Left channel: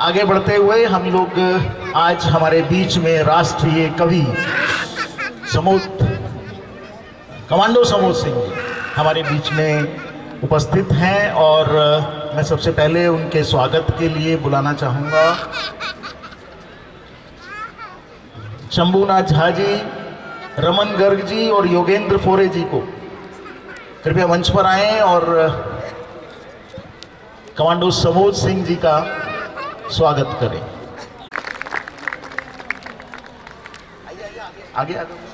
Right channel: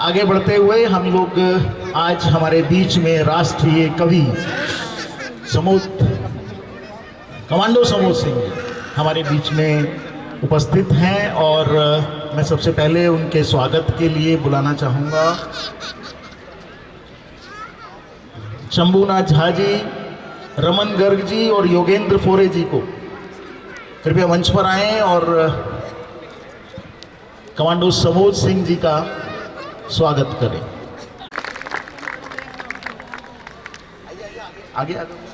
आगे बढ़ते हुए हम लोग आज हमारे बीच में राष्ट्रीय कवि कमांडो समोद सिंह हमारे बीच में उपस्थित हैं और मैं सबसे पहले उनके स्वागत के लिए बुलाना चाहूँगा शंभूनाथ झा जी, रमन गर्ग जी और योगेंद्र फोरे जी को कृपया मंच पर आएं और कमांडो समोद सिंह जी का स्वागत करें। आगे आगे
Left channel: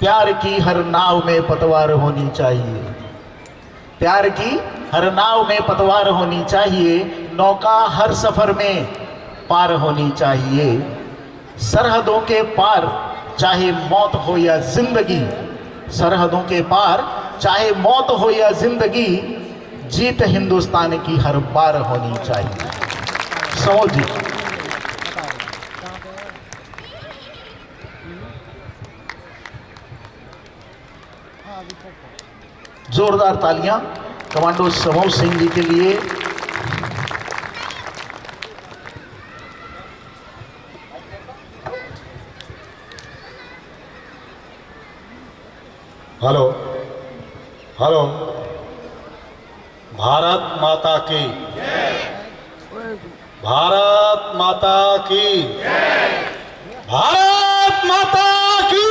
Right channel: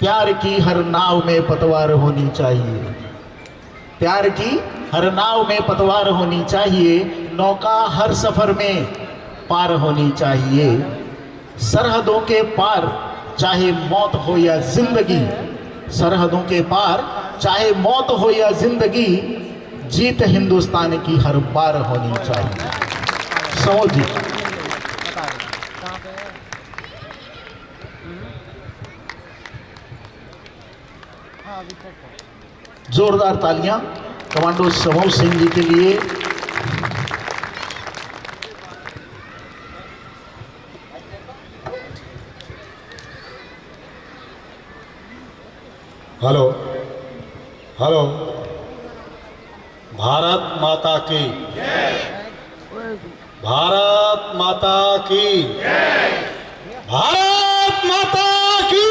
प्यार की हर नाव में पतवार होनी चाहिए, प्यार की हर नाव में पतवार होनी चाहिए, नौका हर सफर में पार होनी चाहिए। सरहदों के पार चाहे मौत हो या जिंदगी, सरहदों के पार चाहे मौत हो या जिंदगी, जीत हिंदुस्तान की हर बार होनी चाहिए। समोद जी। जोरदार तालियां कमांडो समोद सिंह जी के लिए। हेलो हेलो, भारत माता की, भारत माता की, भारत माता की।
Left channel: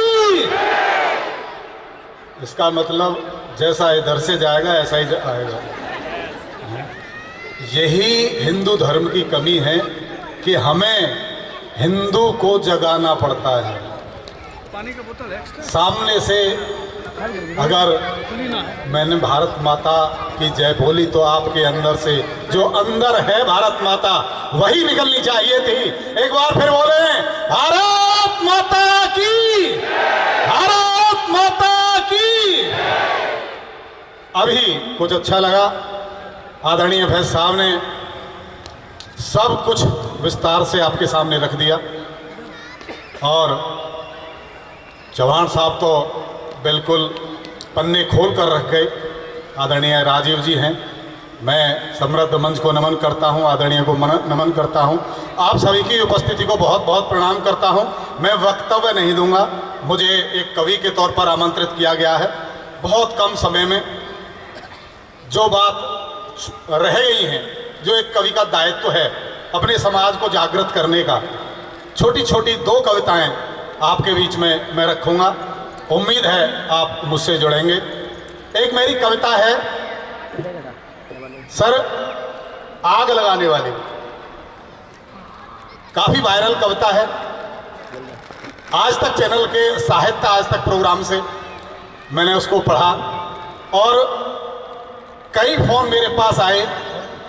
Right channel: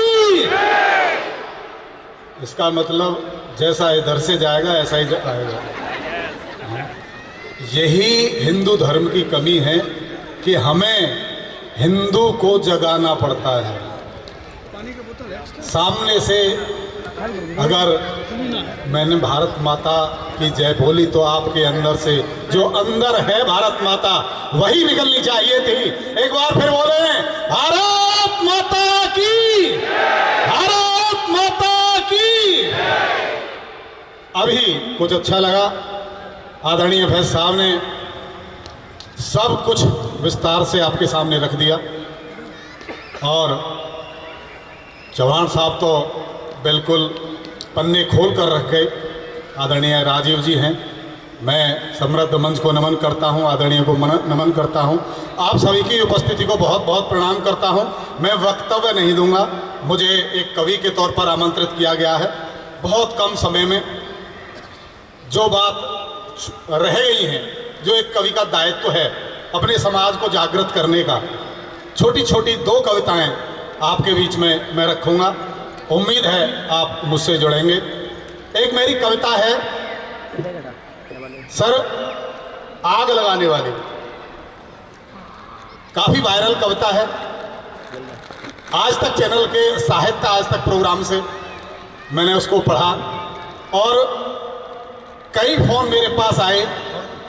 इसका मतलब जैसा इधर से जाएगा ऐसा ही आएगा। यही हिंदू धर्म की कमी है कि हमें हिंदू को जगाना पड़ता है। सामने से अगर मैंने भारत माता की जय बोली तो आपके अंदर से जो अंदर है भारत माता वही निकलनी चाहिए थी। एक बार फिर बोले, भारत माता की, भारत माता की। अभी कुछ अच्छा लगा, आदरणीय फैज साहब ने सब कुछ विस्तार से आपके सामने रख दिया और चौहान साहब तो बिल्कुल पन्ने खोल कर रख गए। आदरणीय राजीव जी हैं, मैं समृद्ध मंच को नमन करता हूं, आदरणीय को नमन करता हूं, आप सभी की उपस्थिति को बहुत बहुत प्रणाम करता हूं। मैं वक्तव्य नहीं दूंगा, मुझे एक कवि के तौर पर आमंत्रित किया गया है। बहुत कम समय में जो बात रह गई है, जो एक कवि का दायित्व है अपने समाज को जागृत करने का, छोटी छोटी 2 कविताएं आपके बीच में मैं रखूंगा। उम्मीद है आप मुझसे जुड़ेंगे। एक मेरी कविता है सर आग लगाने वाली, काफी वायरल कविता है। आज तक चैनल के साहित्य आज तक प्रोग्राम से मैंने उसको पढ़ा और कई फोन मेरे पास आए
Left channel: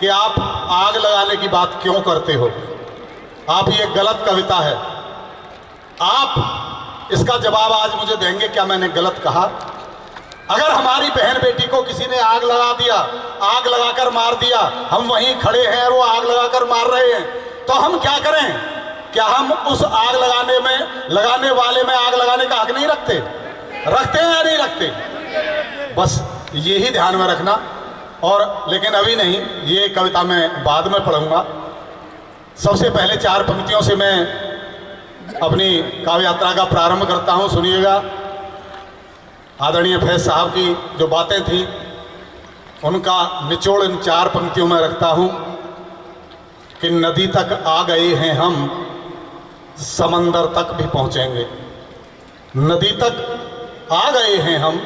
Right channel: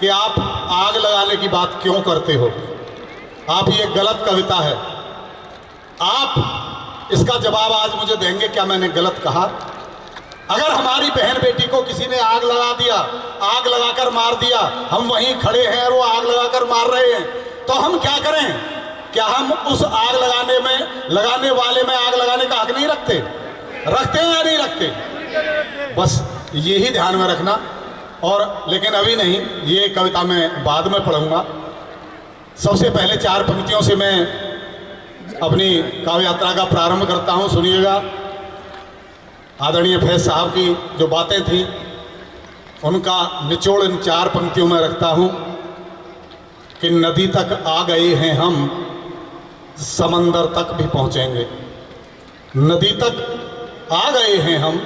कि आप आग लगाने की बात क्यों करते हो, आप ये गलत कविता है। आप इसका जवाब आज मुझे देंगे क्या मैंने गलत कहा? अगर हमारी बहन बेटी को किसी ने आग लगा दिया, आग लगाकर मार दिया, हम वहीं खड़े हैं और वो आग लगाकर मार रहे हैं, तो हम क्या करें? क्या हम उस आग लगाने वाले में आग लगाने का हक नहीं रखते? रखते हैं या नहीं रखते? बस यही ध्यान में रखना। और लेकिन अभी नहीं, ये कविता मैं बाद में पढ़ूंगा। सबसे पहले 4 पंक्तियों से मैं अपनी काव्य यात्रा का प्रारंभ करता हूं, सुनिएगा। आदरणीय फैज साहब की जो बातें थी उनका निचोड़ इन 4 पंक्तियों में रखता हूं कि नदी तक आ गए हैं हम, समंदर तक भी पहुंचेंगे। नदी तक आ गए हैं हम,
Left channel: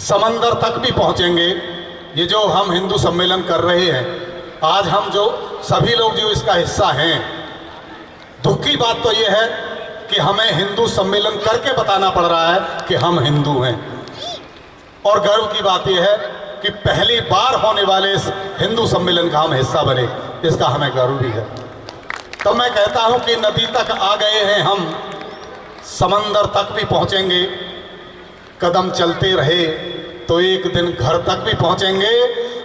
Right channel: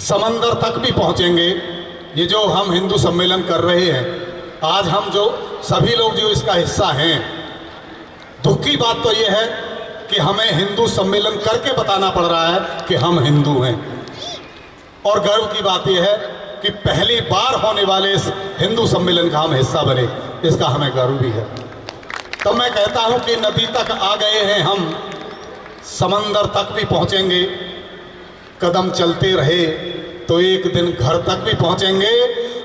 समंदर तक भी पहुंचेंगे। ये जो हम हिंदू सम्मेलन कर रहे हैं, आज हम जो सभी लोग जो इसका हिस्सा हैं, दुख की बात तो ये है कि हमें हिंदू सम्मेलन करके बताना पड़ रहा है कि हम हिंदू हैं। और गर्व की बात यह है कि पहली बार होने वाले इस हिंदू सम्मेलन का हम हिस्सा बने, इसका हमें गर्व भी है। तो मैं कहता हूं कि नदी तक आ गए हैं हम, समंदर तक भी पहुंचेंगे, कदम चलते रहे तो एक दिन घर तक भी पहुंचेंगे।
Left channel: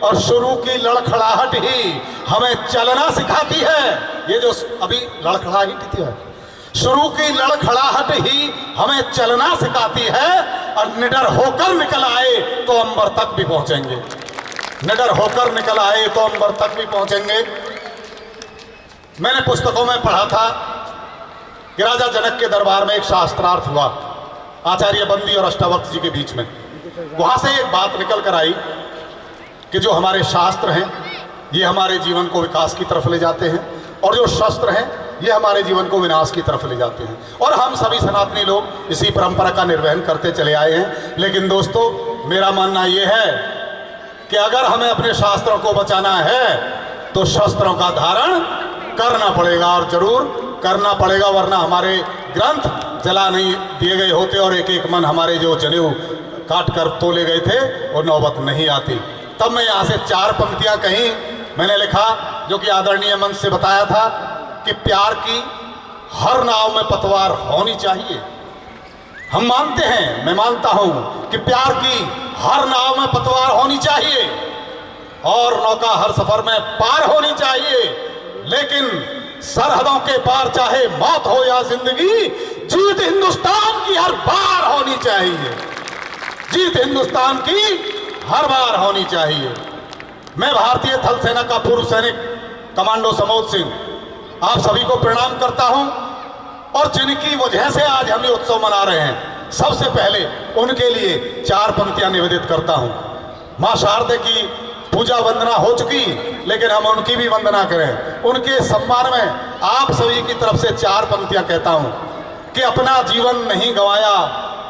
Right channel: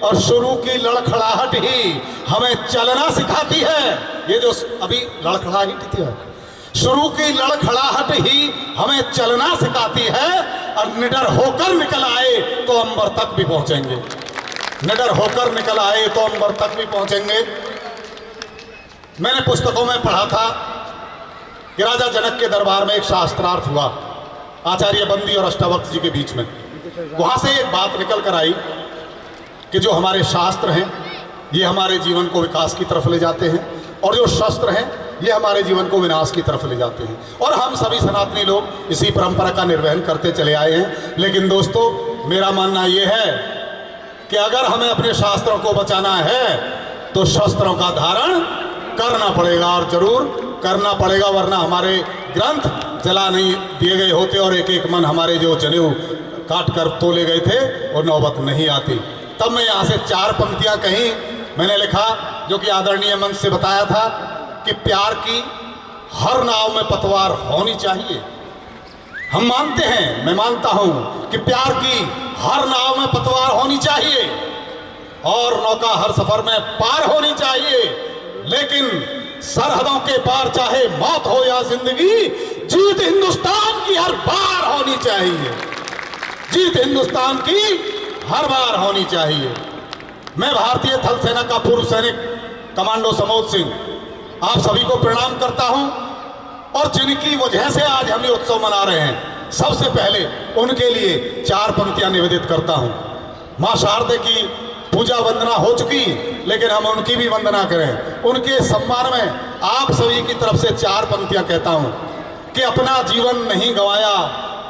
और शुरू की लड़खड़ाहट ही हमें चलना सिखाती है। ये जो अभी लड़खड़ाहट थी, शुरू की लड़खड़ाहट ही हमें चलना सिखाती है। और निडर होकर निकल आए तो अंबर तक भी पहुंचेंगे, निडर होकर निकल आए तो अंबर तक भी पहुंचेंगे। मैंने पुस्तकों में पढ़ा था कि राजा जनक के दरबार में एक शास्त्रार्थ हुआ आचार्य बंदी और अष्टावक्र जी के बीच में। वहां से एक बात निकल कर आई कि जो हमारे शास्त्र हैं ये हमारे जीवन को विकास की तरफ ले जाते हैं, और जो शस्त्र हैं ये हमारे जीवन को विनाश की तरफ ले जाते हैं। और हम सभी सनातनी लोग इसी परंपरा का निर्वहन करते चले आए हैं। लेकिन दोस्तों, मेरा मानना ये है कि अगर हमें अपने शास्त्रों को बचाना है तो शस्त्रों का धारण करना पड़ेगा, और जरूर करना पड़ेगा, वरना हमारे ग्रंथ जला नहीं दिए गए होते और एक एक मन हमारे जो जनेऊ काट कर तोले गए थे वो नौबत नहीं आती। तब मैं यहाँ से 4 पंक्तियाँ कहीं मैंने लिखा, जो कि आदरणीय मंच से बताया था कि प्यार की हर नाव में पतवार होनी चाहिए। हम मानते हैं, मैं मानता हूँ कि प्यार की हर नाव में पतवार होनी चाहिए और नौका हर सफर में पार होनी चाहिए। लेकिन सरहदों के पार चाहे मौत हो या जिंदगी, जीत हिंदुस्तान की हर बार होनी चाहिए, जीत हिंदुस्तान की हर बार होनी चाहिए। मैं भारतीय थल सेना का पूर्व सैनिक कमांडो समोद सिंह आप सभी को प्रणाम करता हूं, और जिनकी वजह से आज हम ये उत्सव मना रहे हैं, सबसे पहले उनके लिए 4 पंक्तियां निवेदित करता हूं। मां शारदे की पूजा वंदना हो चुकी, लेकिन हम उनकी भी वंदना करें। उनके सम्मान में आप सभी की तरफ से 4 पंक्तियां कहता हूं कि अपना जीवन नहीं गंवाया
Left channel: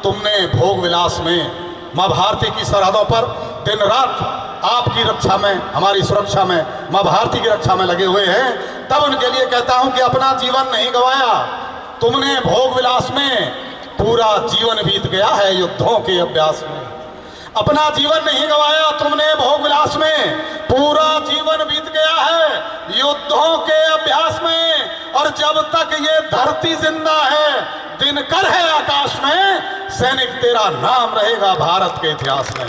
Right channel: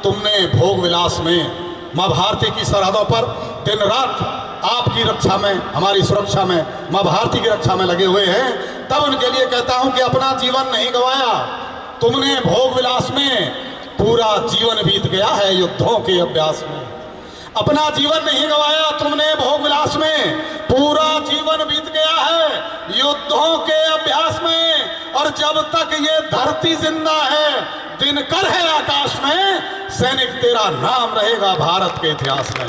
तुमने भोग विलास में। मां भारती की सरहदों पर दिन रात आपकी रक्षा में, हमारी सुरक्षा में, मां भारती की रक्षा में लगे हुए हैं। तब उनके लिए कहता हूं कि अपना जीवन नहीं गंवाया तुमने भोग विलास में, पूरा जीवन बीत गया है युद्धों के अभ्यास में। अपना जीवन नहीं गंवाया तुमने भोग विलास में, पूरा जीवन बीत गया है युद्धों के अभ्यास में। और जब तक ये धरती जिंदा है, दिनकर है आकाश में, सैनिक तेरा नाम रहेगा भारत के इतिहास में,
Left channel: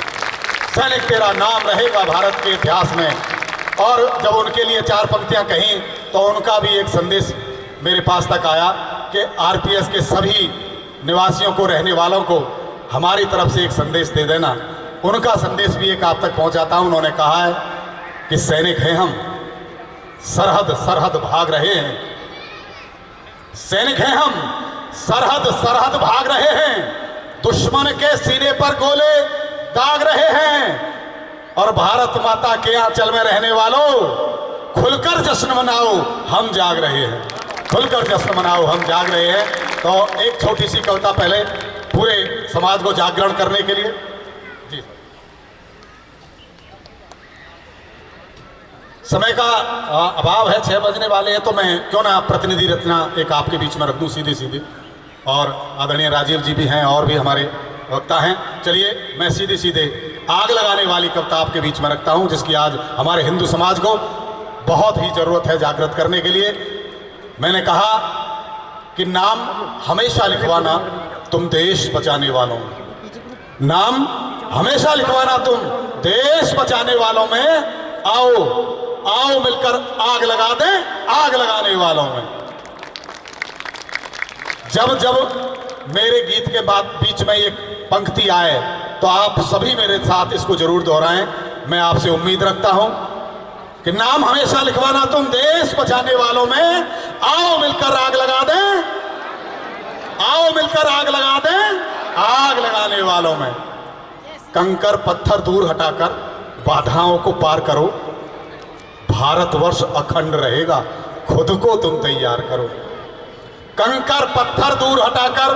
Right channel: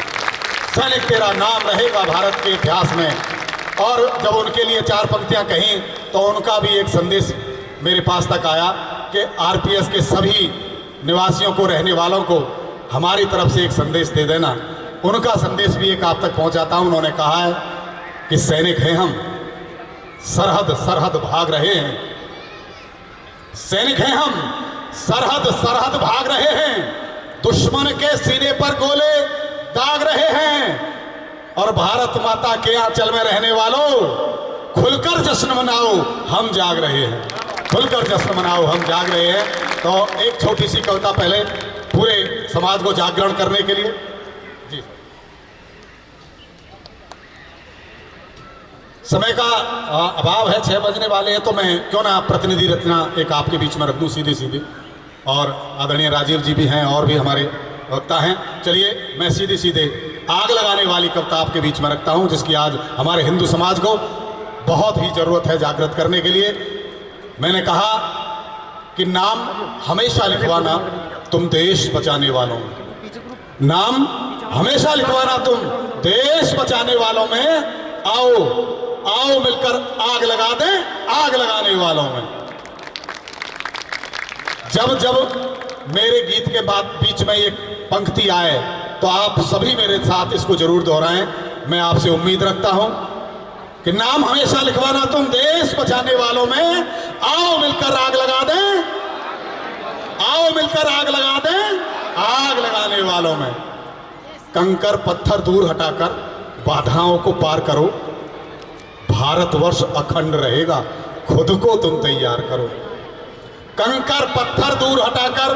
सैनिक तेरा नाम रहेगा भारत के इतिहास में। और जब उनके लिए 4 पंक्तियां कहीं तो उनका भी एक संदेश मेरे पास तक आया कि आरपीएस के सभी निवासियों को, रहने वालों को हमारी तरफ से एक संदेश दे देना। उनका संदेश भी एक आप तक पहुंचाता हूं। उन्होंने कहा है कि सैनिक हैं हम, सरहद सरहद भाग रहे हैं, सैनिक हैं हम, सरहद सरहद भाग रहे हैं, दुश्मन के सीने पर गोले दाग रहे हैं। और भारत माता के आंचल में रहने वालों, खुलकर जश्न मनाओ, हम जाग रहे हैं, खुलकर जश्न मनाओ, हम जाग रहे हैं। तो एक छोटी सी कविता पहले पूरे समाज को जागरण करने के लिए। जी, समय का अभाव है, 6 बजने वाले हैं, तो मैं क्यों ना प्रतिनिधि रचना एक आपके बीच में रख दूं सीधे सीधे। और आदरणीय राजीव जी भी हैं और भी हमारे वक्ता हैं। चलिए मैं सीधे सीधे आग लगाने वाली कविता आपके बीच में रखता हूं, जिसकी आज हमारे हिंदू समाज को बहुत ही जरूरत है जागृत करने के लिए। मैंने कहा कि नाम हमेशा लिखवाना तुम देश बचाने वालों में, नाम हमेशा लिखवाना तुम देश बचाने वालों में। आओ आओ मिलकर आग लगा दें आग लगाने वालों में। जब जब मेरे गीत के बाद बीच में एक पंक्ति आए तो आप सभी मेरे साथ इसको जरूर दोहराएं। मैं आपसे उम्मीद रखता हूं कि नाम हमेशा लिखवाना तुम देश बचाने वालों में। आओ मिलकर आग लगा दें, आओ मिलकर आग लगा दें आग लगाने वालों में। कंकर पत्थर दूर हटाकर बाधाओं को पार करो, भारतवर्ष अखंड रहेगा, खुद को तुम तैयार करो। कंकर पत्थर दूर हटाकर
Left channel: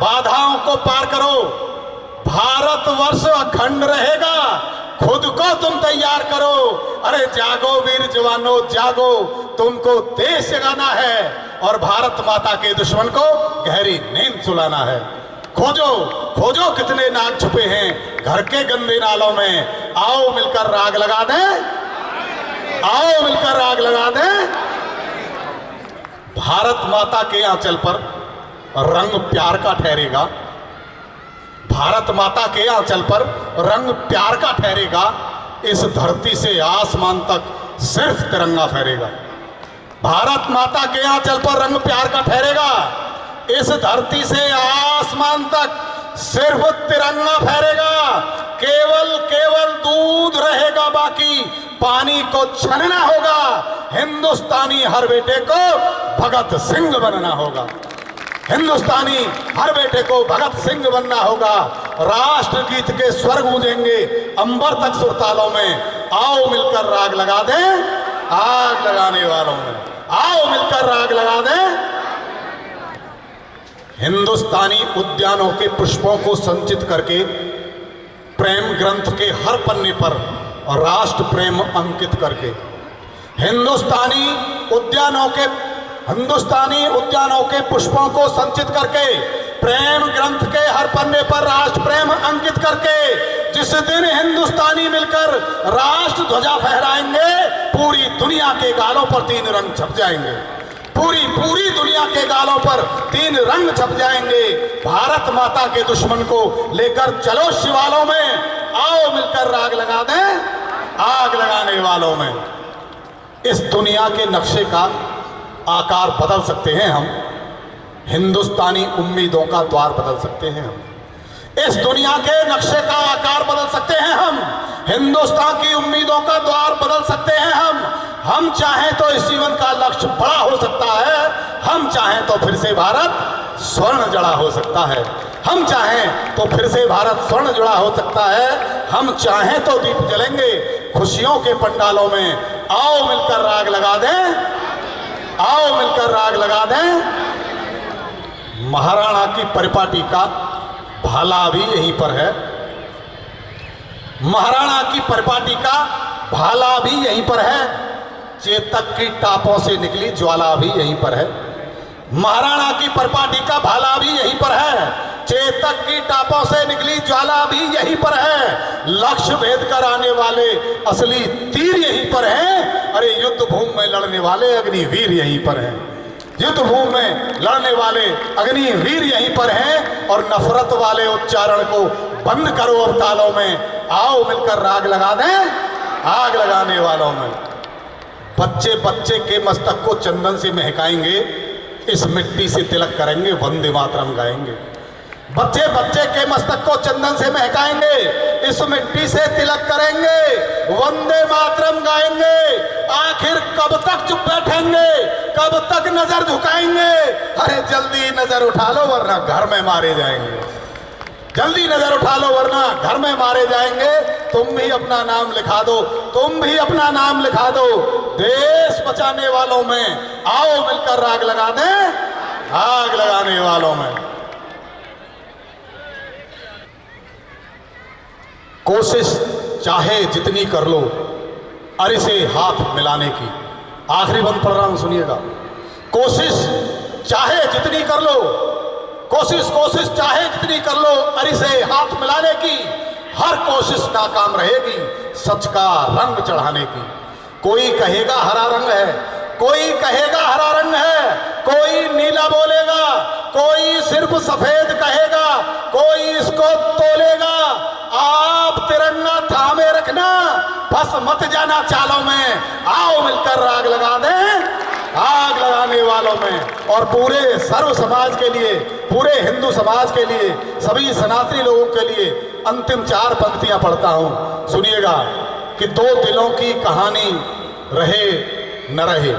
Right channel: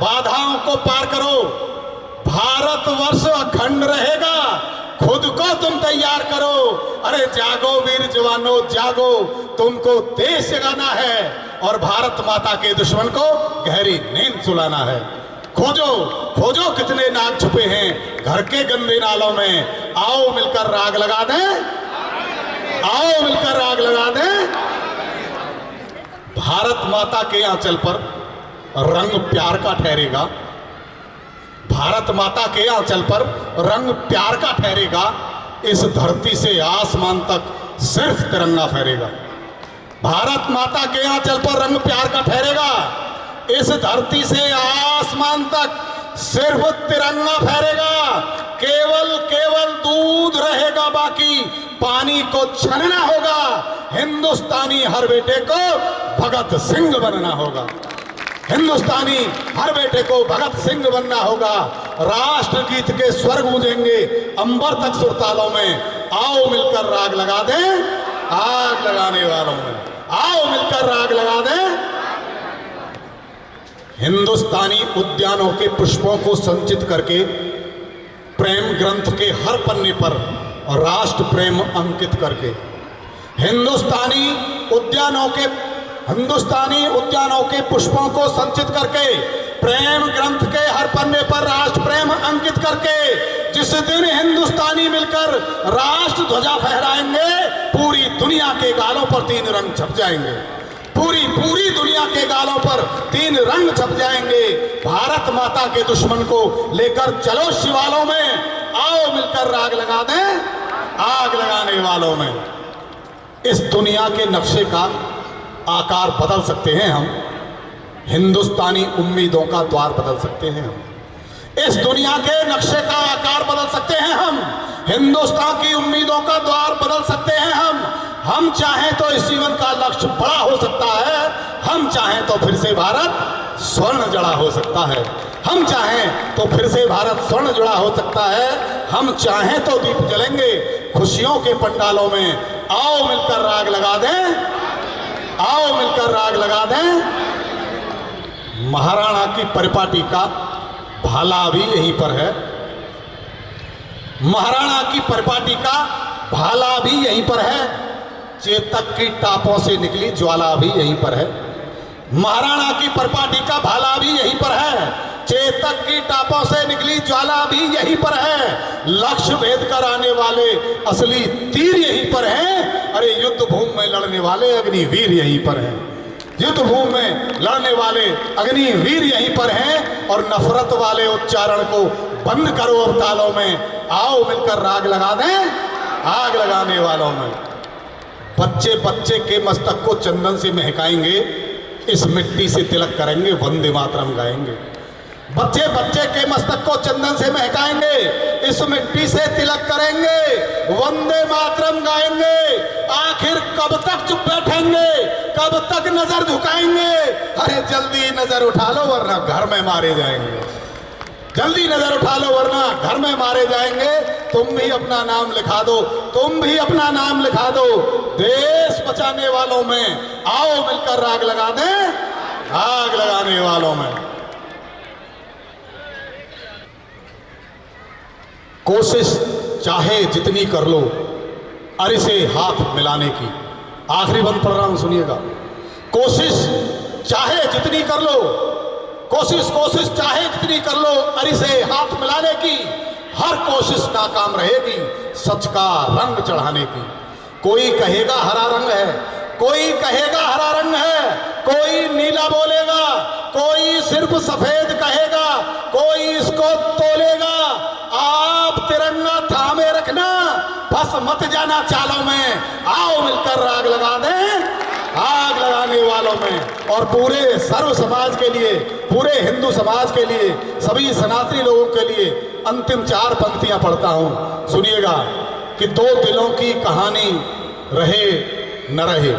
बाधाओं को पार करो, भारतवर्ष अखंड रहेगा, खुद को तुम तैयार करो। अरे जागो वीर जवानों जागो, तुमको देश जगाना है और भारत माता के दुश्मन को गहरी नींद सुलाना है। खोजो खोजो कितने नाग छुपे हैं घर के गंदे नालों में। आओ मिलकर आग लगा दें, आओ मिलकर आग लगा दें। भारत माता के आंचल पर रंग प्यार का ठहरेगा, भारत माता के आंचल पर रंग प्यार का ठहरेगा, इस धरती से आसमान तक सिर्फ तिरंगा फहरेगा। भारत माता के आंचल पर रंग प्यार का ठहरेगा, इस धरती से आसमान तक सिर्फ तिरंगा फहरेगा। केवल केवल दूध रहेगा बाकी, पानी को छानना होगा। हिंदुस्तानी हर बेटे को भगत सिंह बनना होगा, हिंदुस्तानी हर बेटे को भगत सिंह बनना होगा। राष्ट्र गीत के स्वर गूंजेंगे अंबर तक सुरतालों में, आओ मिलकर राग लगा दें आग लगाने वालों में, आओ मिलकर राग लगा दें। हिंदुस्तानी उद्यानों के पुष्पों को संचित करके प्रेम ग्रंथ के हर पन्ने पर राष्ट्र प्रेम अंकित करके, हिंदुस्तानी उद्यानों के पुष्पों को संचित करके, प्रेम ग्रंथ के हर पन्ने पर राष्ट्र प्रेम अंकित करके, जिस दिन हिंदुस्तानी मिलकर राष्ट्र ध्वजा फहराएंगे, पूरी दुनिया के गालों पर 3 रंग छप जाएंगे, पूरी दुनिया के गालों पर 3 रंग छप जाएंगे। भारत माता के दुश्मन को लेकर चलो शिवालों में, आओ मिलकर राग लगा दें आग लगाने वालों में। इस दुनिया के नक्शे का आकार बदल सकते हैं हम, हिंदुस्तानी उम्मीदों का द्वार बदल सकते हैं हम। इस दुनिया के नक्शे का आकार बदल सकते हैं हम, हिंदुस्तान की उम्मीदों का द्वार बदल सकते हैं हम चाहें तो इस जीवन का लक्ष्य बड़ा हो सकता है, हम चाहें तो फिर से भारत स्वर्ण जड़ा हो सकता है, हम चाहें तो फिर से भारत स्वर्ण जुड़ा हो सकता है, हम चाहें तो दीप जलेंगे खुशियों के पंडालों में। आओ मिलकर राग लगा दें, आओ मिलकर राग लगा दें। महाराणा की परिपाटी का भाला भी यहीं पर है, महाराणा की परिपाटी का भाला भी यहीं पर है, चेतक की टापों से निकली ज्वाला भी यहीं पर है। महाराणा की परिपाटी का भाला भी यहीं पर है, चेतक की टापों से निकली ज्वाला भी यहीं पर है। लक्ष्य भेद कर आने वाले असली तीर यहीं पर हैं। अरे युद्ध भूमि में लड़ने वाले अग्निवीर यहीं पर हैं, युद्ध भूमि में लड़ने वाले अग्निवीर यहीं पर हैं। और नफरत वाले उच्चारण को बंद करो अब तालों में, आओ मिलकर राग लगा दें आग लगाने वालों में। बच्चे बच्चे के मस्तक को चंदन से महकाएंगे, इस मिट्टी से तिलक करेंगे, वंदे मातरम गाएंगे। बच्चे बच्चे के मस्तक को चंदन से महकाएंगे, इस मिट्टी से तिलक करेंगे, वंदे मातरम गाएंगे। आखिर कब तक चुप बैठेंगे, कब तक नजर झुकाएंगे? अरे जल्दी नजर उठा लो वरना घर में मारे जाएंगे, जल्दी नजर उठा लो वरना घर में मारे जाएंगे। तुम भी अपना नाम लिखा दो, तुम भी अपना नाम लिखा दो देश बचाने वालों में। आओ मिलकर राग लगा दें आग लगाने वालों में। कोशिश चाहे जितनी कर लो अरे से हाथ मिलाने की, आखिरी बंद पढ़ रहा हूं सुनिएगा। कोशिश चाहे जितनी कर लो, कोशिश चाहे जितनी कर लो अरे से हाथ मिलाने की, हर कोशिश नाकाम रहेगी सच का रंग चढ़ाने की। कोई कहेगा हरा रंग है, कोई कहेगा हरा रंग है, कोई नीला बोलेगा, कोई सिर्फ सफेद कहेगा, कोई इसको तोलेगा। आप तिरंगा थामे रखना, बस मत जाना चालों में। आओ मिलकर राग लगा दें आग लगाने वालों में। और पूरे सर्व समाज के लिए, पूरे हिंदू समाज के लिए, सभी सनातनी लोगों के लिए अंतिम 4 पंक्तियां पढ़ता हूं, सुनिएगा। कि 2 दिलों की कहानी रहे न रहे,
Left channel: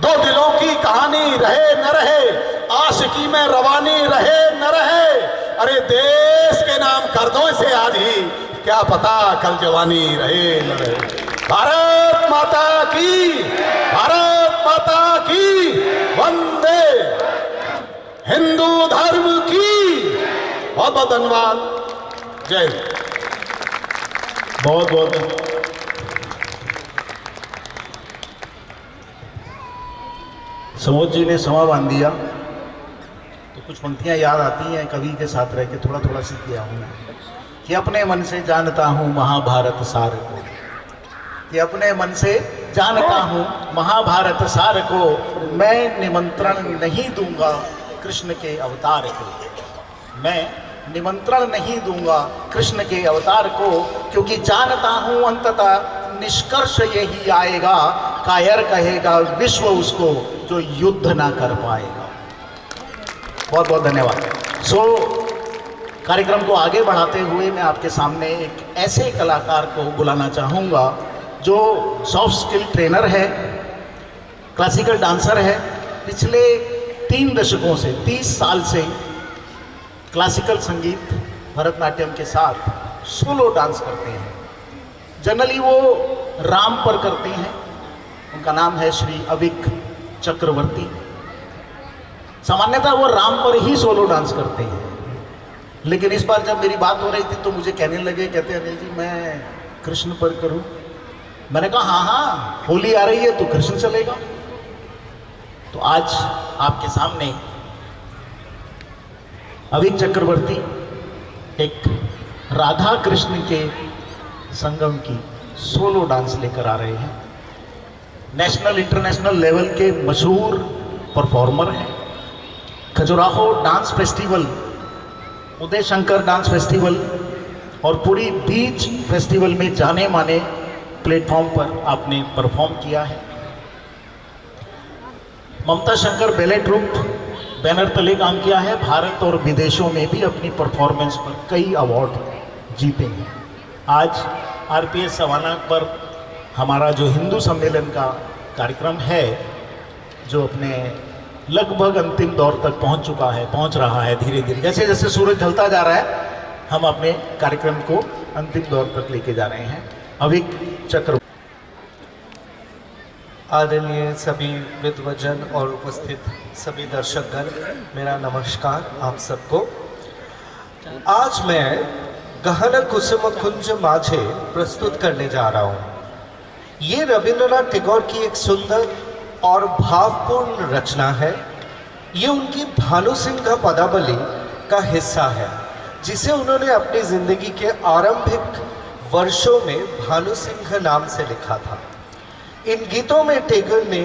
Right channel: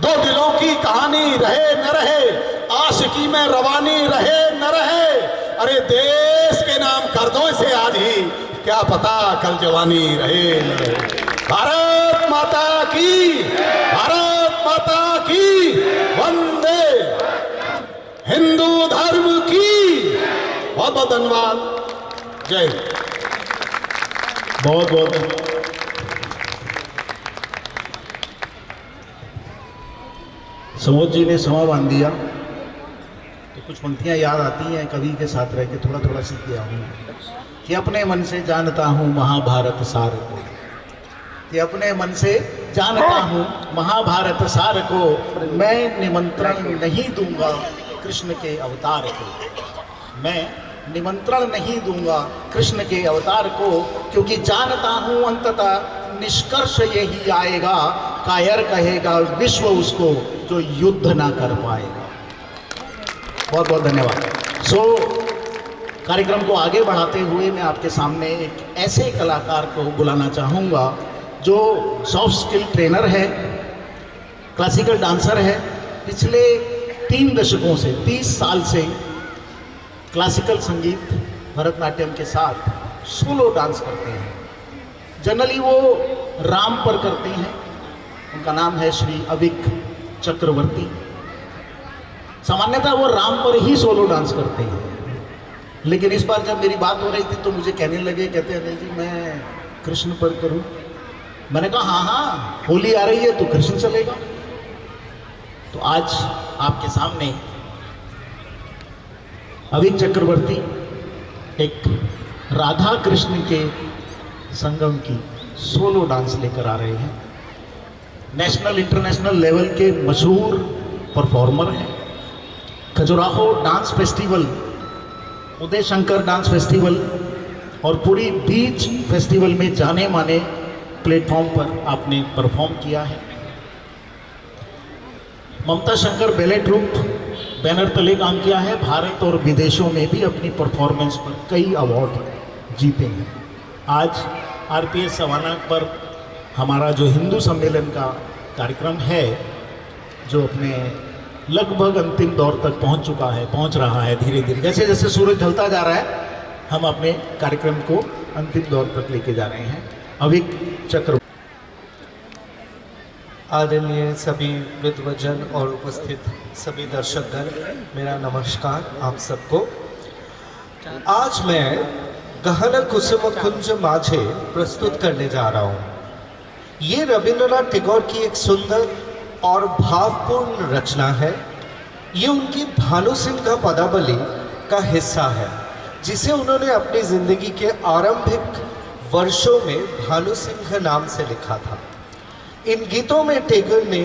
2 दिलों की कहानी रहे न रहे, आशिकी में रवानी रहे न रहे। अरे देश के नाम कर दो इसे आज ही, क्या पता कल जवानी रहे न रहे। भारत माता की, भारत माता की, वंदे हिंदू धर्म की। बहुत बहुत धन्यवाद, जय हिंद। बहुत बहुत समोद जी ने समा बांध दिया तो कुछ पंक्तियां याद आती हैं, कवि के साथ रह के थोड़ा थोड़ा सीख गया हूँ कि अपने मन से जानता हूँ महाभारत सार को, कि अपने मन से जानता हूँ महाभारत सार को, मैं निमंत्रण नहीं दूंगा कृष्ण के अवतार को। मैं निमंत्रण नहीं दूंगा कृष्ण के अवतार को, क्योंकि जानता हूं अंततः निष्कर्ष यही आएगा, कायर कहेगा विश्व उसको जो युद्ध ना कर पाएगा। बहुत बहुत धन्यवाद। कार्यक्रम को आगे बढ़ाते हुए मैं आपके सामने एक ऐसे कलाकार को बुलाना चाहूँगा जो सॉफ्ट स्किल ट्रेनर है, क्लासिकल डांसर है, पिछले 3 दशकों से 30 साल से क्लासिकल संगीत भरतनाट्यम के साथ सोलो डांस करते हैं। जनरली वो राम पर करते हैं। उनका नाम है श्री अविक चक्रवर्ती। सामान्यतः वो राम पर ही सोलो डांस करते हैं, लेकिन इस बार जब मेरी बात हो रही थी तो मुझे कहने लगे, कहते हैं अनिल जी मैं कृष्ण पर करूं। मैंने कहा हाँ हाँ, होली आ रही है तो कृष्ण चलेगा। तो आज आपके सामने अविक चक्रवर्ती एक राधा कृष्ण के संगम की सोलो डांस लेकर आ रहे हैं। नेशनल इंटरनेशनल लेवल के मशहूर परफॉर्मर हैं। Khajuraho dance festival, Uday Shankar dance festival और पूरी बीच फेस्टिवल में जाने माने प्लेटफॉर्म पर आपने परफॉर्म किया है। ममता शंकर बैले ट्रूप बैनर तले काम किया है। भारत और विदेशों में भी अपनी परफॉर्मेंस पर कई अवार्ड जीते हैं। आज आरपीएस सवाना पर हमारा जो हिंदू सम्मेलन का कार्यक्रम है, जो अपने लगभग अंतिम दौर तक पहुंच रहा है धीरे धीरे। जैसे जैसे सूरज ढलता जा रहा है, हम अपने कार्यक्रम को अंतिम दौर तक लेके जा रहे हैं। अविक चक्रवर्ती। आदरणीय सभी विद्वजन और उपस्थित सभी दर्शकगण, मेरा नमस्कार आप सबको। आज मैं गहन कुसुम कुंज माझे प्रस्तुत करने जा रहा हूँ। ये रविंद्रनाथ टैगोर की एक सुंदर और भावपूर्ण रचना है। ये उनकी भानु सिंह पदावली का हिस्सा है, जिसे उन्होंने अपनी जिंदगी के आरंभिक वर्षों में भानु सिंह नाम से लिखा था। इन गीतों में टैगोर ने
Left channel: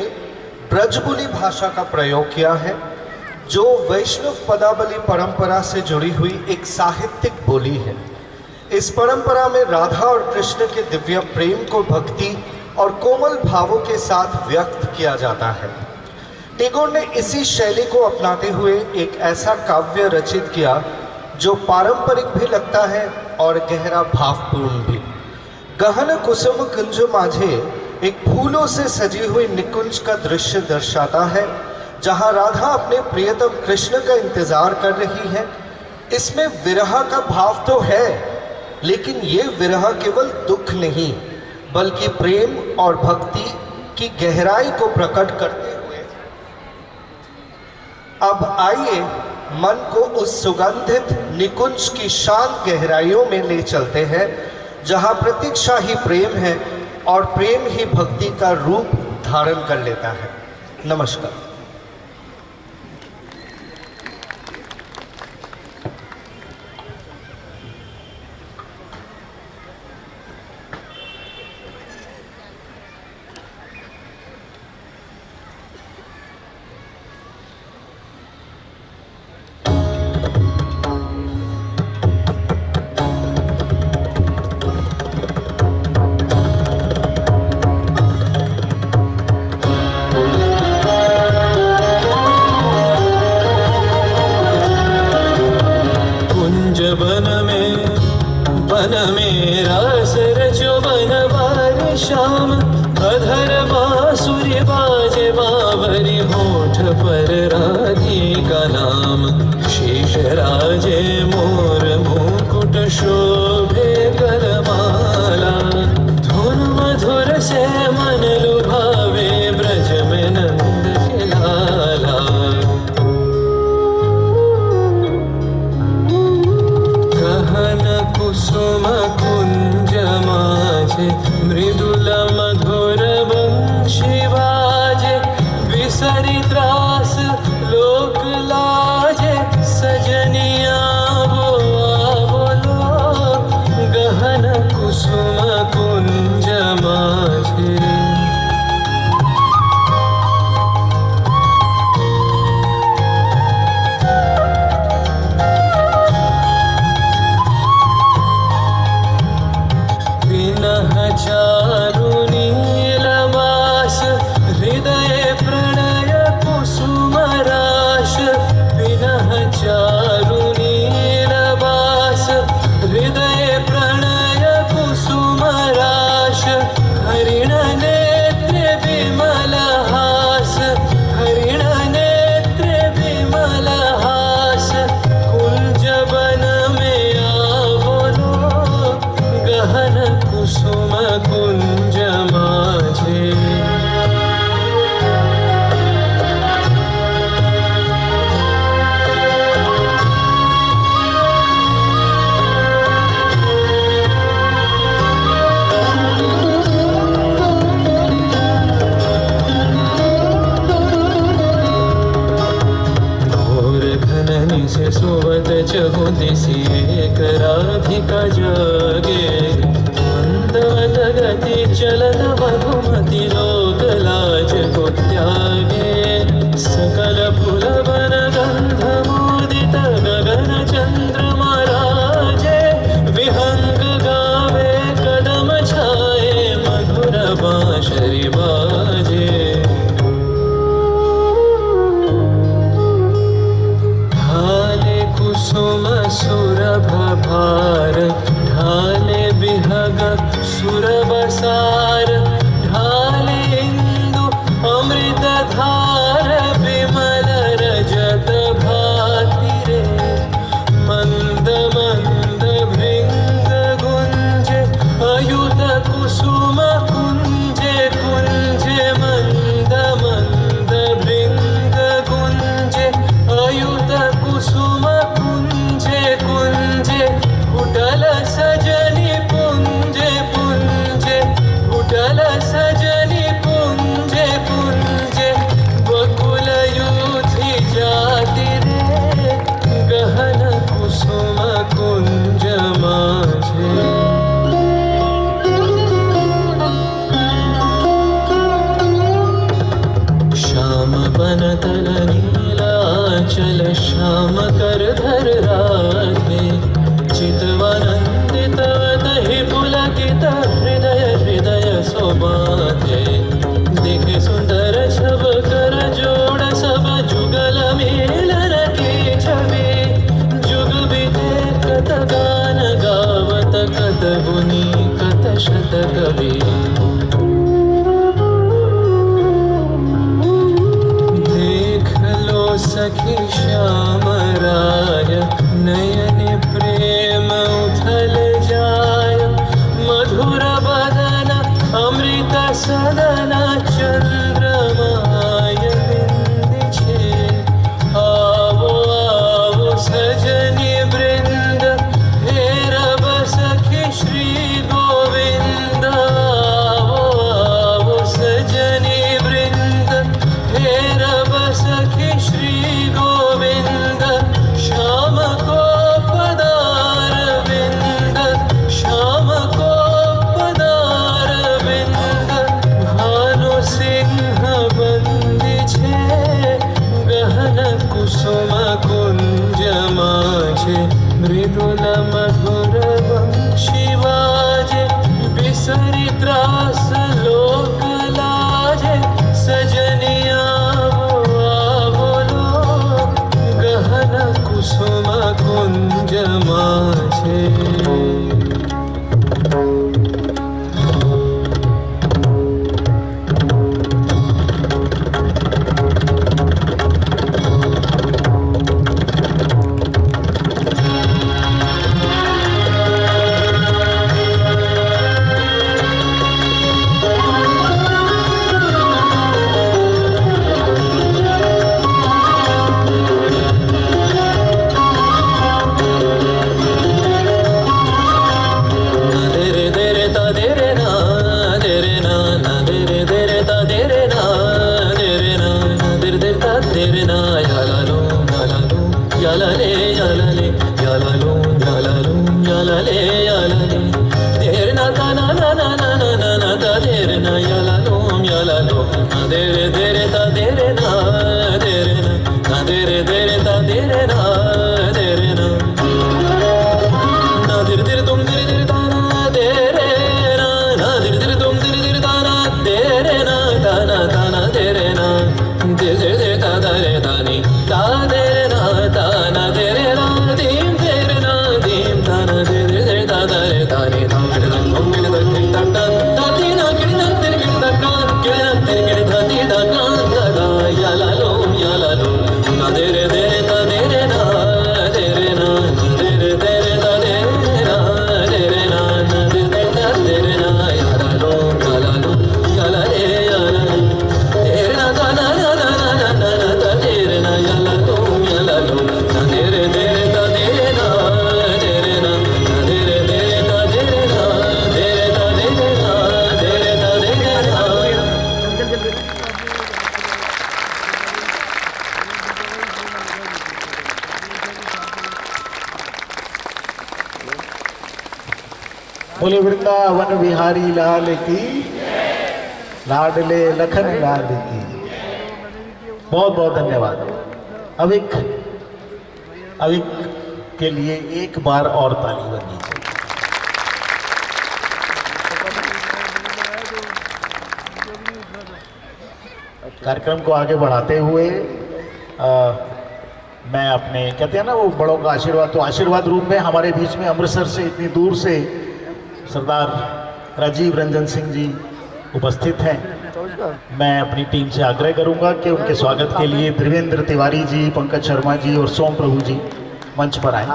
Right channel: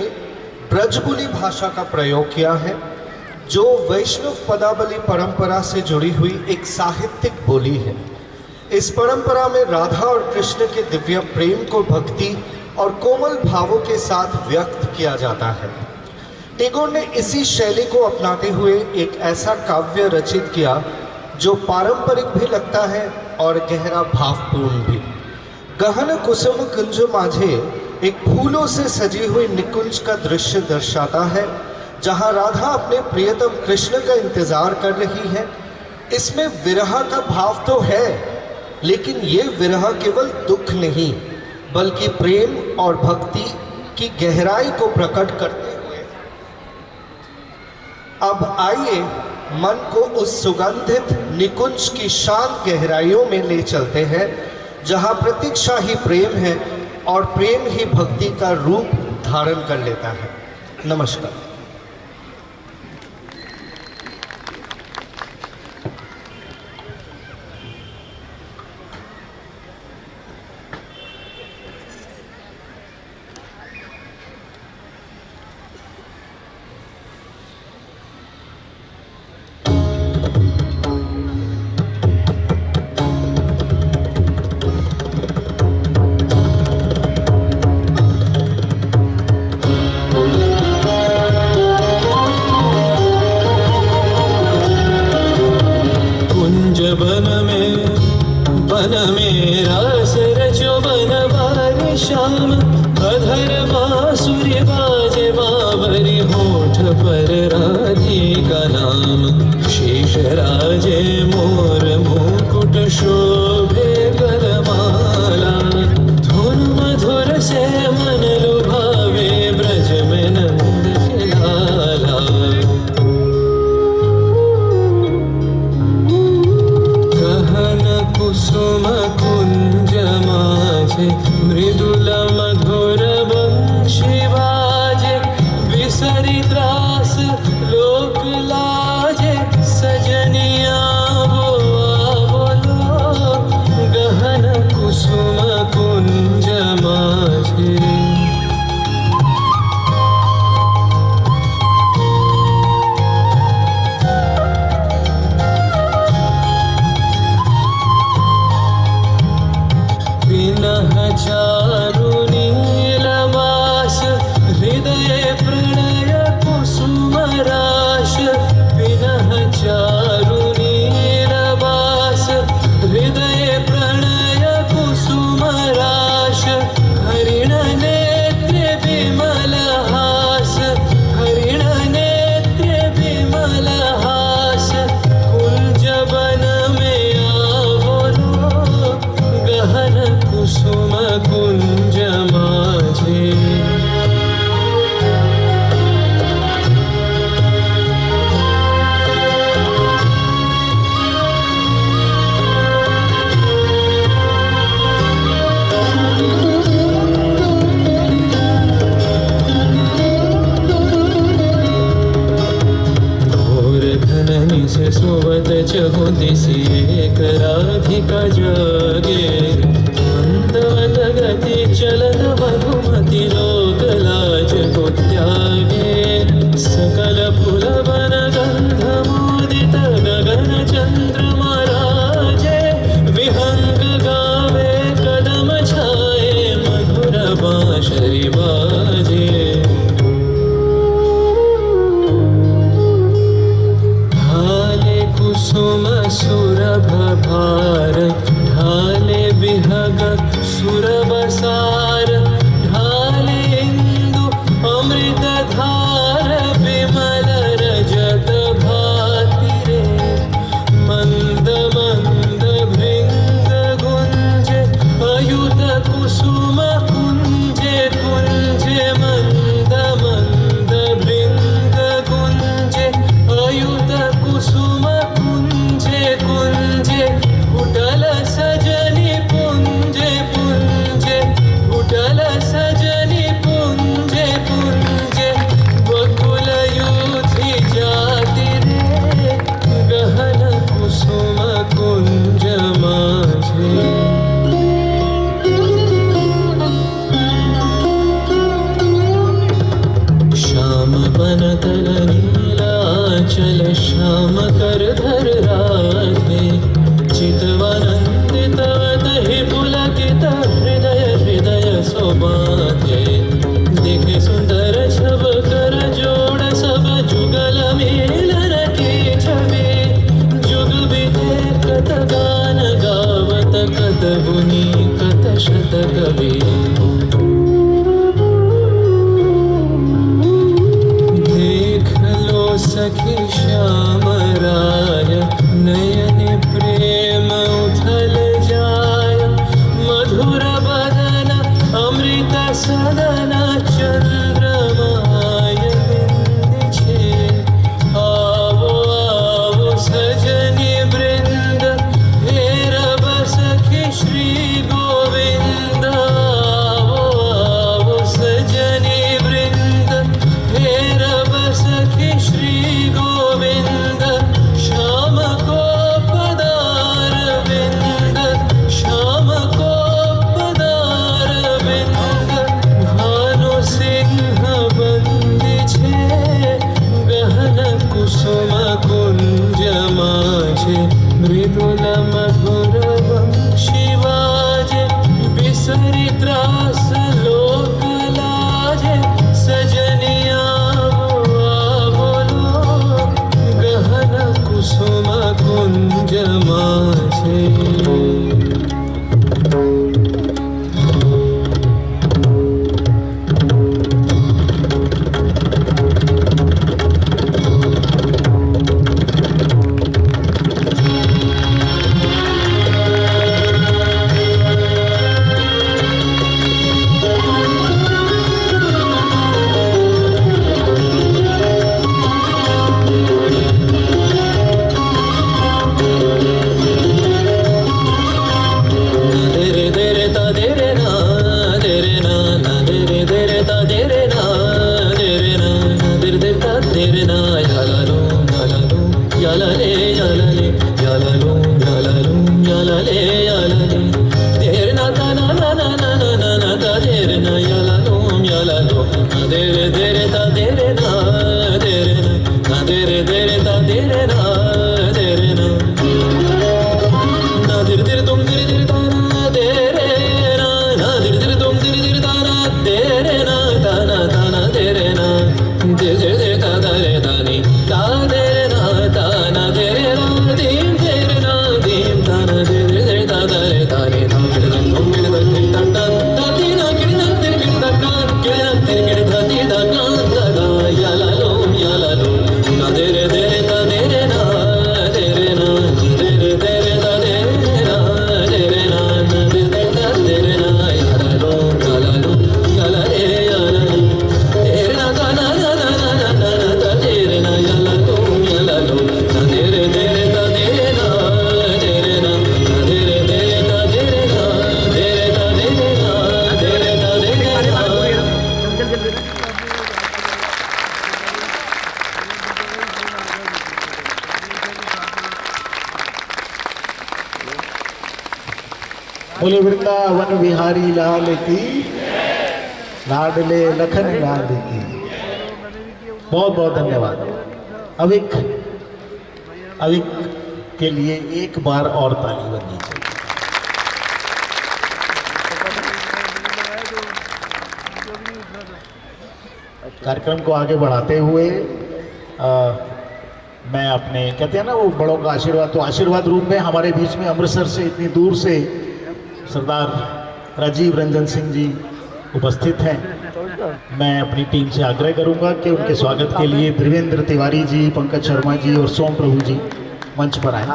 ब्रजबुली भाषा का प्रयोग किया है, जो वैष्णव पदावली परंपरा से जुड़ी हुई एक साहित्यिक बोली है। इस परंपरा में राधा और कृष्ण के दिव्य प्रेम को भक्ति और कोमल भावों के साथ व्यक्त किया जाता है। टैगोर ने इसी शैली को अपनाते हुए एक ऐसा काव्य रचित किया जो पारंपरिक भी लगता है और गहरा भावपूर्ण भी। गहन कुसुम कुंज माझे एक फूलों से सजी हुई निकुंज का दृश्य दर्शाता है, जहां राधा अपने प्रियतम कृष्ण का इंतजार कर रही है। इसमें विरह का भाव तो है, लेकिन ये विरह केवल दुख नहीं बल्कि प्रेम और भक्ति की गहराई को प्रकट करते हुए। अब आइए मन को उस सुगंधित निकुंज की शांत गहराइयों में ले चलते हैं, जहां प्रतीक्षा ही प्रेम है और प्रेम ही भक्ति का रूप धारण कर लेता है। नमस्कार। बन में रास रचो बनवारी श्याम, अधर बांसुरी बाजे बावरी, होठ पर राधिका नाम। शेष राजे मोर मुकुट शोभे गलमाला, धुन मधुर से मन लुभावे ब्रज में नंद के लाला। कुसुम कुंज माझे मृदुल मधुर बंशी बाजे, बिसरी त्रास लोक लाजे, सजनिया वो बोलो सचहु दिसि एक राधिका जागे मंदवत गति चलत मधुमति लोक लाज को त्यागे सकल फूल वन गंध मोदित गगन चंद्रमा राजे विहंग गावे कदम छाए मधुर बांसुरी बाजे ढाले कुसुम सुरभ भार ढाले बिहग सुरबसार ढाले इंदु अमृत धार विमल रजत भाति रे मंद मंद भृंग गुंजे अयुत कुसुम कुंजे कुंजे मंद मंद भृंग गुंजे अयुत कुसुम कुंजे कुंजे उठल सजनी पुंजे पुंजे उठल सजनी पुंजे पुंजे बकुल युधि जाति रे गहन कुसुम कुंज माझे श्याम बनतल नीलाचल श्याम कर धर राधे चितवानंदित दहि पुलकित हृदय हृदय सोबाधे देखे सुंदर छब कर जोड़ सब जुगल मिलन की छवि जुग बिते कत गान गावत कत गुनी कत शत कवि देख लो सखी श्याम राय नयन प्रेम उथल जाय मधुर बदन अमृत सदन चंद्रमाय बिंद छे आवो आवो सजनी वृंद हेरब सखी श्री गोविंद आवो आवो सजनी वृंद हेरब सखी श्री गोविंद श्याम को पदार विंद श्याम को पदार विंद भानु सिंह बंदी छे गहन कुसुम कुंज माझे मृदुल मधुर वंशी बाजे बिसरी त्रास लोक लाजे सजनिया आवो लो गहन कुसुम कुंज माझे बोले वृंदावन बिहारी लाल की, लाडले लखन लाल की। बहुत बहुत धन्यवाद। अविक के लिए एक बार और ताली बजनी चाहिए। कार्यक्रम को आगे बढ़ाते हुए मैं अपने कहते हैं ना वो बड़ों का आशीर्वाद, तो आशीर्वाद रूप में हमारे बीच में अमृतसर से इतनी दूर से सरदार राजीव रंजन सिंह जी उपस्थित हैं। मैं अपनी टीम से आग्रह करूंगा कि उनके स्वागत के लिए देवेंद्र तिवारी जी, पंकज शर्मा जी और सोम प्रभु जी मंच पर आए।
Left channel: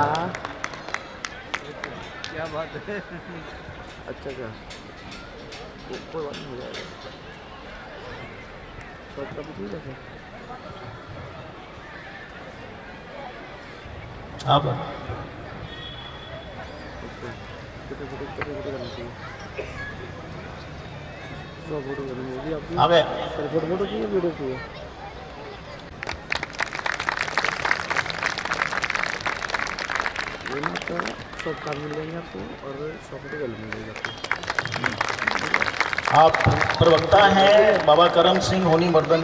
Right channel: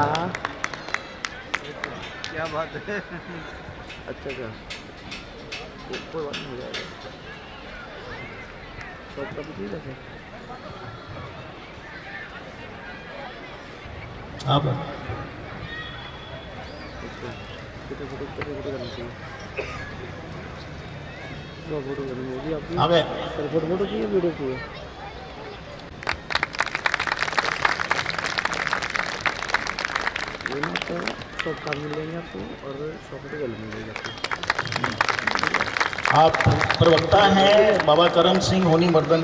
क्या बात है। अच्छा क्या कोई बात नहीं, हो जाएगा। आप आ गए। फोटो चाहिए, वीडियो चाहिए। सब काम मिल जाएंगे आपको और फोटो मिल जाएगी आपको। आप प्रवक्ता हैं बाबा करम सिंह होनी मर्दन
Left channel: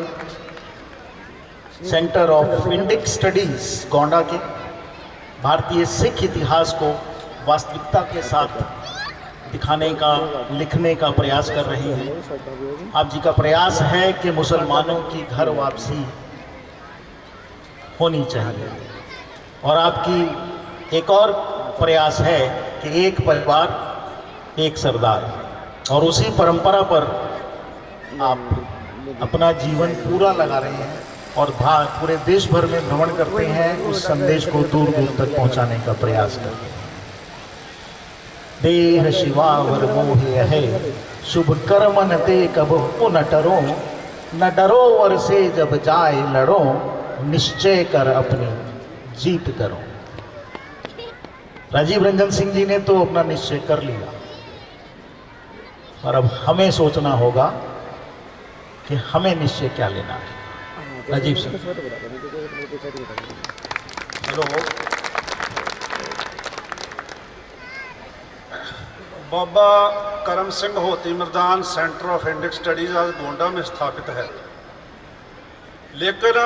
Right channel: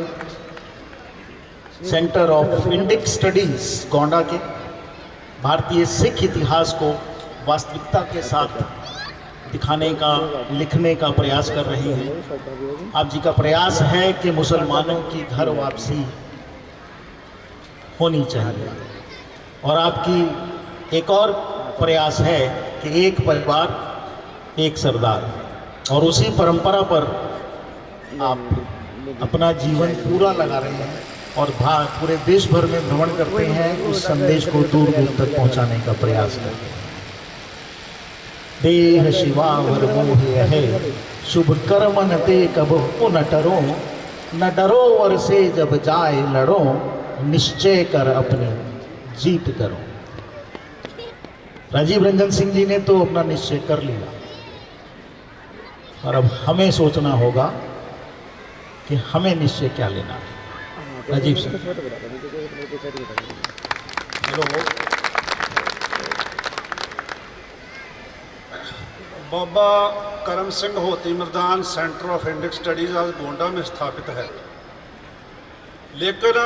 centre of Indic studies Gonda के। भारतीय सिख इतिहास को वास्तविकता के साथ दिखाने का, लिखने का प्रयास कर रही हैं। आप जी का प्रयास है कि मुसलमानों की घर वापसी होनी चाहिए, और आपकी एक और प्रयास है कि एक परिवार एक सरदार, और उसी परंपरा पर आप अपना जीवन पूरा लगा रहे हैं और पूरे देश भर में भ्रमण करते हैं, उस संदेश को दूर दूर तक पहुंचाने का प्रयास करते हैं। देह शिवावर मोहे है, शुभ कर्म न ते कब न डरो, न डरो वर से जब जाए लड़ो, निश्चय कर अपनी जीत करो। राजीव रंजन सिंह जी ने तो अपना निश्चय कर लिया, और अब हमें सोचना होगा कि हमें निश्चय क्या लेना है। राजीव सिंह, हेलो। बाबा करम सिंह होती Mardan centre of Indic studies आज गोंडा में स्थापित है, लेकिन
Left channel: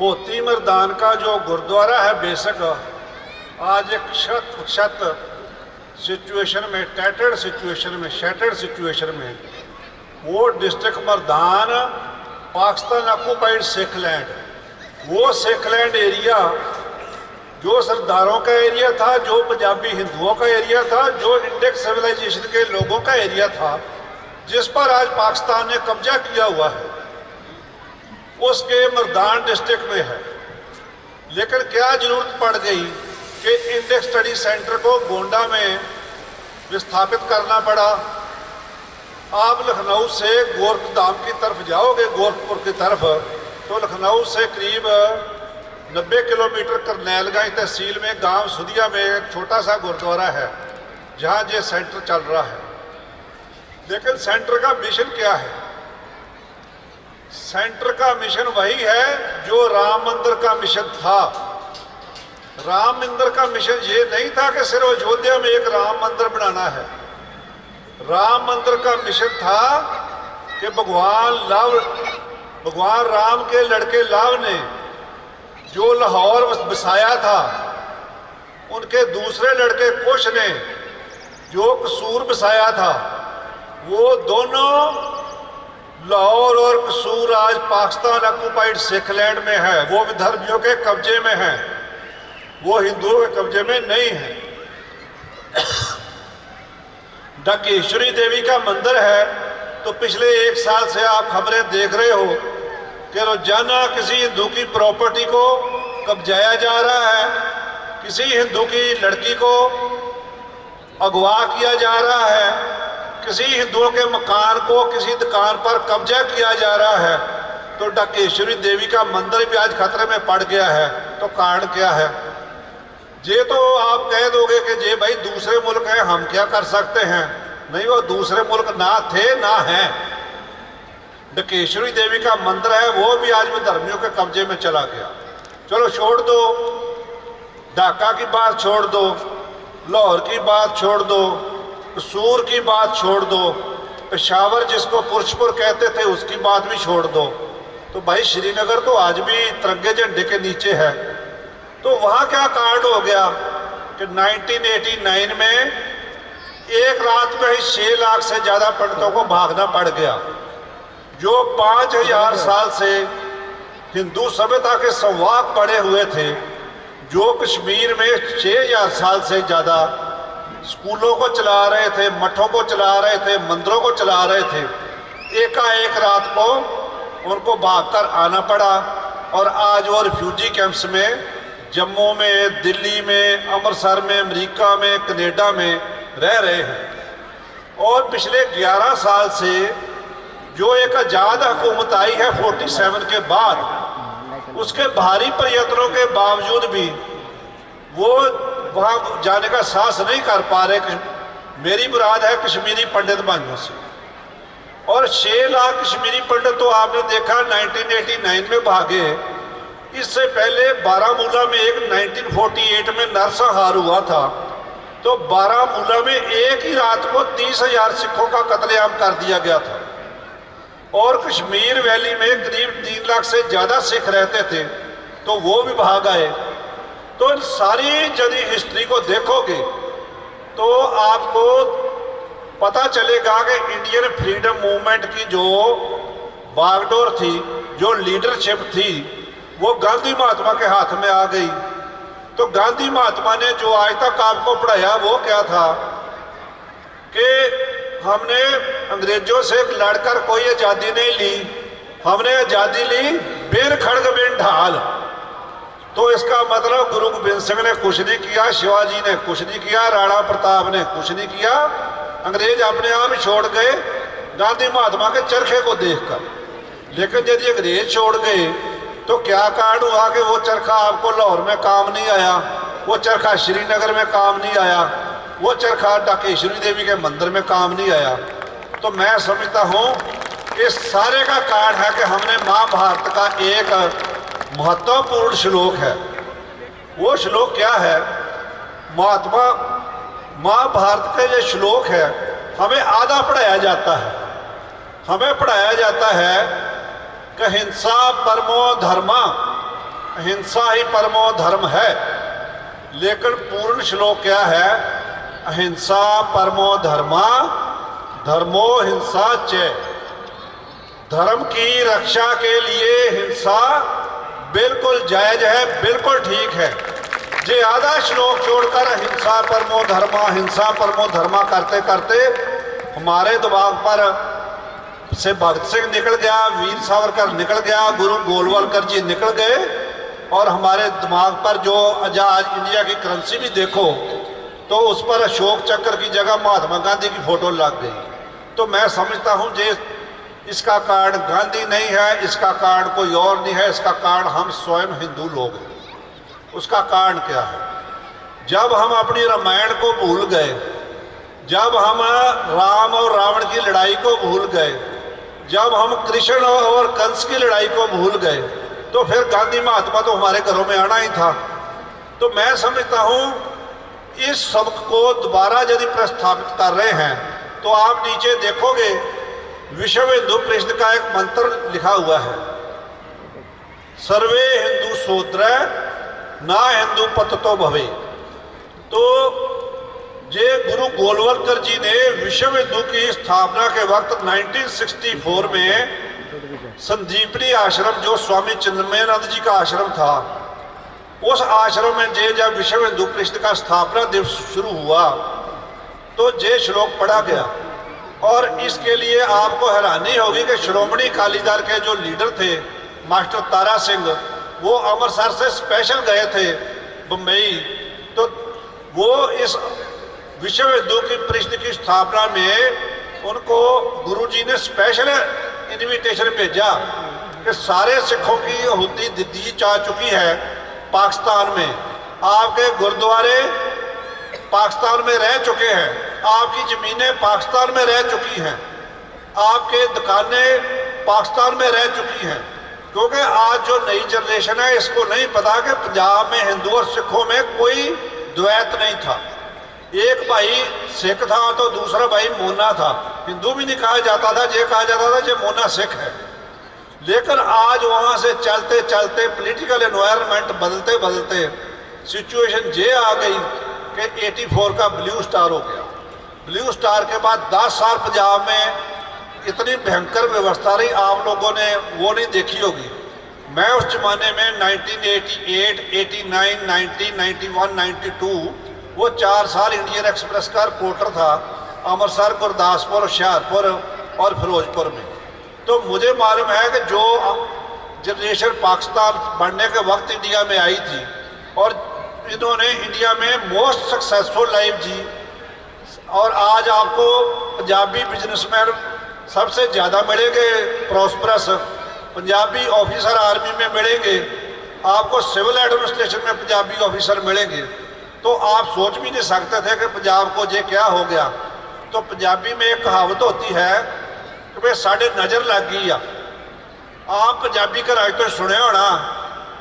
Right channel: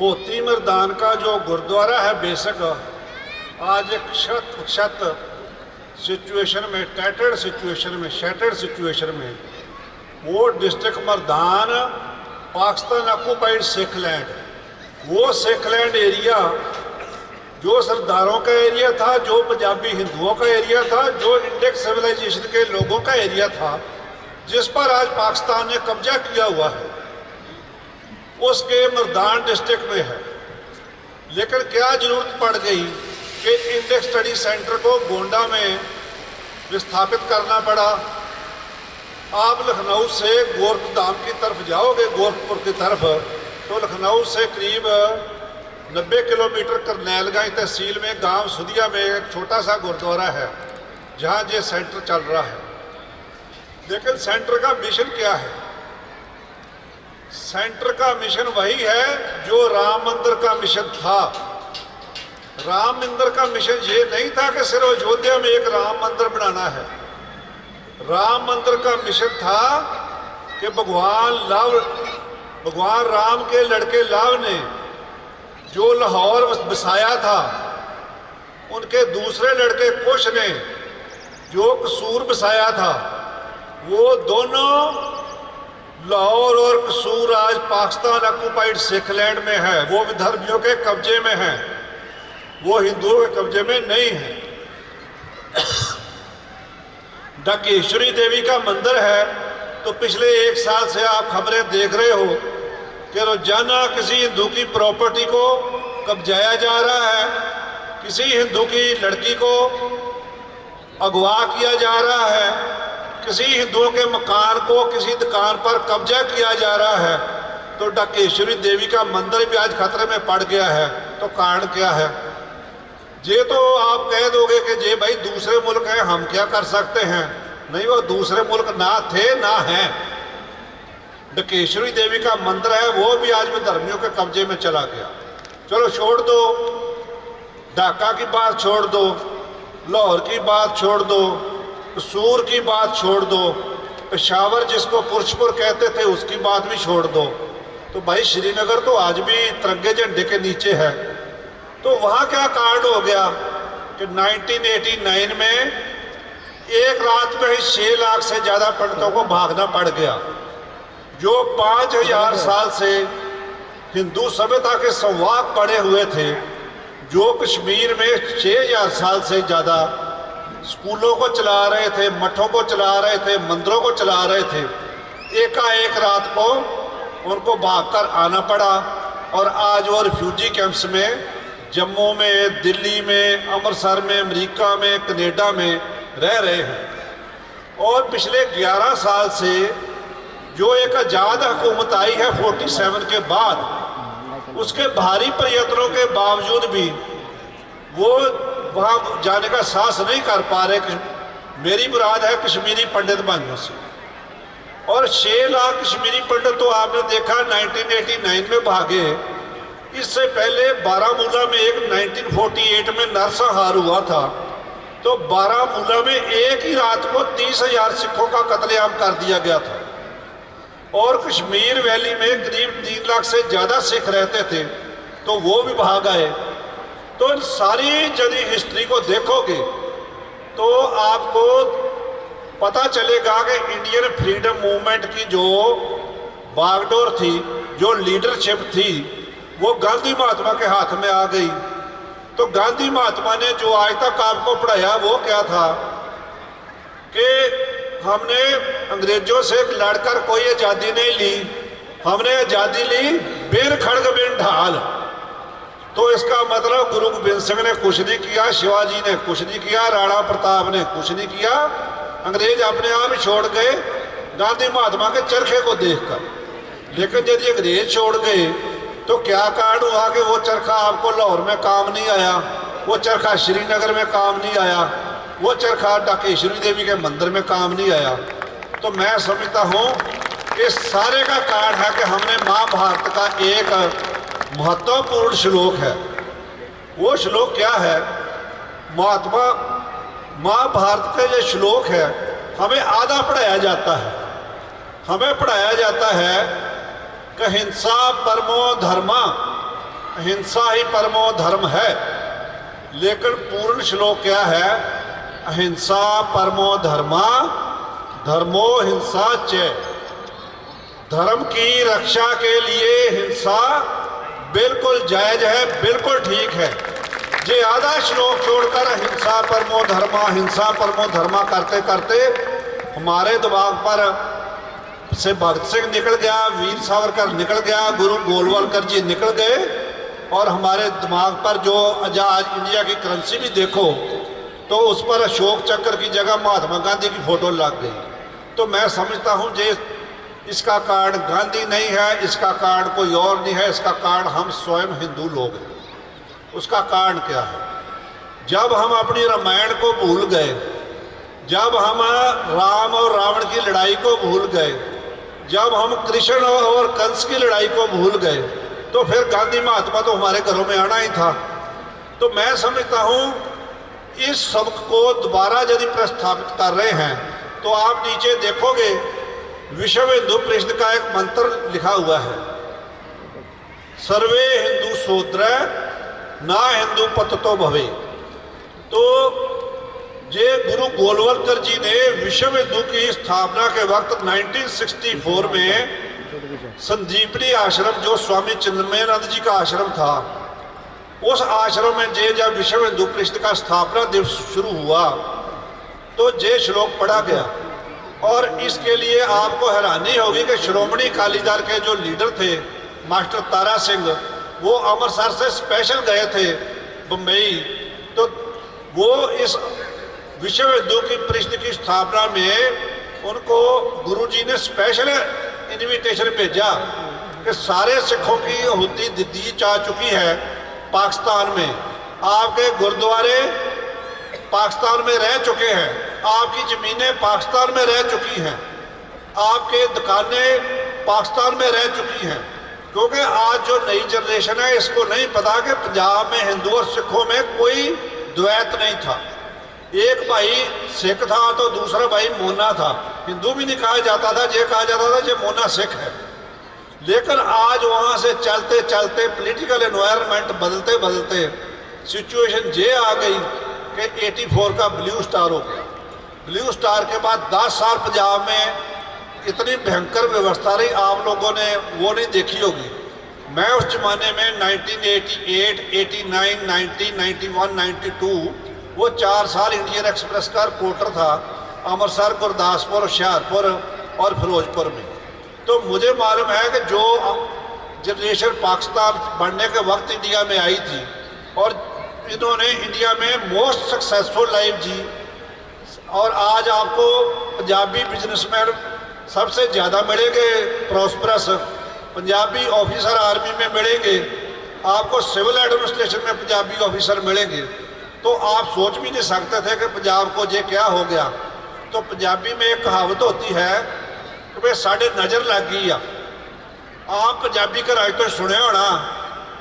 होती मर्दान का जो गुरुद्वारा है बेशक आज एक शत सिचुएशन में, टैटर्ड सिचुएशन में, शैटर्ड सिचुएशन में, वो district Mardan Pakistan occupied Sikh land, वो सिख लैंड एरिया जो सरदारों का एरिया था, जो पंजाबी हिंदुओं का एरिया था, जो इंडिक सिविलाइजेशन के लोगों का एरिया था, जिस पर आज पाकिस्तान ने कब्जा किया हुआ है, उसके मर्दान डिस्ट्रिक्ट में है। लेकिन क्या जरूरत पड़ गई कि इंडिक स्टडी सेंटर को गोंडा में विस्थापित करना पड़ा। आप लखनऊ से गोरखधाम की तरफ जाओगे, गोरखपुर की तरफ, तो लखनऊ से करीब 90 किलोमीटर करनैलगंज तहसील में गांव सुदिया में एक छोटा सा गुरुद्वारा है जहां ये सेंटर चल रहा है। लेकिन सेंटर का मिशन क्या है? सेंटर का मिशन वही है जो राम मंदिर का मिशन था। राम मंदिर का मिशन ये नहीं था कि सिर्फ अयोध्या में एक राम मंदिर बनाना है। राम मंदिर का मिशन था कि भगवान राम के लड़के लाव ने जो लाहौर बसाया था, उनके दूसरे लड़के कुश ने जो कसूर बसाया था, वो दोनों लाहौर और कसूर आज पाकिस्तान ऑक्यूपाइड सिख लैंड में है। वो विदर्भियों के कब्जे में है, वो हिंदुओं के कब्जे में नहीं है। ढकेश्वरी देवी का मंदिर है, तो पिछले 1 साल से आप खबरें देख रहे हो कि रोजाना किसी हिंदू की प्रॉपर्टी को कब्जाया जा रहा है, किसी हिंदू की लड़की को अगवा किया जा रहा है, किसी हिंदुओं के मकान को किसी दुकान पर कब्जा किया जा रहा है। तो ढकेश्वरी देवी का मंदिर भी आज खतरे में पड़ गया है। तो कारण क्या है? ये तो आप कह दोगे कि ये भाई दूसरे मुल्क हैं, हम क्या कर सकते हैं। नहीं, वो दूसरे मुल्क ना थे ना हैं। ढकेश्वरी देवी का मंदिर है, वो भी आज विधर्मियों के कब्जे में चला गया। चलो छोड़ दो, ढाका की बात छोड़ दो, लाहौर की बात छोड़ दो, कसूर की बात छोड़ दो, पेशावर जिसको पुरुषपुर कहते थे उसकी बात भी छोड़ दो, तो भाई श्रीनगर तो आज भी तिरंगे झंडे के नीचे है। तो वहाँ क्या कांड हो गया कि 1989 में एक रात में ही 6 लाख से ज़्यादा पंडितों को भागना पड़ गया। जो 5000 साल से हिंदू सभ्यता के संवाद पड़े हुए थे, जो कश्मीर में 6000 साल से ज़्यादा स्कूलों को चला रहे थे, मठों को चला रहे थे, मंदिरों को चला रहे थे, एकाएक रात को उनको भागकर आना पड़ा। और आज वो रिफ्यूजी कैंप्स में जम्मू में, दिल्ली में, अमृतसर में, अमेरिका में, कनाडा में रह रहे हैं। और पिछले 11 साल से जो एक आज़ाद हुकूमत आई है 47 के बाद, उसके भारी प्रयत्नों के बावजूद भी वो वहाँ जाने का साहस नहीं कर पा रहे। मेरी मुराद है कश्मीरी पंडित भाइयों से। और 6 लाख कश्मीरी पंडित तो आपने देखा 1989 में भागे। इससे पहले बारामूला में एक 1948 में नरसंहार हुआ था, तो बारामूला में एक ही रात को 30,000 सिखों का कत्लेआम कर दिया गया था। और कश्मीर वैली में करीब 3 लाख से ज़्यादा सिख रहते थे, तो वो भी भाग आए। तो इन सारी यदि हिस्ट्री को देखोगे तो आपको पता चलेगा कि इंडियन फ्रीडम मूवमेंट की जो बागडोर थी, जो लीडरशिप थी, वो गांधी महात्मा के हाथ में आ गई। तो गांधी महात्मा ने जो आज तक आपको पढ़ाया वो क्या था कि हमने अंग्रेजों से लड़कर कोई आज़ादी नहीं ली, हमने आज़ादी ली बेर खड़ग बिन ढाल। तो इसका मतलब गुरु गोबिंद सिंह ने कुछ नहीं किया, शिवाजी ने कुछ नहीं किया, राणा प्रताप ने कुछ नहीं किया, अंग्रेज अपने आप ही छोड़ गए गांधी महात्मा के चरखे को देखकर। लेकिन यदि अंग्रेज छोड़ गए तो क्या कारण हुआ कि वो चरखा आपको लाहौर में काम नहीं आया, वो चरखा श्रीनगर में काम नहीं आया, वो चरखा ढाकेश्वरी देवी के मंदिर में काम नहीं आया। तो मैं समझता हूँ इस सारे का कारण है कि हमने महाभारत का एक महत्वपूर्ण श्लोक है। वो श्लोक क्या है? महाभारत का ये श्लोक है, हमें आधा पढ़ाया जाता है। हमें पढ़ाया जाता है कि हिंसा परमो धर्मा, अहिंसा ही परमो धर्म है। लेकिन पूर्ण श्लोक क्या है? अहिंसा परमो धर्मा, धर्मो हिंसा च। धर्म की रक्षा के लिए हिंसा बिल्कुल जायज है, बिल्कुल ठीक है। जे आधा श्लोक छोड़कर हिंसा परमो धर्मा, हिंसा परमो धर्मा करते करते हमारे दिमाग पर से भगत सिंह निकल गया, वीर सावरकर निकल गया, गुरु गोलवलकर जी निकल गए, और हमारे दिमाग पर जो आजाद इंडिया की करेंसी भी देखो तो उस पर अशोक चक्र की जगह महात्मा गांधी की फोटो लग गई। तो मैं समझता हूँ जे इसका कारण गांधी नहीं है, इसका कारण कोई और नहीं है, इसका कारण हम स्वयं हिंदू लोग हैं। उसका कारण क्या है? जब हम अपनी रामायण को भूल गए, जब हम राम और रावण की लड़ाई को भूल गए, जब हम कृष्ण और कंस की लड़ाई को भूल गए, तो फिर गांधी महात्मा तो हमारे घरों में आना ही था। तो मैं समझता हूँ इस सबक को दोबारा यदि प्रस्थापित कर रहे हैं तो आप नीचे देखोगे विश्व हिंदू परिषद का एक मंत्र लिखा हुआ है, सर्वे हिंदू सोद्र ना हिंदू पततो भवे। तो जे गुरु गोलवलकर जी ने विश्व हिंदू की स्थापना के वक्त 1964 में संदीपनी आश्रम, जो स्वामी चिन्मयानंद जी का आश्रम था, उस आश्रम में जब विश्व हिंदू परिषद का स्थापना दिवस शुरू हुआ तो जे श्लोक पढ़ा गया। और इसके लिए आपको हैरानी होगी कि श्रोमणी अकाली दल के जो लीडर थे मास्टर तारा सिंह, वो अमृतसर से स्पेशल गए थे बम्बई। तो वो इस विश्व हिंदू की परिषद की स्थापना में उनको गुरुजी ने स्पेशल इनविटेशन भेजा कि सारे सिखों की आहुति दी जा चुकी है पाकिस्तान में, आपके गुरुद्वारे पाकिस्तान में रह चुके हैं, आपकी ज़मीनें पाकिस्तान में रह चुकी हैं, आपके दुकानें पाकिस्तान में रह चुकी हैं। क्योंकि आज जो नई जनरेशन है इसको नहीं पता कि पंजाब में हिंदू और सिखों में कोई द्वैत नहीं था। एक भाई सिख था तो दूसरा भाई मोना था। हिंदू भी नहीं कहा जाता था, ये कहा जाता था ये मोना सिख है। लेकिन आज वहाँ से चलते चलते पॉलिटिकल एनवायरनमेंट बदलते बदलते सिचुएशन ये आ गई कि 84 का ब्लू स्टार हो गया। ब्लू स्टार के बाद 10 साल पंजाब में इतनी भयंकर व्यवस्था रही, आप लोगों ने वो नहीं देखी होगी। मैं उस जमाने में 1988, 89, 90, 91, 92 वो 4 साल इंडियन एक्सप्रेस का रिपोर्टर था, अमृतसर, गुरदासपुर, हुशियारपुर और फिरोजपुर में। तो मुझे मालूम है कि जो जनरेशन पाकिस्तान बनने के वक्त इंडिया में आई थी और इन्होंने इंडिया में मोस्ट सक्सेसफुल लाइफ जी, और आज आपको पंजाबी बिजनेसमैन सबसे ज़्यादा मिलेंगे प्रॉस्परस, पंजाबी ऑफिसर आर्मी में मिलेंगे, आपको सिविल एडमिनिस्ट्रेशन में पंजाबी ऑफिसर मिलेंगे। तो आप सोच भी नहीं सकते थे कि पंजाब को ये क्या हो गया। तो पंजाबी में एक कहावत होती है कि भाई साढ़े नज़र लग गई आ। आप पंजाबी घर तो सुने होना,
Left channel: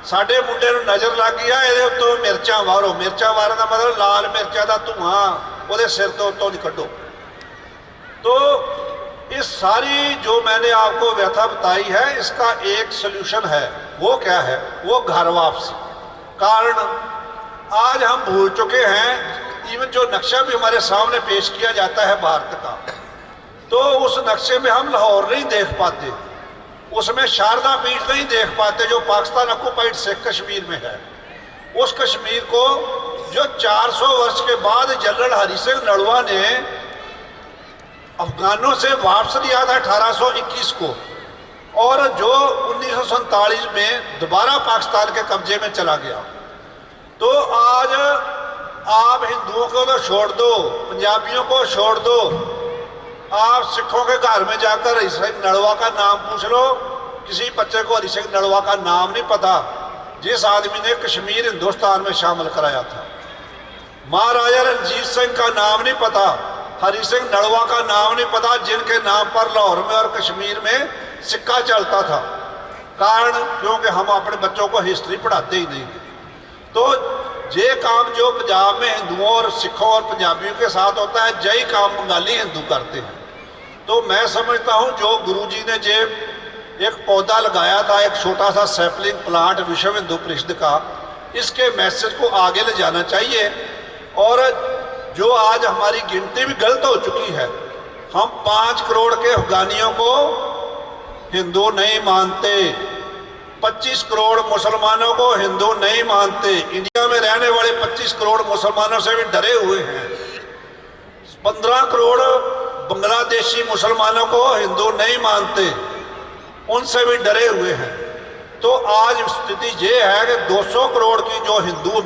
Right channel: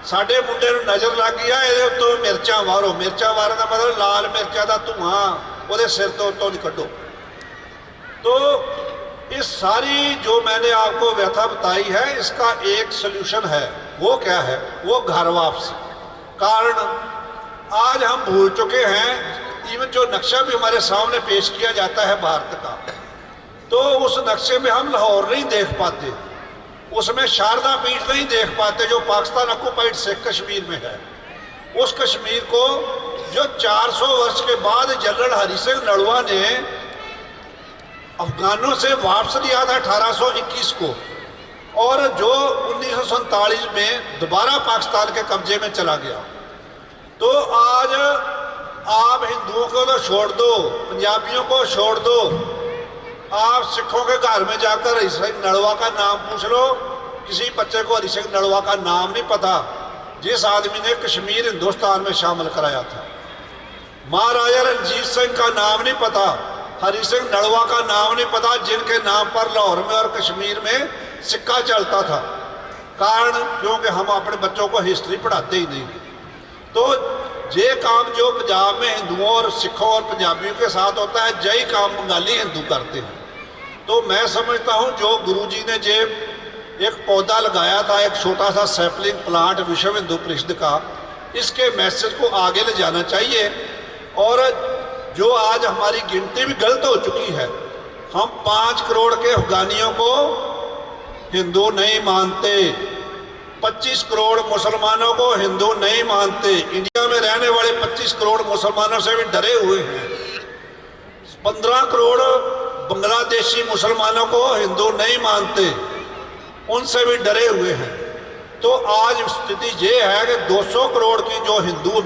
साढ़े मुंडे नज़र लग गई है, ये उत्तों मिर्चा मारो। मिर्चा मारने का मतलब लाल मिर्चा का धुआं वो सिर तो उत्तों नहीं कड्डो। तो इस सारी जो मैंने आपको व्यथा बताई है, इसका एक सल्यूशन है। वो क्या है? वो घर वापसी। कारण आज हम भूल चुके हैं, इवन जो नक्शा भी हमारे सामने पेश किया जाता है भारत का, तो उस नक्शे में हम लाहौर नहीं देख पाते, उसमें शारदा पीठ नहीं देख पाते जो पाकिस्तान ऑक्युपाइड सिख कश्मीर में है। उस कश्मीर को जो 400 वर्ष के बाद जनरल हरि सिंह नलवा ने अफगानों से वापस लिया था 1821 को, और जो 1947 में दोबारा पाकिस्तान के कब्जे में चला गया। तो आज आप हिंदुओं को तो छोड़ दो, पंजाबियों को छोड़ दो, आप सिखों के घर में जाकर हरि सिंह नलवा का नाम पूछ लो, किसी बच्चे को हरि सिंह नलवा का नाम नहीं पता, जिस आदमी ने कश्मीर हिंदुस्तान में शामिल कराया था। महाराजा रणजीत सिंह का नाम नहीं पता, हरि सिंह नलवा का नाम नहीं पता, जिनके नाम पर लाहौर में और कश्मीर में सिक्का चलता था। कारण क्योंकि हम अपने बच्चों को हिस्ट्री पढ़ाते ही नहीं। तो ये काम जो पंजाब में हिंदुओं और सिखों और पंजाबियों के साथ होता है, यही काम बंगाली हिंदू करते हैं। तो मैं समझता हूँ जो गुरुजी ने जे एक पौधा लगाया था, एक छोटा सा सैपलिंग प्लांट विश्व हिंदू परिषद का, इसके मैसेज को आगे ले जाना चाहिए। और जो आज हमारी गिनती भी गलत हो चुकी है, हम 5 करोड़ के अफगानियों को हिंदू नहीं मानते, 25 करोड़ मुसलमानों को हिंदू नहीं मानते, इंडिया में रहने वाले 25 करोड़ मुसलमानों से भी डरे हुए हैं, 15 करोड़ बांग्लादेशी मुसलमानों को हिंदू नहीं मानते, उनसे भी डरे हुए हैं। तो आज स्थिति ये है कि 200 करोड़ की जो हिंदू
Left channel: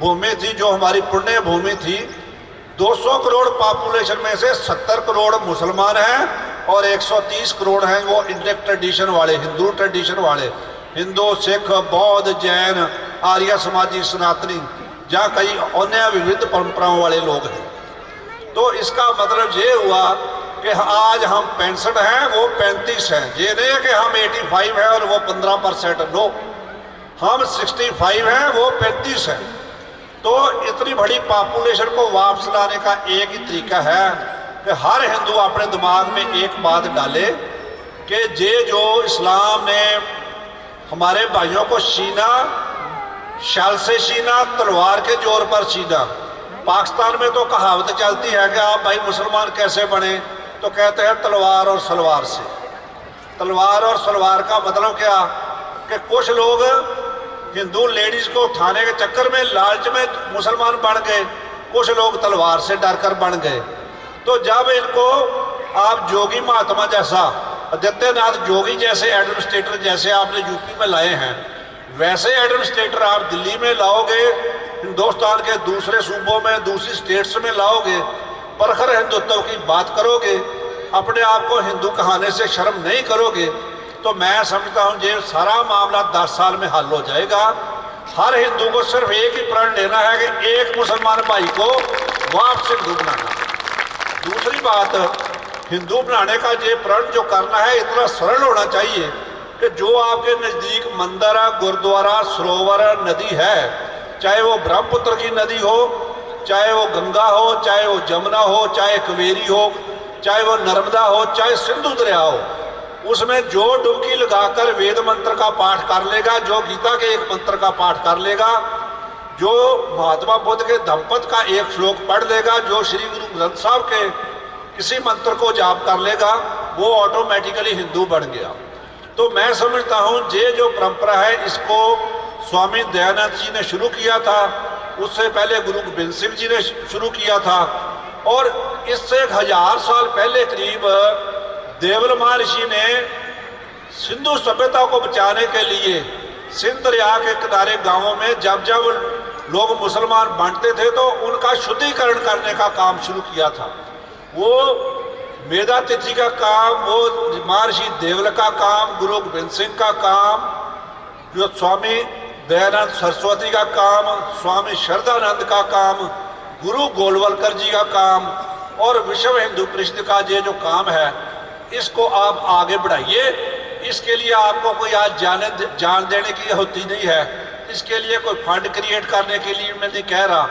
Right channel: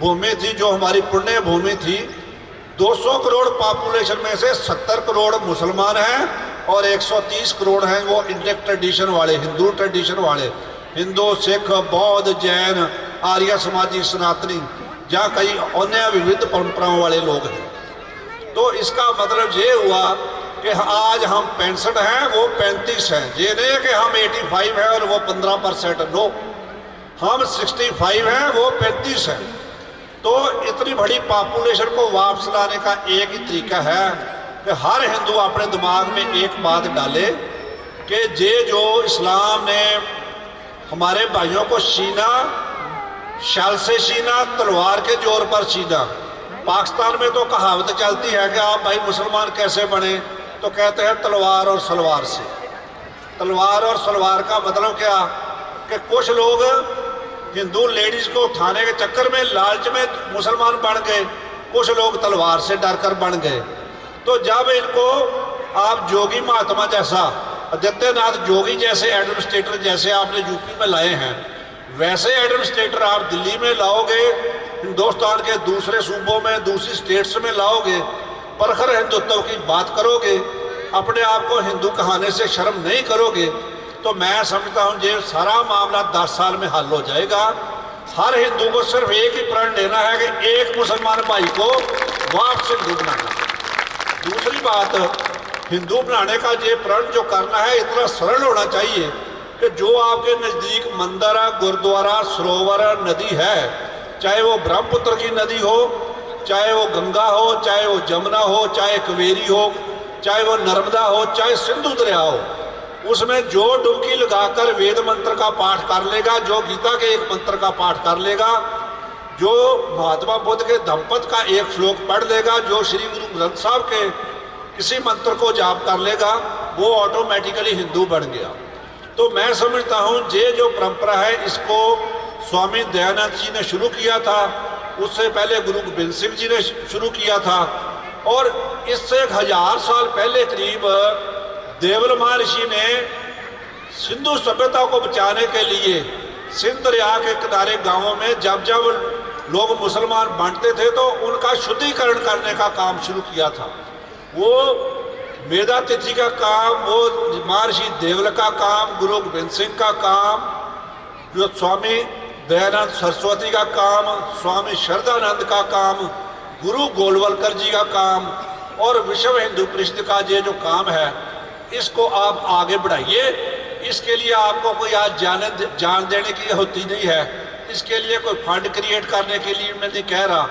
भूमि थी, जो हमारी पुण्य भूमि थी, 200 करोड़ पॉपुलेशन में से 70 करोड़ मुसलमान हैं और 130 करोड़ हैं वो इंडियन ट्रेडिशन वाले, हिंदू ट्रेडिशन वाले, हिंदू, सिख, बौद्ध, जैन, आर्य समाजी, सनातनी, जहाँ कई अन्य विविध परंपराओं वाले लोग हैं। तो इसका मतलब ये हुआ कि आज हम 65 हैं, वो 35 हैं। ये नहीं है कि हम 85 हैं और वो 15%, नो, हम 65 हैं, वो 35 हैं। तो इतनी बड़ी पॉपुलेशन को वापस लाने का एक ही तरीका है कि हर हिंदू अपने दिमाग में एक बात डाले कि ये जो इस्लाम ने हमारे भाइयों को छीना, शल से छीना, तलवार के जोर पर छीना। पाकिस्तान में तो कहावत चलती है कि आप भाई मुसलमान कैसे बने, तो कहते हैं तलवार और सलवार से। तलवार और सलवार का मतलब क्या कि कुछ लोग हिंदू लेडीज़ को उठाने के चक्कर में, लालच में मुसलमान बन गए, कुछ लोग तलवार से डरकर बन गए। तो जब इनको आप जोगी महात्मा जैसा, आदित्यनाथ जोगी जैसे एडमिनिस्ट्रेटर जैसे आपने यूपी में लाए हैं, वैसे एडमिनिस्ट्रेटर आप दिल्ली में लाओगे, हिंदुस्तान के दूसरे सूबों में, दूसरी स्टेट्स में लाओगे, परखर हिंदुत्व की बात करोगे, अपने आप को हिंदू कहने से शर्म नहीं करोगे, तो मैं समझता हूँ ये सारा मामला 10 साल में हल हो जाएगा। हर हिंदू को सिर्फ एक ही प्रण लेना है कि एक मुसलमान भाई को वापस हिंदू बनाना। दूसरी बात, हिंदू बनाने का ये प्रण जो करना है इतना सरल होना चाहिए कि जो आपके नज़दीक मंदिर, गुरुद्वारा, सरोवर, नदी है, चाहे वो ब्रह्मपुत्र की नदी हो चाहे वो गंगा हो, चाहे वो जमुना हो, चाहे कावेरी हो, चाहे वो नर्मदा हो, चाहे सिंधु दरिया हो, उसमें जो डुबकी लगाकर वेद मंत्र का पाठ कर लेगा, जो गीता के एक मंत्र का पाठ कर लेगा, जो महात्मा बुद्ध के धम्मपद का एक श्लोक पढ़ लेगा, जो श्री गुरु ग्रंथ साहब के किसी मंत्र को जाप कर लेगा, वो ऑटोमेटिकली हिंदू बन गया। तो मैं समझता हूँ ये जो परंपरा है इसको स्वामी दयानंद जी ने शुरू किया था, उससे पहले गुरु गोबिंद सिंह जी ने शुरू किया था, और इससे 1000 साल पहले करीब देवल महर्षि ने सिंधु सभ्यता को बचाने के लिए सिंध दरिया के किनारे गांवों में जब जब लोग मुसलमान बांटते थे तो उनका शुद्धिकरण करने का काम शुरू किया था। वो मेधा तिथि का काम, वो महर्षि देवल का काम, गुरु गोबिंद सिंह का काम, जो स्वामी दयानंद सरस्वती का काम, स्वामी श्रद्धानंद का काम, गुरु गोलवलकर जी का काम, और विश्व हिंदू परिषद का ये जो काम है इसको आप आगे बढ़ाइए। इसके लिए आपको कोई आज जान देने की होती नहीं है, इसके लिए कोई फंड क्रिएट करने के लिए मैं नहीं कह रहा,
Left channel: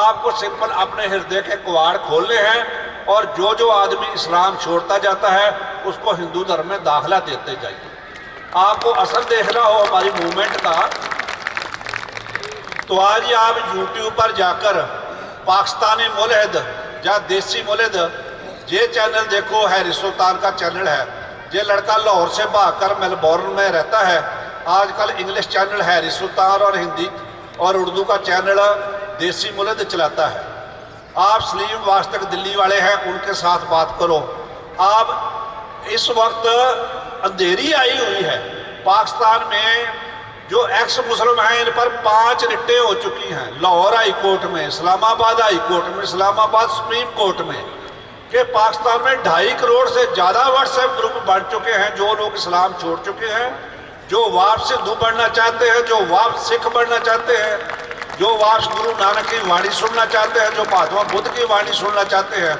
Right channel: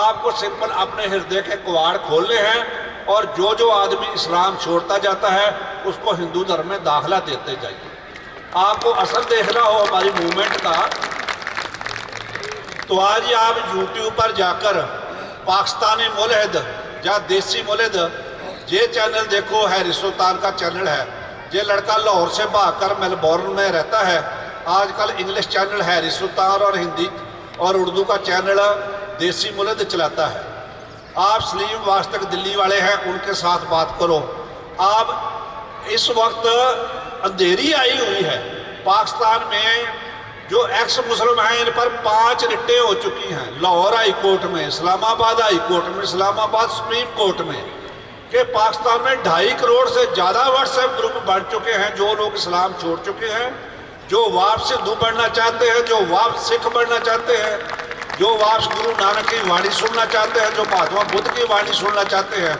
आपको सिंपल अपने हृदय के कवाड़ खोलने हैं, और जो जो आदमी इस्लाम छोड़ता जाता है उसको हिंदू धर्म में दाखिला देते जाइए। आपको असर देखना हो हमारी मूवमेंट का, तो आज ही आप यूट्यूब पर जाकर पाकिस्तानी मुल्हिद या देसी मुल्हिद ये चैनल देखो, हैरी सुल्तान का चैनल है। ये लड़का लाहौर से भागकर मेलबोर्न में रहता है। आजकल इंग्लिश चैनल हैरी सुल्तान और हिंदी और उर्दू का चैनल देसी मुल्हिद चलाता है। आप सलीम वास्तक दिल्ली वाले हैं, उनके साथ बात करो। आप इस वक्त अंधेरी आई हुई है पाकिस्तान में, जो एक्स मुस्लिम हैं इन पर 5 रिटें हो चुकी हैं, लाहौर हाई कोर्ट में, इस्लामाबाद हाई कोर्ट में, इस्लामाबाद सुप्रीम कोर्ट में, कि पाकिस्तान में 2.5 करोड़ से ज़्यादा व्हाट्सएप ग्रुप बन चुके हैं जो लोग इस्लाम छोड़ चुके हैं, जो वापस हिंदू बनना चाहते हैं, जो वापस सिख बनना चाहते हैं, जो वापस गुरु नानक की वाणी सुनना चाहते हैं, जो महात्मा बुद्ध की वाणी सुनना चाहते हैं,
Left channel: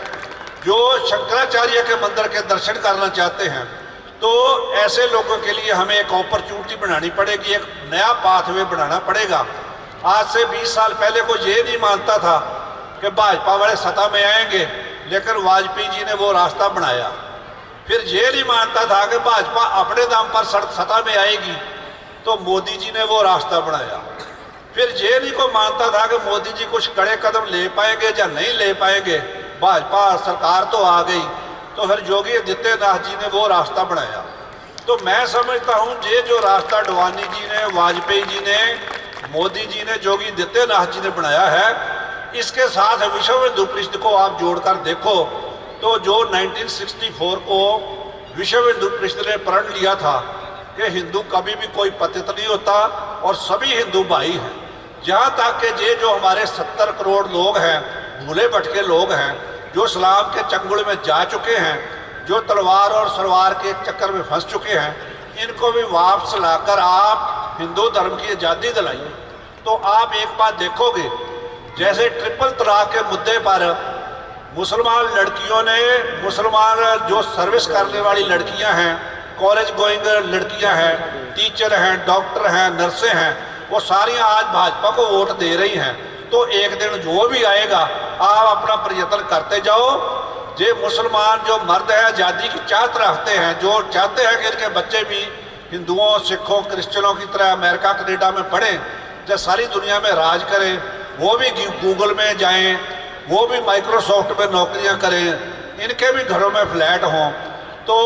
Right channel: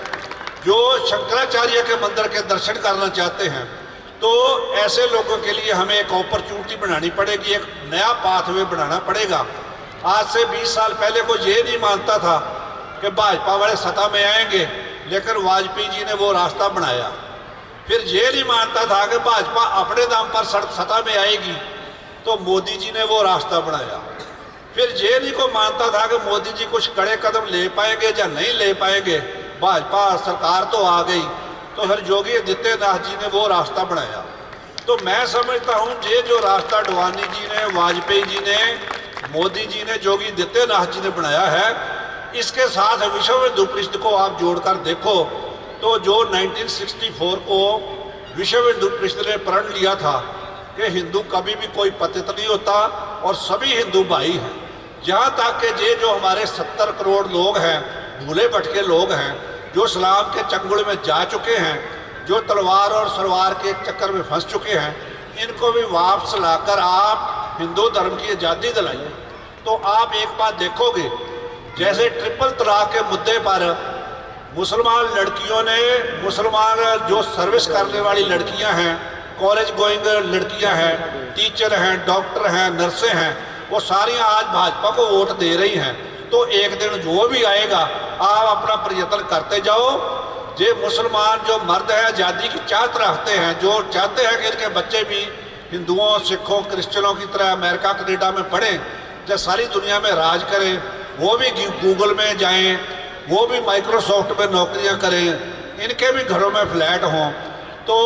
जो शंकराचार्य के मंदिर के दर्शन करना चाहते हैं। तो ऐसे लोगों के लिए हमें एक अपॉर्चुनिटी बनानी पड़ेगी, एक नया पाथवे बनाना पड़ेगा। आज से 20 साल पहले कोई ये नहीं मानता था कि भाजपा वाले सत्ता में आएंगे, लेकिन वाजपेयी जी ने वो रास्ता बनाया। फिर ये नहीं मानता था कि भाजपा अपने दम पर सत्ता में आएगी, तो मोदी जी ने वो रास्ता बनाया। फिर ये नहीं को मानता था कि मोदी जी कुछ कड़े कदम ले पाएंगे या नहीं ले पाएंगे, भाजपा सरकार तो आ गई, तो फिर योगी आदित्यनाथ जी ने वो रास्ता बनाया। तो मैं समझता हूँ ये जो रास्ता अडवाणी जी ने, वाजपेयी जी ने, मोदी जी ने, योगी आदित्यनाथ जी ने बनाया है, इसके साथ विश्व हिंदू परिषद को आप जोड़कर देखो तो जो 1964 को विश्व हिंदू परिषद ने प्रण लिया था कि हिंदू कभी भी कोई पतित नहीं होता और सभी हिंदू भाई हैं, यहाँ तक कि ये जो हमारे 70 करोड़ लोग हैं, भूले भटके लोग हैं, जो इस्लाम के चंगुल में जा चुके हैं, जो तलवार और सलवार के चक्कर में फंस चुके हैं, इनको भी वापस लाकर आप हिंदू धर्म की आज़ादी दिलाइए। तो आप एक बात देखोगे, जैसे ट्रिपल तलाक के मुद्दे पर मुसलमान लड़कियों ने, मुसलमान जो सर्विस करने वाली लड़कियां हैं, कॉलेज गोइंग लड़कियां हैं, टीचर हैं, डॉक्टर हैं, नर्सें हैं, वो सारी आज भाजपा को वोट दे रही हैं। तो एक दिन जो भी आएगा आप अपना प्रयत्न करते जाओ। ये मुसलमान जो मर्द हैं आज़ादी की चाहत रखते हैं, जो चाहते हैं कि इनके बच्चे भी हिंदुओं, सिखों, क्रिश्चियनों की तरह अमेरिका कनाडा में पढ़ें, जो सारी दुनिया में राज करें, वो भी गूगल में जाएं, वो भी माइक्रोसॉफ्ट में नौकरियां करें, इनके भी घरों में फ्लैट हों। तो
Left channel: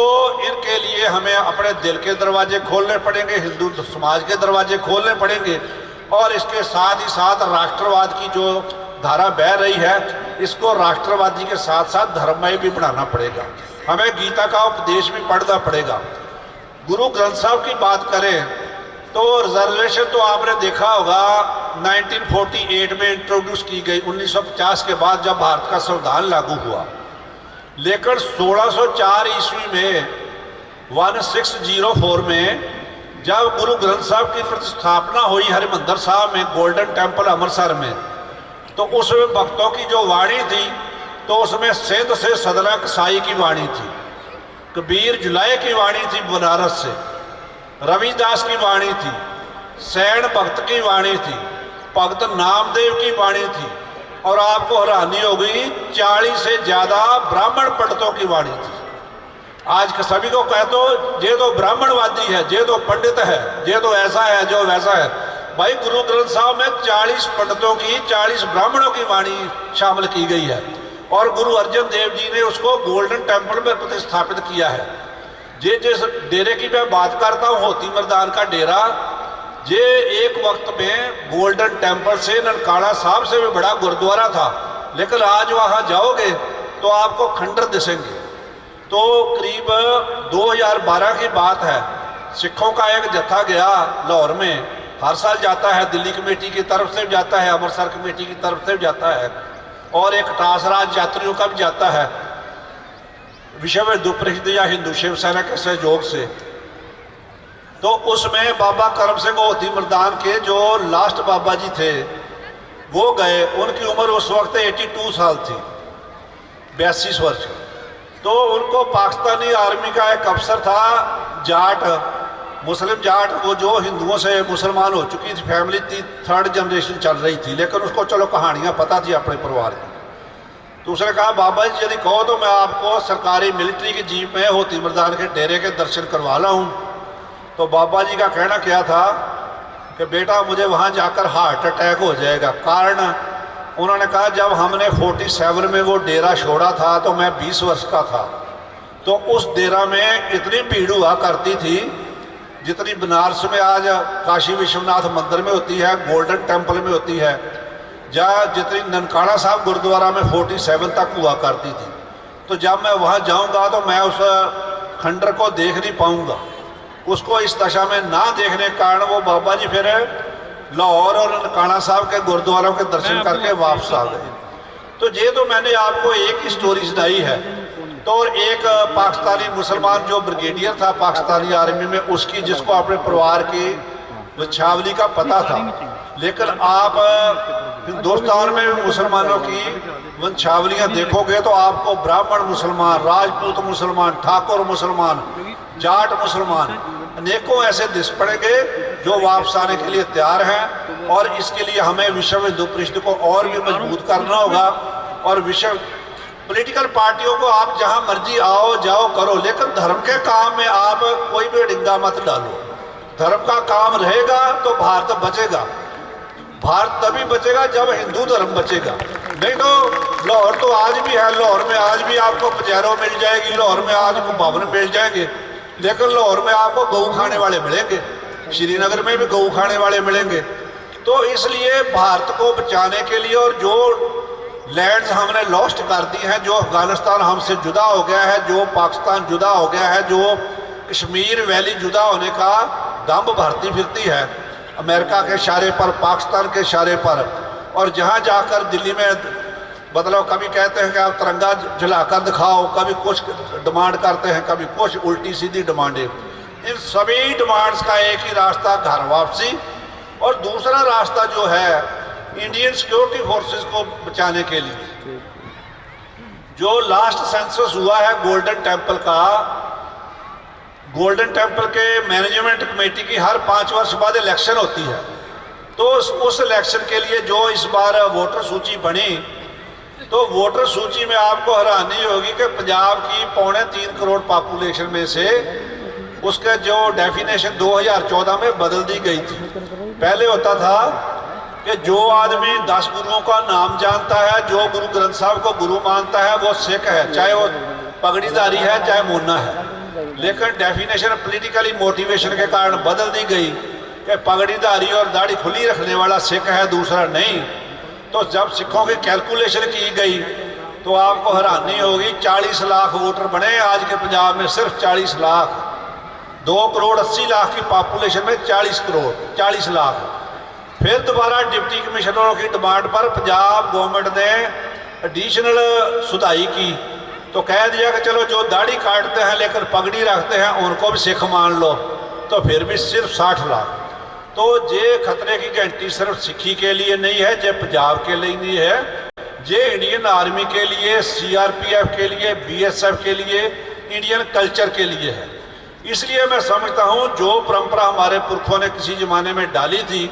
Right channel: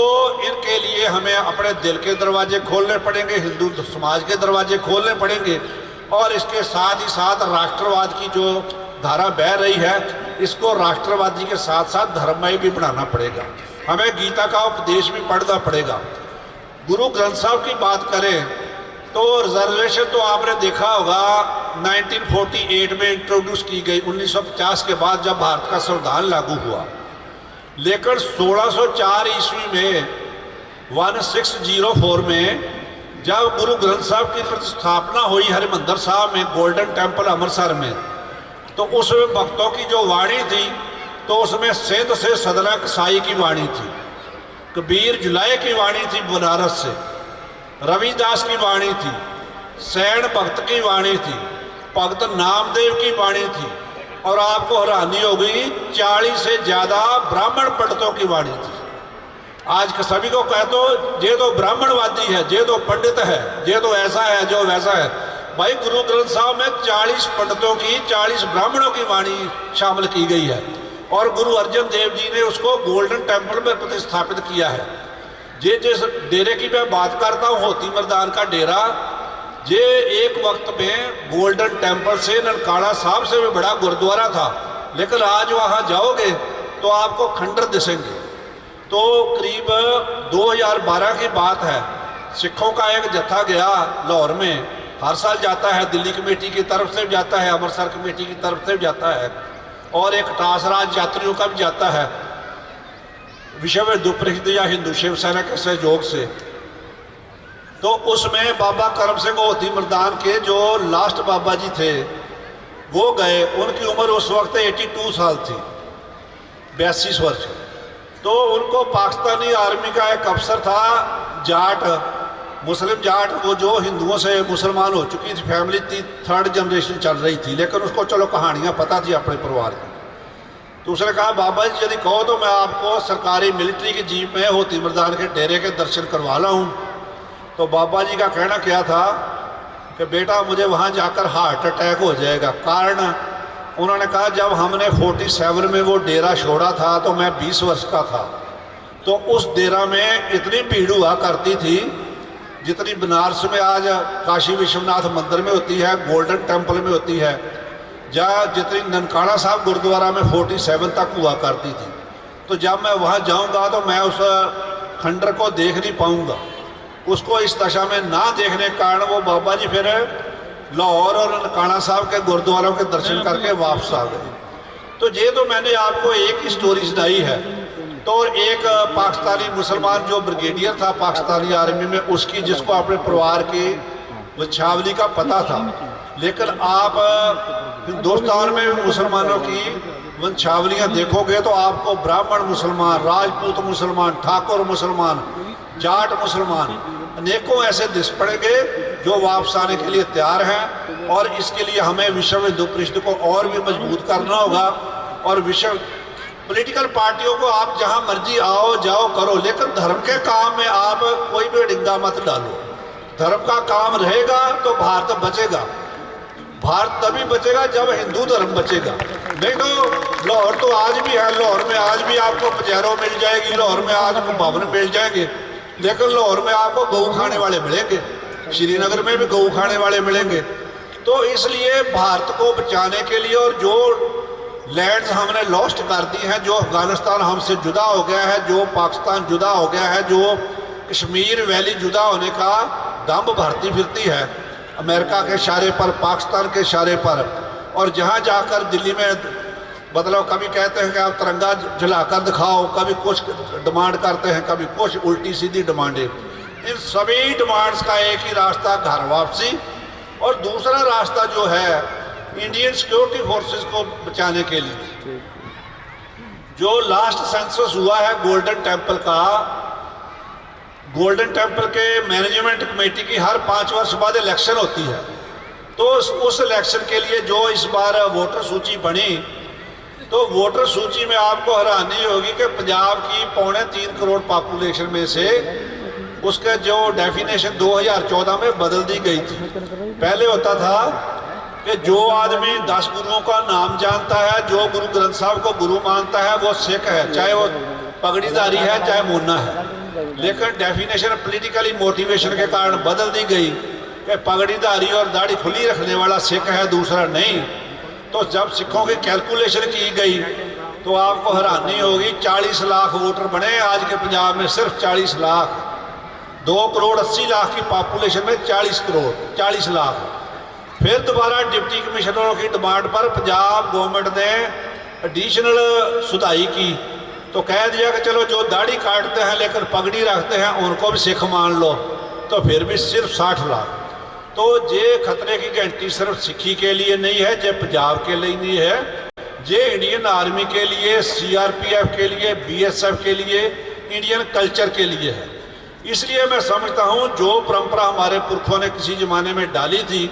इनके लिए हमें अपने दिल के दरवाजे खोलने पड़ेंगे, हिंदू समाज के दरवाजे खोलने पड़ेंगे, और इसके साथ ही साथ राष्ट्रवाद की जो धारा बह रही है, इसको राष्ट्रवादी के साथ साथ धर्ममय भी बनाना पड़ेगा। हमें गीता का उपदेश भी पढ़ना पड़ेगा। गुरु ग्रंथ साहब की बात करें तो रिजर्वेशन तो आपने देखा होगा 1948 में इंट्रोड्यूस की गई, 1950 के बाद जब भारत का संविधान लागू हुआ। लेकिन 1604 ईस्वी में 1604 में जब गुरु ग्रंथ साहब की प्रतिस्थापना हुई हरिमंदिर साहब में, गोल्डन टेम्पल अमृतसर में, तो उसमें भक्तों की जो वाणी थी, तो उसमें सिंध से सदना कसाई की वाणी थी, कबीर जुलाई की वाणी थी बनारस से, रविदास की वाणी थी, सैन भक्त की वाणी थी, भगत नामदेव की वाणी थी, और आपको हैरानी होगी 40 से ज़्यादा ब्राह्मण पंडितों की वाणी थी। आज के सभी को कह दो ये तो ब्राह्मणवादी है, ये तो पंडित है, ये तो ऐसा है, जो वैसा है। भाई गुरु ग्रंथ साहब में 40 पंडितों की, 40 ब्राह्मणों की वाणी शामिल की गई है और गुरु अर्जन देव जी ने उसको गोल्डन टेम्पल में प्रतिस्थापित किया है। ये जिस डेरे की मैं बात करता हूँ, होती मर्दान का डेरा, ये एक वक्त में गोल्डन टेम्पल से ननकाना साहब से भी बड़ा गुरुद्वारा था, लेकिन आज वहाँ जाओगे तो आपको खंडर दिसेंगे। तो करीब 2012 की बात है, सिखों का एक जत्था गया लाहौर में, हर साल जाता है, दिल्ली कमेटी की तरफ से भी जाता है, अमृतसर कमेटी की तरफ से भी जाता है और एक टासराज यात्रियों का भी जाता है, विश्व हिंदू परिषद या हिंदू शिव सेना के सहयोग से। तो उसमें बाबा करम सिंह होती मर्दान के जो लास्ट बाबा जी थे वो गए, उनकी उम्र उस वक्त 82 साल थी, 82 वर्ष। तो उनको पाकिस्तानी आर्मी का एक अफसर था, जाट, मुस्लिम जाट, वो जो हिंदुओं से मुसलमान हो चुकी थी, फैमिली थी, 3rd जनरेशन चल रही थी, लेकिन उसको चलो कहानियाँ पता थी अपने परिवार की। तो उसने कहा बाबा जी यदि कहो तो मैं आपको सरकारी मिलिट्री की जीप में होती मर्दान के डेरे के दर्शन करवा लाऊं। तो बाबा जी का कहना क्या था कि बेटा मुझे वहाँ जाकर हार्ट अटैक हो जाएगा। कारण उन्होंने कहा जब हमने 47 में वो डेरा छोड़ा था तो मैं 20 वर्ष का था, तो उस डेरा में इतनी भीड़ हुआ करती थी जितनी बनारस में आज काशी विश्वनाथ मंदिर में होती है, गोल्डन टेम्पल में होती है, जहाँ जितनी ननकाना साहब गुरुद्वारा में 47 तक हुआ करती थी। तो जब मैं वहाँ जाऊँगा तो मैं उस खंडर को देख नहीं पाऊँगा। उसको इस दशा में ना देखने के कारण वो बाबा जी फिर लाहौर और ननकाना साहब के गुरुद्वारों के दर्शन करके वापस आ गए। तो ये तो मैंने आपको एक ही स्टोरी सुनाई है। तो एक पाकिस्तानी मुसलमान जो ब्रिगेडियर था पाकिस्तानी आर्मी में, उसकी जिसको अपने परिवार की वंशावली का पता था, लेकिन आप हिंदुस्तान में भी मुसलमानों की वंशावलियाँ देखोगे तो आपको ब्राह्मण मुसलमान, राजपूत मुसलमान, ठाकुर मुसलमान, जाट मुसलमान अनेकों ऐसे दिस पड़ेंगे जो वापस आने के लिए तैयार हैं। और इसके लिए हमें विश्व हिंदू परिषद को और भी मजबूत करना होगा। और विश्व पॉलिटिकल पार्टियों को आप जहां मर्जी आओ जाओ करो, लेकिन धर्म के काम में आप कोई भी डिंगा मत डालो। धर्म का काम रहेगा तो भारत बचेगा। भारत तभी बचेगा जब हिंदू धर्म बचेगा, नहीं तो लाहौर तो आज भी है, लाहौर में आज भी आपको पचैरों मिल जाएगी, लाहौर में आज को भवन मिल जाएंगे, लेकिन लाहौर में आपको गऊ खाने वाले मिलेंगे, श्रीनगर में भी गऊ खाने वाले मिलेंगे। तो इसलिए भारत को बचाने के लिए, और जो लैंड्स हमने लॉस्ट कर दी हैं, जो अफगानिस्तान हमसे जुदा हो गया है, जो पाकिस्तान जुदा हो गया है, जो कश्मीर वैली जुदा होने का दम भरती फिरती है अमेरिका के इशारे पर, पाकिस्तान के इशारे पर, और जहाँ जाकर दिल्ली में मतलब कभी कहते हैं कि आप तिरंगा जलाकर दिखाओ, कभी कुछ डिमांड करते हैं, कभी कुछ उल्टी सीधी डिमांडें। इन सभी डिमांड्स का एक ही रास्ता, घर वापसी। और दूसरा रास्ता जो है इंडियन सिक्योरिटी फोर्सेस को बचाने के लिए। जो लास्ट सेंसस हुआ है गोल्डन टेम्पल का, गोल्डन टेम्पल के मैनेजमेंट कमेटी की हर 5 वर्ष बाद इलेक्शन होती है। तो उस इलेक्शन के लिए जो इस बार वोटर सूची बनी, तो वोटर सूची में आपको हैरानी होगी कि पंजाब की 3.25 करोड़ पॉपुलेशन में से उसके जो डेफिनेशन 2014 में बदल दी गई थी। पहले होता था कि जो आदमी 10 गुरुओं का नाम जानता है, जो गुरु ग्रंथ साहब को गुरु मानता है, वो सिख है, चाहे वो पगड़ीधारी है चाहे मुन्ना है। लेकिन डेफिनेशन पॉलिटिकली मोटिवेशन के कारण बदल दी गई कि पगड़ीधारी और दाढ़ी खुली रखने वाला सिख है, दूसरा नहीं। तो जब सिखों की कैलकुलेशन की गई तो आपको हैरानी होगी, 40 लाख वोटर बने आज के पंजाब में, सिर्फ 40 लाख। 2 करोड़ 80 लाख की पॉपुलेशन में 40 लाख। फिर दोबारा डिप्टी कमिश्नरों की डिमांड पर पंजाब गवर्नमेंट ने एडिशनल सुधाई की, तो कह दिया कि चलो जो दाढ़ी काटते हैं लेकिन पगड़ी रखते हैं उनको भी सिख मान लो, तो फिर भी सिर्फ 60 लाख। तो ये खतरे की घंटी सिर्फ सिखी के लिए नहीं है, ये पंजाब के लिए नहीं है, ये इंडियन आर्मी के लिए, CRPF के लिए, BSF के लिए, इंडियन कल्चर के लिए है। इसलिए मैं समझता हूँ जो परंपरा हमारे पुरखों ने किसी ज़माने में डाली थी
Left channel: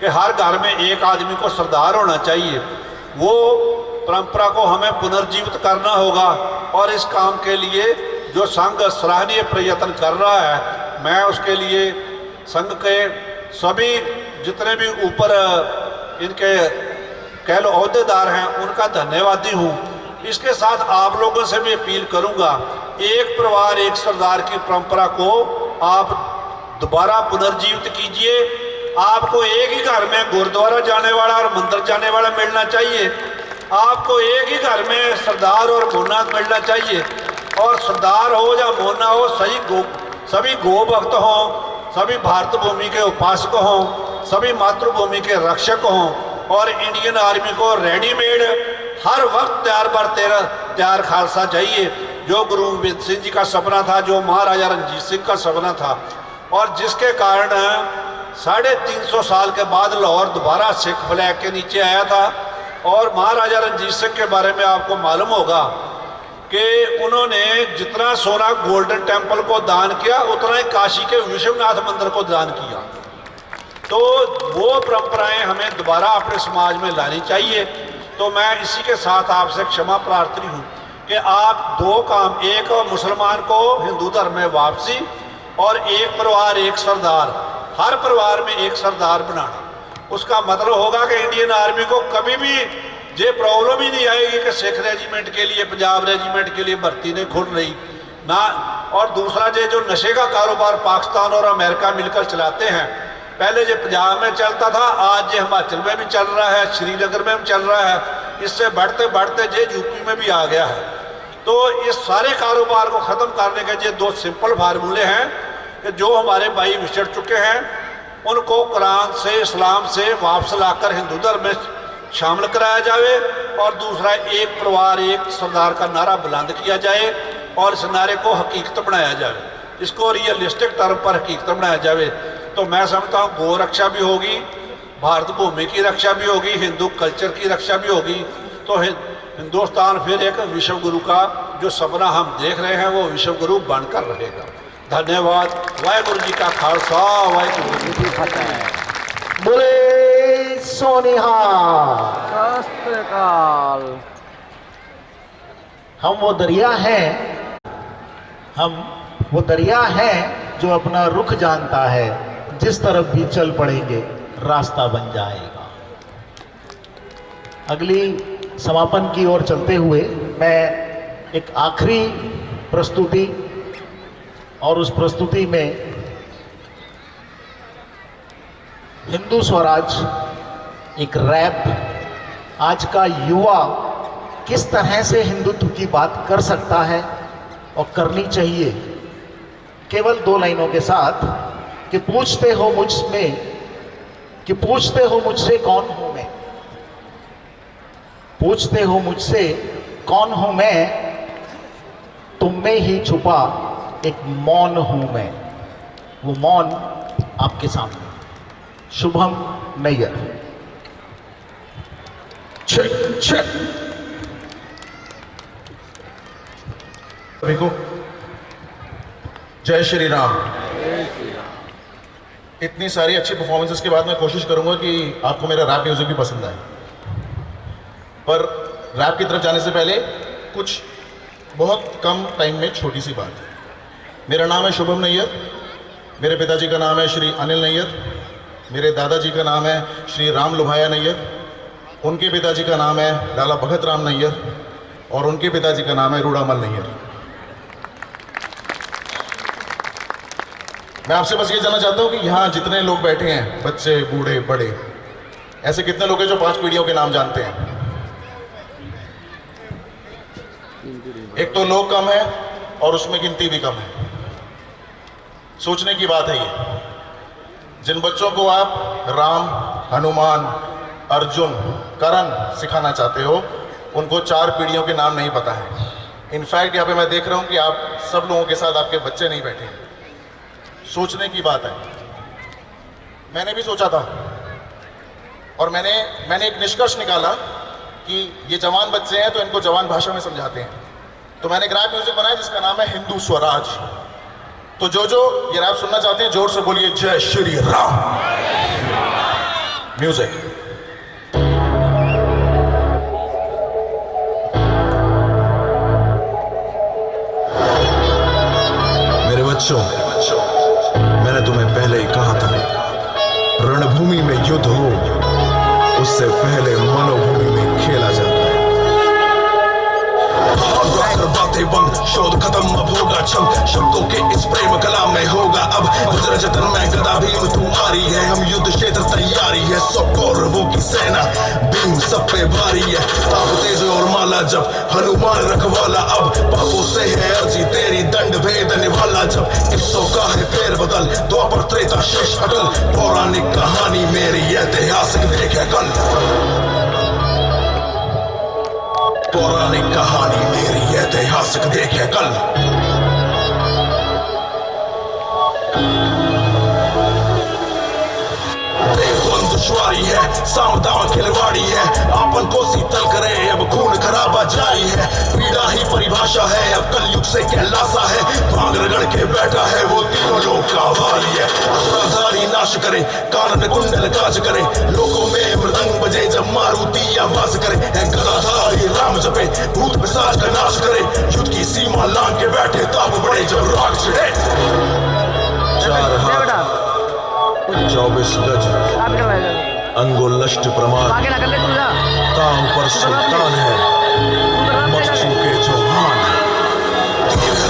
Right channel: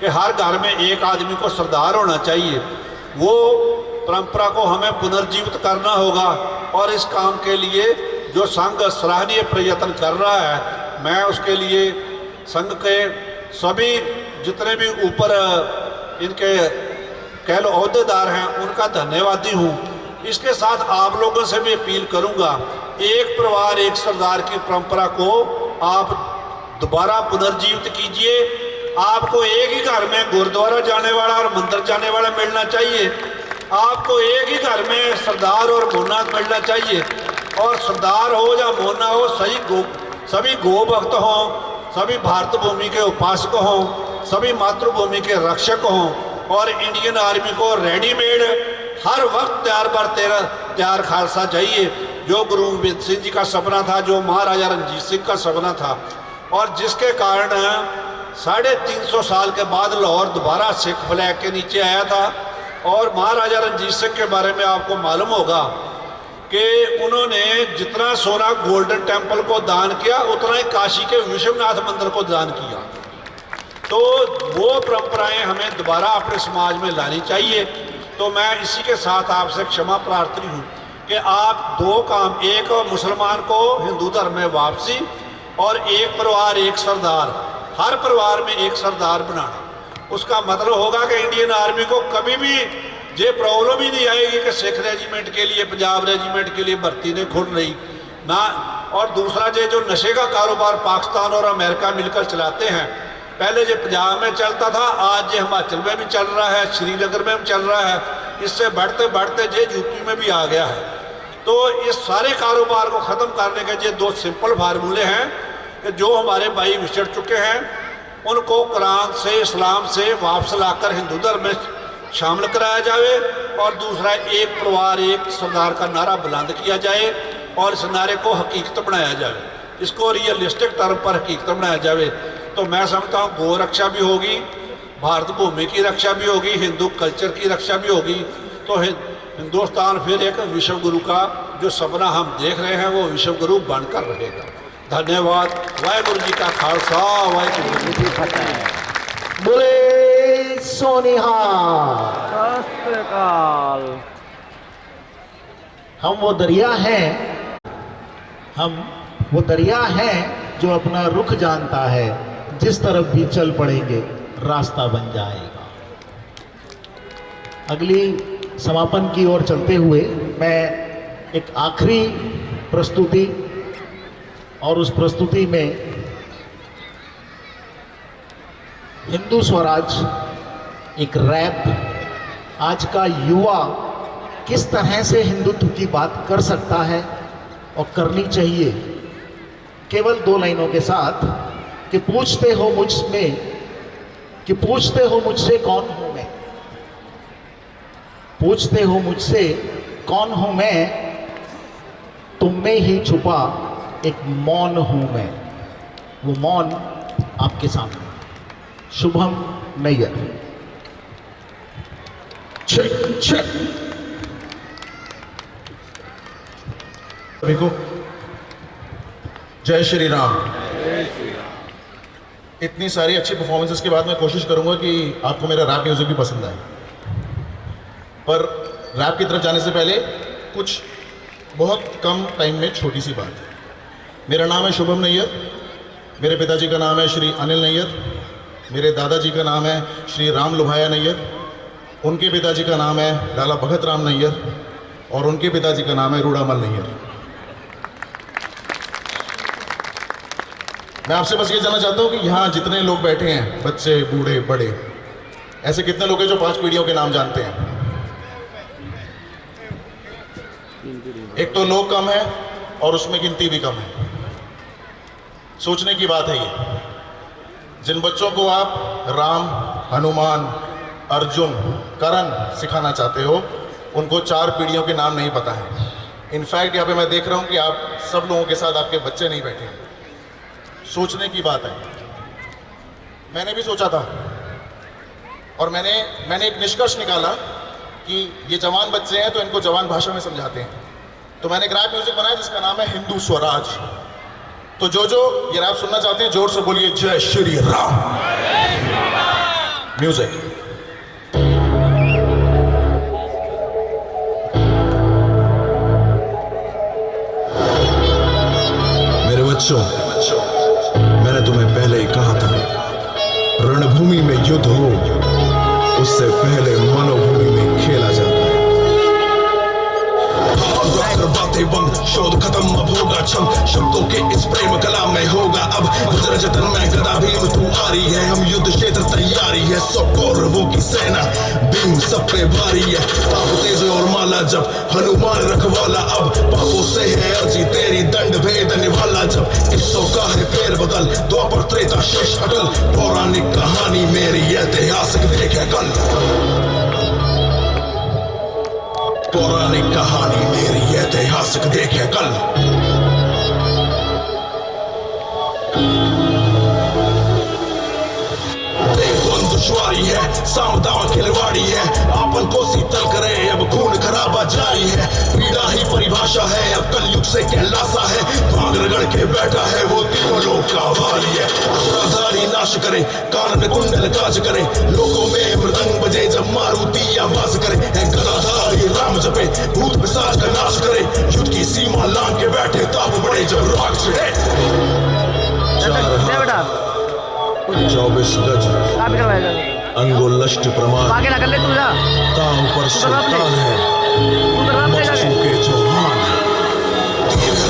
कि हर घर में एक आदमी को सरदार होना चाहिए, वो परंपरा को हमें पुनर्जीवित करना होगा। और इस काम के लिए जो संघ सराहनीय प्रयत्न कर रहा है, मैं उसके लिए संघ के सभी जितने भी ऊपर इनके कह लो अहदेदार हैं उनका धन्यवादी हूँ। इसके साथ आप लोगों से भी अपील करूँगा, एक परिवार एक सरदार की परंपरा को आप दोबारा पुनर्जीवित कीजिए। आपको एक ही घर में गुरुद्वारा जाने वाला और मंदिर जाने वाला मिलना चाहिए। आपको एक ही घर में सरदार और मोना मिलना चाहिए। और सरदार हो या मोना हो, सभी गो भक्त हों, सभी भारत भूमि के उपासक हों, सभी मातृभूमि के रक्षक हों। और इंडियन आर्मी को रेडीमेड हर वक्त तैयार खालसा चाहिए, जो गुरु गोबिंद सिंह जी का सपना था, जो महाराजा रणजीत सिंह का सपना था, और जिसके कारण 350 साल के बाद लाहौर दोबारा सिख फ्लैग के नीचे आया था। और महाराजा रणजीत सिंह के बारे में आपको मालूम होगा कि उन्होंने जितना सोना गोल्डन टेम्पल को दान किया, उतना ही काशी के विश्वनाथ मंदिर को दान किया। तो वो परंपराएं हमें दोबारा अपने समाज में लानी चाहिए। तो मैं इसी के साथ आपसे क्षमा प्रार्थी हूँ कि आप दो काम, एक मुसलमान को हिंदू धर्म में वापसी और एक परिवार एक सरदार, हर परिवार में एक सरदार बनाना। उसका मतलब होगा कि इंडियन आर्मी को कभी भी ये प्रॉब्लम ही नहीं आएगी कि सिख रेजिमेंट के लिए, पंजाब रेजिमेंट के लिए भर्ती नहीं खुल रही ना। और दूसरा ये जो नशे का कारोबार पाकिस्तान और अमेरिका मिलकर चलाते हैं, पहले ये पंजाब में चलता था, आज ये हिमाचल में भी चल रहा है, श्रीनगर में भी चल रहा है, इससे बढ़ते बढ़ते ये यूपी में भी आ गया है। तो इस सारे कारोबार को ख़त्म करने के ये दो सिंपल फार्मूले हैं कि जो हमारे भाई विछड़ चुके हैं उनको कुरान से, इस्लाम से वापस लाकर हिंदू धर्म में शामिल कराया जाए। और दूसरा, एक परिवार एक सरदार का नारा बुलंद किया जाए और इस नारे को हकीकत बनाया जाए, इसको रियलिस्टिक टर्म पर हकीकत बनाया जाए। तो मैं समझता हूँ गौ रक्षा भी होगी, भारत भूमि की रक्षा भी होगी, हिंदू कल्चर की रक्षा भी होगी। तो हिंदुस्तान फिर एक विश्व गुरु का जो सपना हम देख रहे हैं वो विश्व गुरु बनकर रहेगा। धन्यवाद। वाहेगुरु जी का खालसा, वाहेगुरु जी की फतेह। बोले सोनिहार। शास्त्रकाल। हम वो दरिया हैं जो अपना रुख जानता है, जिस तरफ भी चल पड़ेंगे रास्ता बन जाएगा। अगली समापन की ओर चलते हुए मैं एक आखिरी प्रस्तुति, और उस प्रस्तुति में हिंदू स्वराज, एक रैप, आज का युवा किस तरह से हिंदुत्व की बात कर सकता है और करनी चाहिए, केवल 2 लाइनों के साथ कि पूछते हो मुझसे कौन हूं मैं, पूछते हो मुझसे कौन हूं मैं, तुम में ही छुपा एक मौन हूं मैं। वो मौन आपके सामने। शुभम नैयर। सभी को जय श्री राम। इतनी सारी अच्छी परफॉर्मेंसेस के बाद मैं कोशिश करूंगा कि आपको मेरा रैप म्यूजिक भी पसंद आए, पर रैप की तरफ जाने से पहले कुछ बहुत कम टाइम में छोटी सी बात है। मेरा नाम है शुभम नैयर, मेरे पिताजी का नाम है श्री अनिल नैयर, मेरे दादाजी का नाम है श्री राम लुभाया नैयर, उनके पिताजी का नाम है लाला भगत राम नैयर, और उनके पिताजी का नाम है रूड़ामल नैयर। मैं आपसे बस ये जानना चाहता हूँ कि यहाँ जितने लोग बैठे हैं, बच्चे बूढ़े बड़े, ऐसे कितने लोग हैं जो 5 पीढ़ियों के नाम जानते हैं? एक तो लोग कम है और उसमें गिनती भी कम है। सोचने की बात है ये। जिन बच्चों को आप राम, हनुमान, अर्जुन, कर्ण सिखाना चाहते हो, उनको 4 पीढ़ियों के नाम नहीं पता है। इनफैक्ट यहाँ पे मैं देख रहा हूँ कि आप सब लोगों के साथ आपके बच्चे नहीं बैठे हैं। सोचने की बात है। मैंने भी सोचा था और मैंने एक निष्कर्ष निकाला कि ये जवान बच्चे हैं तो इनको जवान भाषा में समझाते हैं। तो मैंने एक रैप म्यूजिक बनाया जिसका नाम है हिंदू स्वराज। तो जो ये रैप सुनना चाहते हैं जोर से बोलिए जय श्री राम। म्यूजिक। बच्चों, मैंने तुम्हें पहले ही कहा था, रणभूमि में युद्ध हो उससे पहले मनोभूमि में खेला जाता है। बातें बंद, शोध खत्म, अब होगा छंद, शब्दों के इस प्रेम कला में होगा अब वज्र जतन में गदा भीम तू आ रही है, हम युद्ध क्षेत्र तैयारी है, 100 कौरवों की सेना भीम सब पे भारी है, ताप तेज और माला जब हनुमान रखवाला, अब पापों से है अर्जी तेरी, दंड भेद निभाला जब, किस्सों का है फेर बदल, द्वापर त्रेता शेष अटल, पौराणिक कहानी मेरी ऐतिहासिक देखे कल, पौराणिक कहानी मेरी ऐतिहासिक देखे कल। दुश्वारी है, सामदावा खिलवाड़ी है, आपन को शीतल करे, अब खून खराबा जारी है, पीड़ा ही परिभाषा है, अब कलयुग से कैलासा है, भांग रगड़ के बैठा है वो तीनों लोग का वारी है, असुरधारी नाश करे, कानन कुंडल काज करे, लोगों में मृदंग बजे जब मारुति आवाज करे, है गदाधारी राम जपे, भूत पिशाच का नाश करे, युद्ध की सीमा लांग के बैठे ताप बड़े जब राग छिड़े, 24 गज अंगुलष्ट प्रमाण, ताऊ पर सुल्तान है मच्छू के चौहान,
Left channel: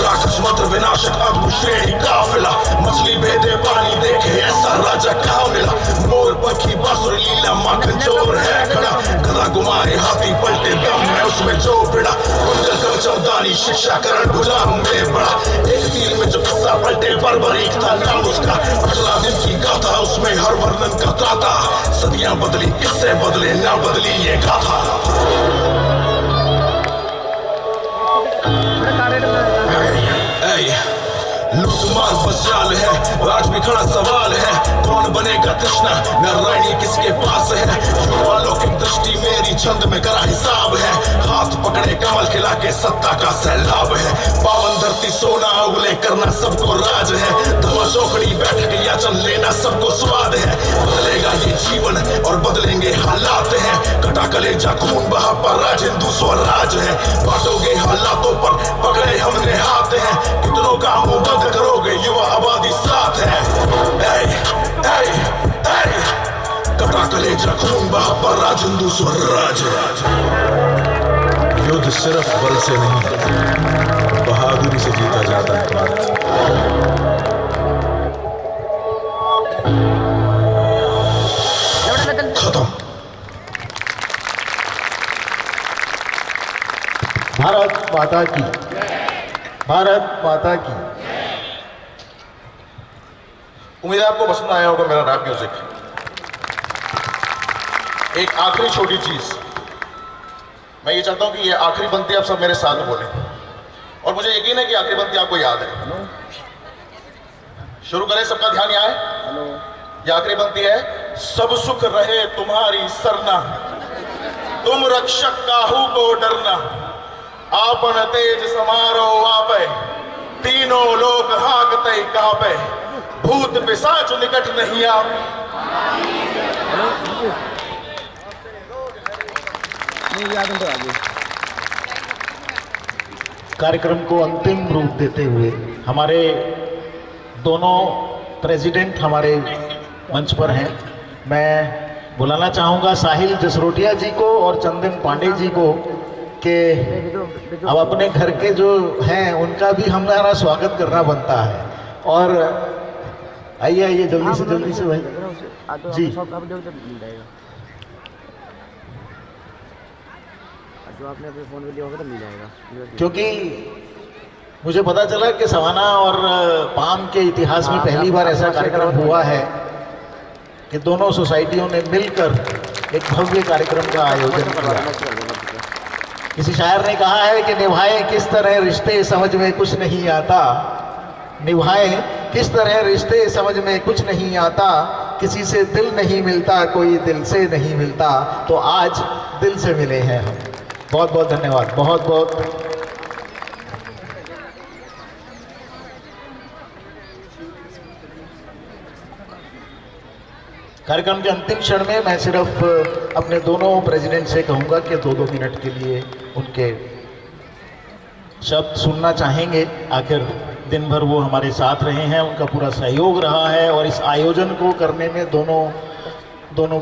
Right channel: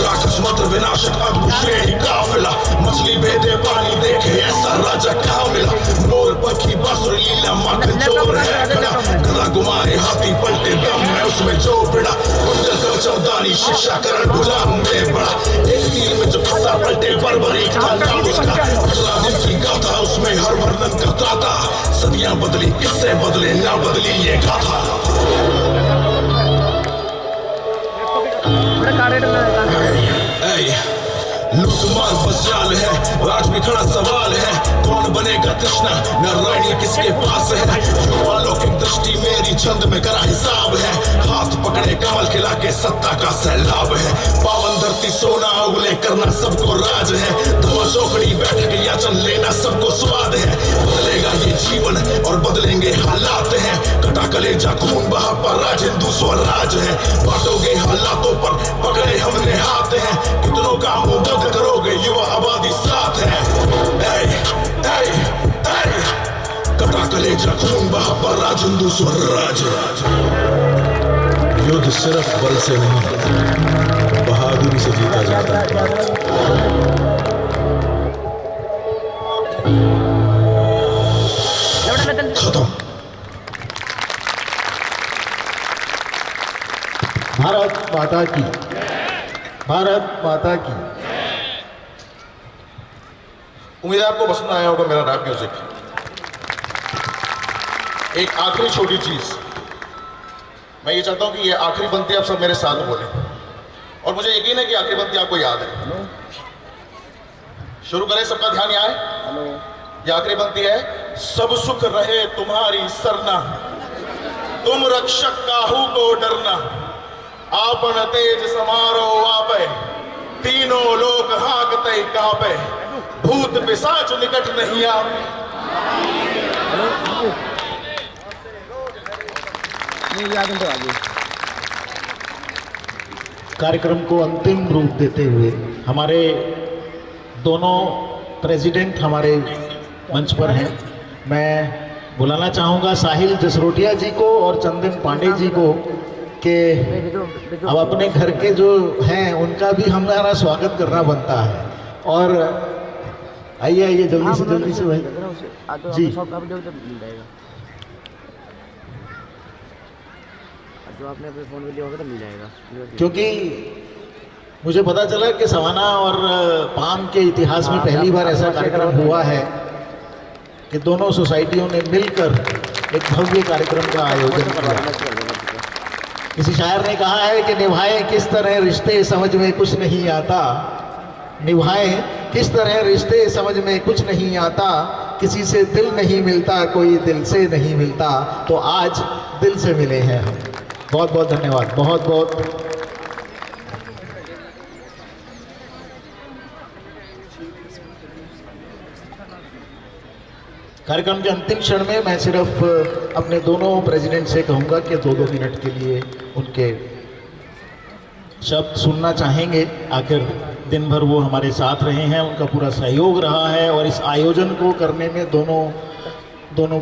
राक्षस मंत्र विनाशक अब श्रेणी काफिला, मछली भेदे पानी देखे ऐसा राजा कहाँ मिला, मोर पक्षी बांसुरी लीला माखन चोर है खड़ा, गदा घुमाए हाथी पलटे दम है उसमें जो पिड़ा, कुंडल कवचमदानी शिक्षा करण भुजाओं में बड़ा, एक तीर में जो किस्सा पलटे बर्बरीक था नाम उसका, 18 दिन की गाथा उसमें हर वर्णन का ताता, सदियां बदली किससे बदले ना बदली ये गाथा, लूटमार बचाल है, आज भी खड़ा सवाल है, कौन बनेगा कृष्णा, नारायणी किसके पास है, युवालौकिक दृष्टि मेरी छंद में करा हिसाब है, हाथ पकड़े कमल खिला के सत्ता का सैलाब है, पावन धरती सोना उगले करना सबको राज है, धमा चौकड़ी बैठक याचन लेना सबको स्वाद है, बदलेगा ये जीवन और बदलेंगे हालात हैं, कटा कलेजा खून बहा पर राज हिंदू स्वराज है, बांटोगे हालातों पर पकड़े हमने हाथ हैं, कितनों का मुंह बंद करोगे युवा आबादी साथ है, कटा कलेजा खून बहा पर राज हिंदू स्वराज, युद्ध सिर्फ बल से नहीं बहादुरी से जीता जाता है, खत्म। भारत माता की, भारत माता की। उम्मीद है आपको पसंद आया होगा मेरा रैप म्यूजिक। एक आखिरी छोटी चीज, मैं ये चाहता हूं कि ये आखिरी पंक्ति आप सब मेरे साथ बोलें, और मुझे यकीन है कि आखिरी पंक्ति आपको याद है। शुरू करें, सबका ध्यान यहाँ है। ये आखिरी पंक्ति है, सब सुख रहे तुम्हारी सरना, तुम रक्षक काहू को डरना, आपन तेज समारो आपे, तीनों लोग हाकते कापे, भूत पिशाच निकट नहीं आप। कार्यक्रम को अंतिम रूप देते हुए हमारे दोनों प्रेसिडेंट हमारे मंच पर हैं। मैं बुलाना चाहूँगा साहिल जसरोटिया जी को और चंदन पांडे जी को कि अब अपने घर के जो हैं उनका भी हमारा स्वागत करना बनता है। और आइए आइए जल्दी से भाई जी। जो आपने अपने फ़ोन में लिया होगा तो मिल जाएगा, क्योंकि मुझे पता चला कि सवाना और पाम के इतिहास में पहली बार ऐसा कार्यक्रम हुआ है कि दोनों सोसाइटियों ने मिलकर एक भव्य कार्यक्रम का आयोजन किया। किसी शायर ने कहा है कि निभाएं किस तरह रिश्ते समझ में कुछ नहीं आता, निभाएं किस तरह रिश्ते समझ में कुछ नहीं आता, किसी से दिल नहीं मिलता कोई दिल से नहीं मिलता, तो आज दिल से मिले हैं हम। बहुत बहुत धन्यवाद, बहुत बहुत। कार्यक्रम के अंतिम क्षण में मैं सिर्फ अपने दोनों प्रेसिडेंट से कहूंगा कि 2-2 मिनट के लिए उनके शब्द सुनना चाहेंगे। आखिर दिन भर वो हमारे साथ रहे हैं, उनका पूरा सहयोग रहा है और इस आयोजन को करने में दोनों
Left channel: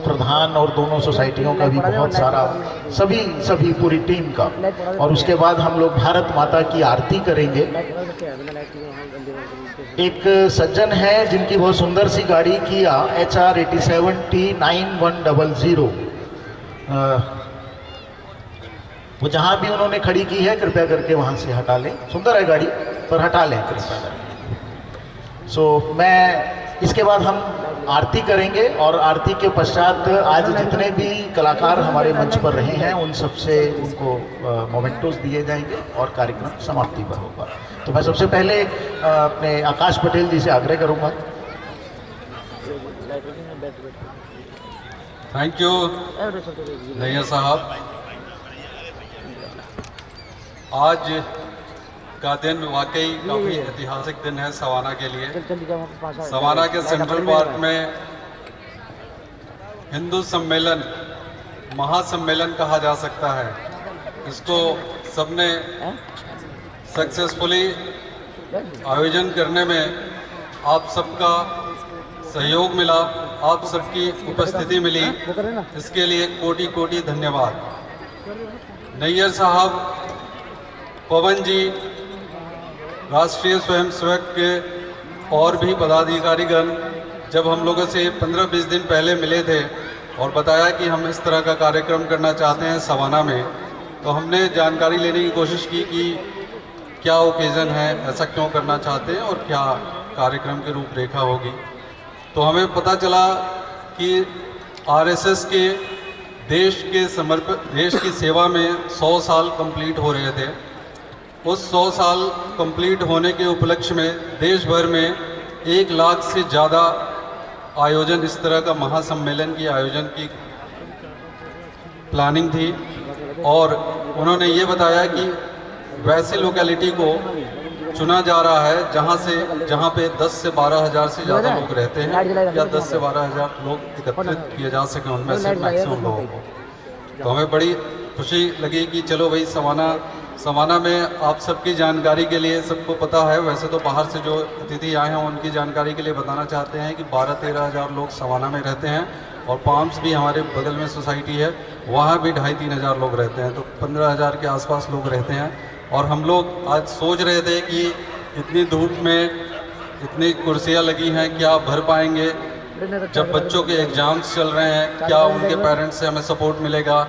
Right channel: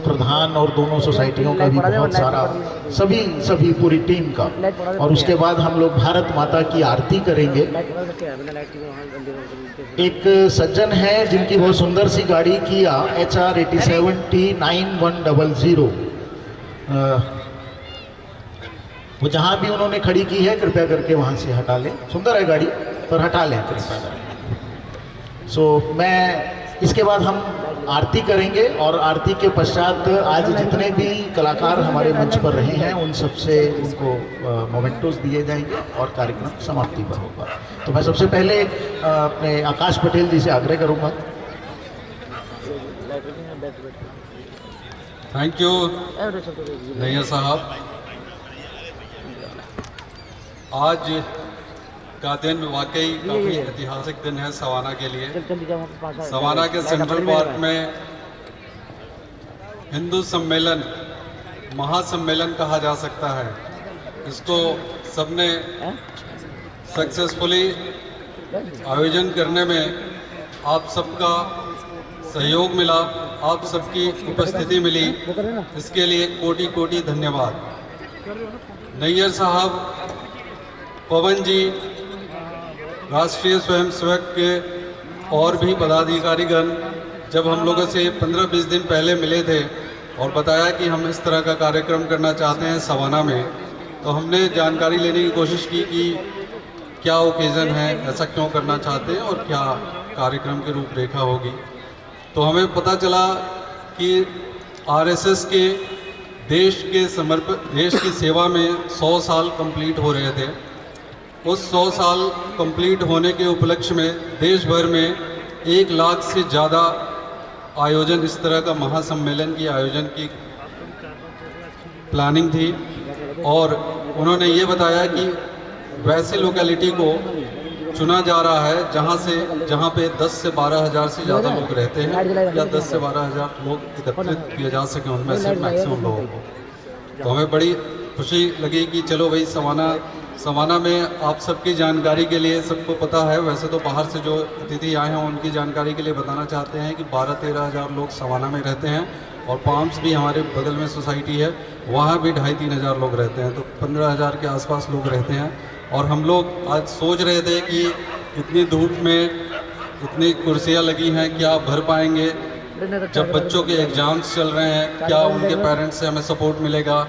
प्रधान और दोनों सोसाइटियों का भी बहुत सारा, सभी पूरी टीम का। और उसके बाद हम लोग भारत माता की आरती करेंगे। एक सज्जन है जिनकी बहुत सुंदर सी गाड़ी किया HR 87T9100, वो जहाँ भी उन्होंने खड़ी की है कृपया करके वहाँ से हटा लें। सुंदर है गाड़ी पर हटा लें कृपया करके। मैं इसके बाद हम आरती करेंगे और आरती के पश्चात आज जितने भी कलाकार हमारे मंच पर रहे हैं उन सबसे उनको मोमेंटोस दिए जाएंगे और कार्यक्रम समाप्ति पर होगा। तो मैं सबसे पहले अपने आकाश पटेल जी से आग्रह करूंगा। थैंक यू नैयर साहब। आज का दिन वाकई काफ़ी ऐतिहासिक दिन है सवाना के लिए। सवाना के सेंट्रल पार्क में हिंदू सम्मेलन, महासम्मेलन कहा जा सकता है, इसको सबने सक्सेसफुली आयोजन करने में आप सबका सहयोग मिला, आप सबकी उपस्थिति मिली, इसके लिए कोटि कोटि धन्यवाद। नैयर साहब, पवन जी, राष्ट्रीय स्वयंसेवक के और भी पदाधिकारीगण जब हम लोगों से 15-20 दिन पहले मिले थे और बताया कि हम इस तरह का कार्यक्रम करना चाहते हैं सवाना में, तो हमने जानकारी लेने की कोशिश की कि क्या ओकेज़न है, ऐसा क्यों करना चाहते हैं और क्या कार्यक्रम की रूपरेखा होगी। तो हमें पता चला कि RSS के देश की सेवा में 100 साल कंप्लीट हो रहे थे। उस 100 साल कंप्लीट होने के उपलक्ष्य में देश भर में 1 लाख से ज़्यादा आयोजन, इस तरह का महासम्मेलन की आयोजन की प्लानिंग थी। और उन्होंने ये बताया कि वैसे लोकेलिटी को चुना जा रहा है जहाँ पे 10 से 12 हज़ार से ज़्यादा लोग रहते हैं, या 10 से 12 हज़ार लोग एकत्रित किए जा सकें उनमें से मैक्सिमम लोगों को। तो हमें बड़ी खुशी लगी कि चलो भाई सवाना में आप सबकी जानकारी के लिए, सबको पता है, वैसे तो बाहर से जो अतिथि आए हैं उनकी जानकारी के लिए बताना चाहते हैं कि 12-13 हज़ार लोग सवाना में रहते हैं और पाम्स भी हमारे बगल में सोसाइटी है, वहाँ भी 2,500-3 हज़ार लोग रहते हैं, तो 15 हज़ार के आसपास लोग रहते हैं। और हम लोग आज सोच रहे थे कि इतनी धूप में इतनी कुर्सियाँ लगी हैं, क्या भर पाएंगे? जब बच्चों के एग्ज़ाम्स चल रहे हैं, क्या उनके पेरेंट्स से हमें सपोर्ट मिलेगा?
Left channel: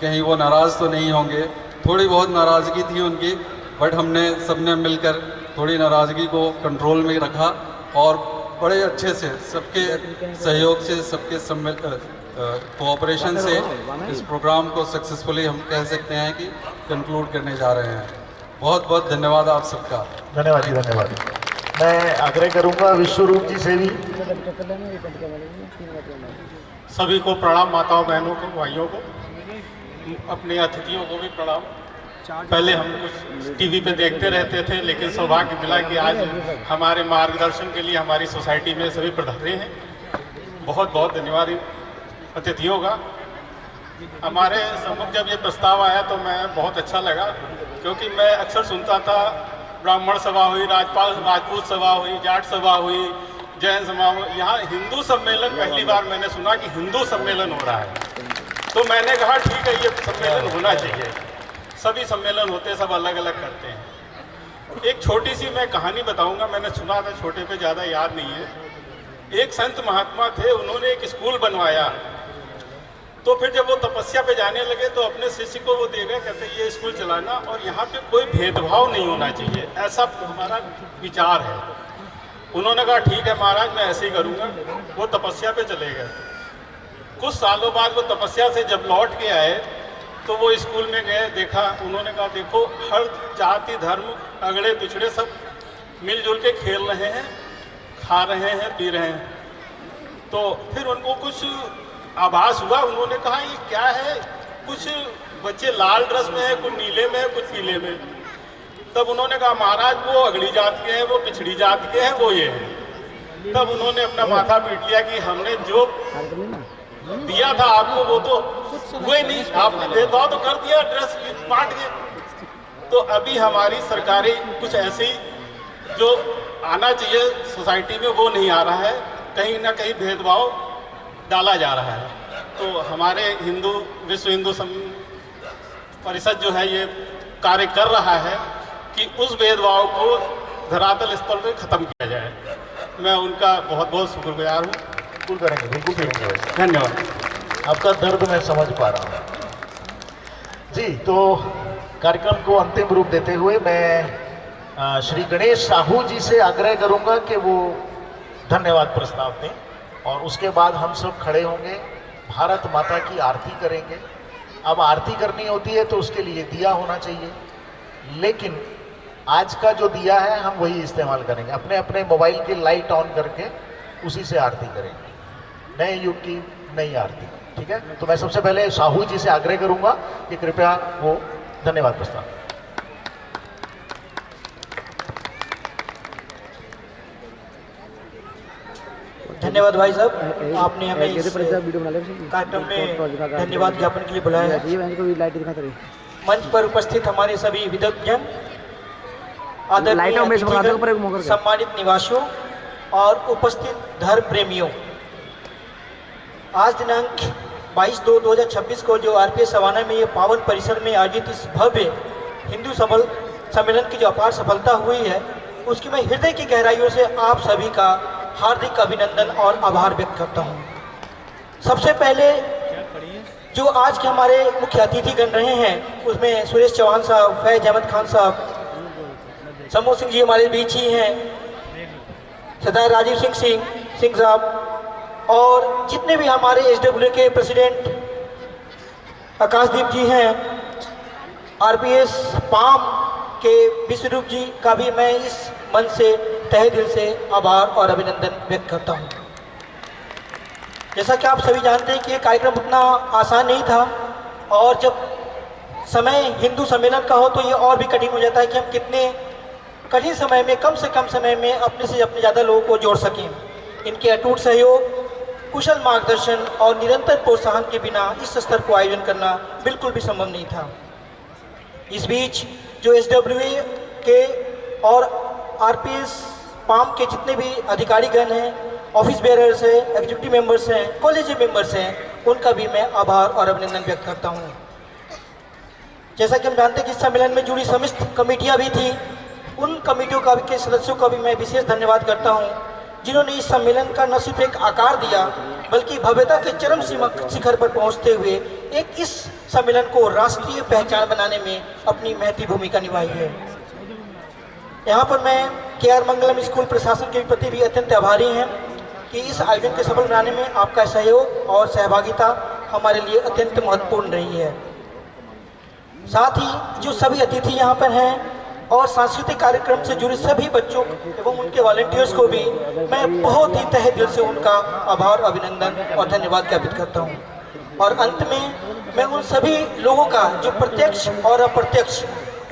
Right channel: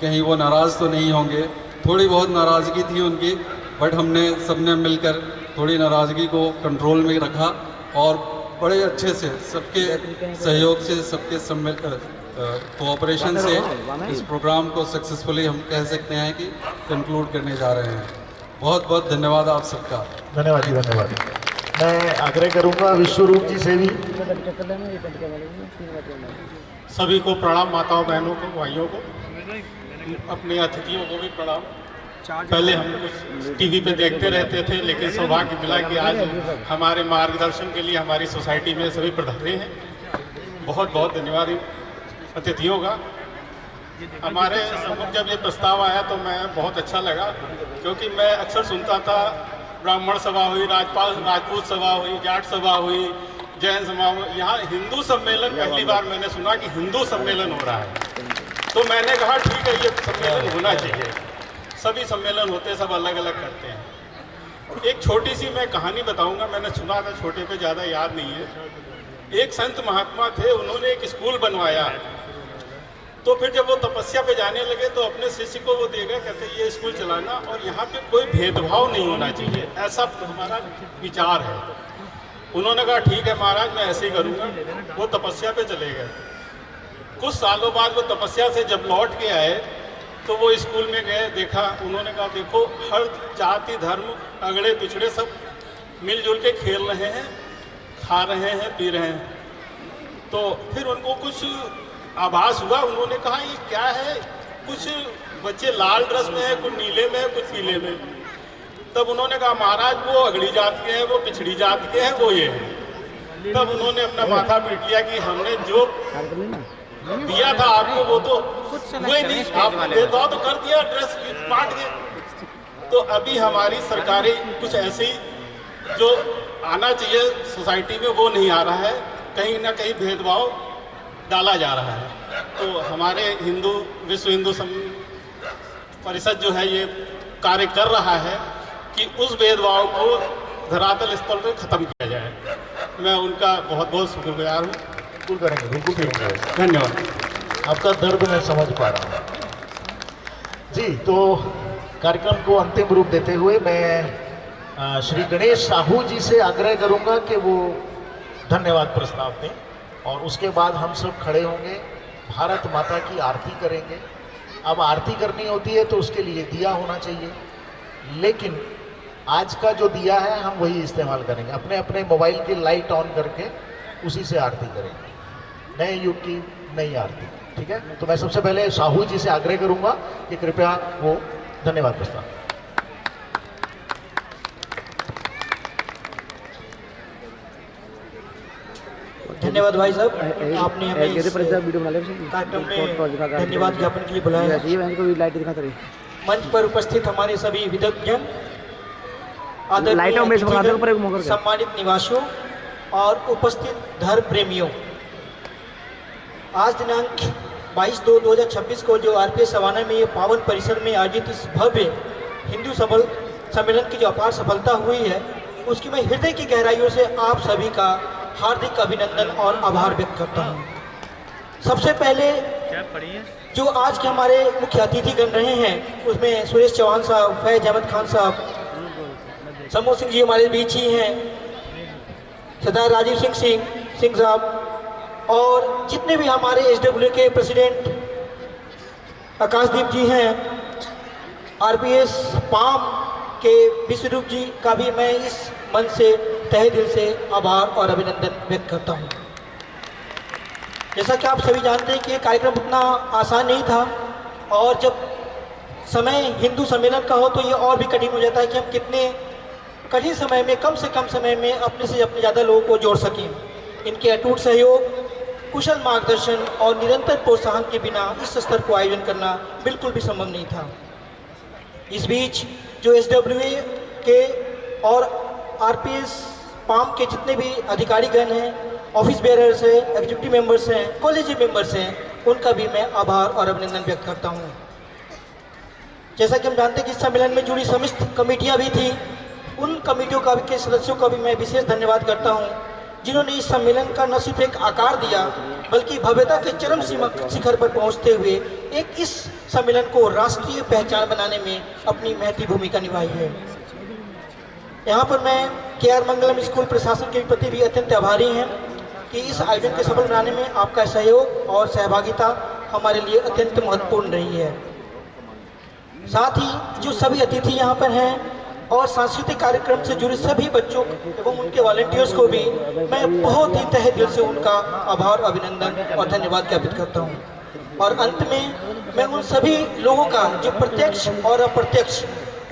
कहीं वो नाराज़ तो नहीं होंगे? थोड़ी बहुत नाराज़गी थी उनकी, बट हमने सबने मिलकर थोड़ी नाराज़गी को कंट्रोल में रखा और बड़े अच्छे से सबके सहयोग से, सबके कोऑपरेशन से इस प्रोग्राम को सक्सेसफुली हम कह सकते हैं कि कंक्लूड करने जा रहे हैं। बहुत बहुत धन्यवाद आप सबका। धन्यवाद जी, धन्यवाद। मैं आग्रह करूंगा विश्वरूप जी से भी। सभी को प्रणाम, माताओं बहनों को, भाइयों को, अपने अतिथियों को भी प्रणाम। पहले हम कुछ टीवी पे देखते रहते थे, लेकिन सौभाग्य मिला कि आज हमारे मार्गदर्शन के लिए हमारी सोसाइटी में सभी पधारे हैं। बहुत बहुत धन्यवाद अतिथियों का। हमारे सम्मुख जब ये प्रस्ताव आया तो मैं बहुत अच्छा लगा, क्योंकि मैं अक्सर सुनता था ब्राह्मण सभा हुई, राजपूत सभा हुई, जाट सभा हुई, जैन सभा हुई, यहाँ हिंदू सम्मेलन पहली बार मैंने सुना कि हिंदू सम्मेलन हो रहा है। तो मैंने कहा ठीक है, ये सम्मेलन होना चाहिए। सभी सम्मेलन होते, सब अलग अलग करते हैं। एक छोटी सी मैं कहानी बताऊंगा, मैंने सुना था, छोटे पे ज़्यादा याद नहीं है। एक संत महात्मा थे, उन्होंने एक स्कूल बनवाया। तो फिर जब वो तपस्या पे जाने लगे तो अपने शिष्य को वो दे गए, कहते ये स्कूल चलाना और यहाँ पे कोई भेदभाव नहीं होना चाहिए, ऐसा हमारा विचार है। उन्होंने कहा ठीक है महाराज, मैं ऐसे ही करूँगा। वो तपस्या पे चले गए। कुछ सालों बाद वो तपस्या से जब लौट के आए तो वो स्कूल में गए, देखा, उन्होंने कहा देखो हर जाति धर्म अगड़े पिछड़े सब मिलजुल के खेल रहे हैं, खा रहे हैं, पी रहे हैं। तो फिर उनको कुछ आभास हुआ, उन्होंने कहा ये क्या है, कुछ बच्चे लाल ड्रेस में है, कुछ नीले में है, कुछ पीले में। तब उन्होंने कहा महाराज वो अगड़ी जात के हैं, वो पिछड़ी जात के हैं, वो ये है। तब उन्होंने अपना माथा पीट लिया कि हमने जो दिया था आपको वो तो हुए नहीं, आपने भेदभाव तो कर दिया, ड्रेस बांट के। तो अभी हमारी सरकारें कुछ ऐसे ही जो आना चाहिए सोसाइटी में वो नहीं आ रहा है, कहीं ना कहीं भेदभाव डाला जा रहा है। तो हमारे विश्व हिंदू परिषद जो है ये कार्य कर रहा है कि उस भेदभाव को धरातल स्तर पर ख़त्म किया जाए। मैं उनका बहुत बहुत शुक्रगुजार हूँ। बिल्कुल करेंगे, बिल्कुल करेंगे। धन्यवाद। आपका दर्द मैं समझ पा रहा हूँ जी। तो कार्यक्रम को अंतिम रूप देते हुए मैं श्री गणेश साहू जी से आग्रह करूंगा कि वो धन्यवाद प्रस्ताव दें और उसके बाद हम सब खड़े होंगे, भारत माता की आरती करेंगे। अब आरती करनी होती है तो उसके लिए दिया होना चाहिए, लेकिन आज का जो दिया है हम वही इस्तेमाल करेंगे। अपने अपने मोबाइल की लाइट ऑन करके उसी से आरती करेंगे, नए युग की नई आरती। ठीक है, तो मैं सबसे पहले साहू जी से आग्रह करूंगा कि कृपया वो धन्यवाद प्रस्ताव। धन्यवाद भाई साहब, आपने हमें इस कार्यक्रम में धन्यवाद ज्ञापन के लिए बुलाया है। मंच पर उपस्थित हमारे सभी विद्वद्जन, आदरणीय अतिथिगण, सम्मानित निवासियों और उपस्थित धर्म प्रेमियों, आज दिनांक 22/2/2026 को जो आरपीएस सवाना में ये पावन परिसर में आयोजित इस भव्य हिंदू सम्मेलन की जो अपार सफलता हुई है, उसकी मैं हृदय की गहराइयों से आप सभी का हार्दिक अभिनंदन और आभार व्यक्त करता हूँ। सबसे पहले जो आज के हमारे मुख्य अतिथिगण रहे हैं उसमें सुरेश चौहान साहब, फैज अहमद खान साहब, समूह सिंह जी हमारे बीच ही हैं, सरदार राजीव सिंह साहब, और जितने भी हमारे एसडब्ल्यू के प्रेसिडेंट आकाशदीप जी हैं, आरपीएस पाम के विश्वरूप जी का भी मैं इस मन से तहे दिल से आभार और अभिनंदन व्यक्त करता हूं। जैसा कि आप सभी जानते हैं कि ये कार्यक्रम उतना आसान नहीं था, और जब समय हिंदू सम्मेलन का हो तो ये और भी कठिन हो जाता है कि हम कितने कठिन समय में, कम से कम समय में अपने से अपने ज़्यादा लोगों को जोड़ सकें। इनके अटूट सहयोग, कुशल मार्गदर्शन और निरंतर प्रोत्साहन के बिना इस स्तर को आयोजन करना बिल्कुल भी संभव नहीं था। इस बीच जो एसडब्ल्यूए के और आरपीएस पाम के जितने भी अधिकारीगण हैं, ऑफिस बेयरर्स हैं, एग्जीक्यूटिव मेंबर्स हैं, कॉलेज मेंबर्स हैं, उनका भी मैं आभार और अभिनंदन व्यक्त करता हूं। जैसा कि हम जानते हैं कि इस सम्मेलन में जुड़ी समस्त कमेटियां भी थी, उन कमेटियों का के सदस्यों का भी मैं विशेष धन्यवाद करता हूं, जिन्होंने इस सम्मेलन का न सिर्फ एक आकार दिया बल्कि भव्यता के चरम शिखर पर पहुंचते हुए एक इस सम्मेलन को राष्ट्रीय पहचान बनाने में अपनी महती भूमिका निभाई है। यहाँ पर मैं केआर मंगलम स्कूल प्रशासन के प्रति भी अत्यंत आभारी हैं कि इस आयोजन के सफल बनाने में आपका सहयोग और सहभागिता हमारे लिए अत्यंत महत्वपूर्ण रही है। साथ ही जो सभी अतिथि यहाँ पर हैं और सांस्कृतिक कार्यक्रम से जुड़े सभी बच्चों एवं उनके वॉलंटियर्स को भी मैं बहुत ही तहे दिल से उनका आभार, अभिनंदन और धन्यवाद ज्ञापित करता हूँ। और अंत में मैं उन सभी लोगों का जो प्रत्यक्ष और अप्रत्यक्ष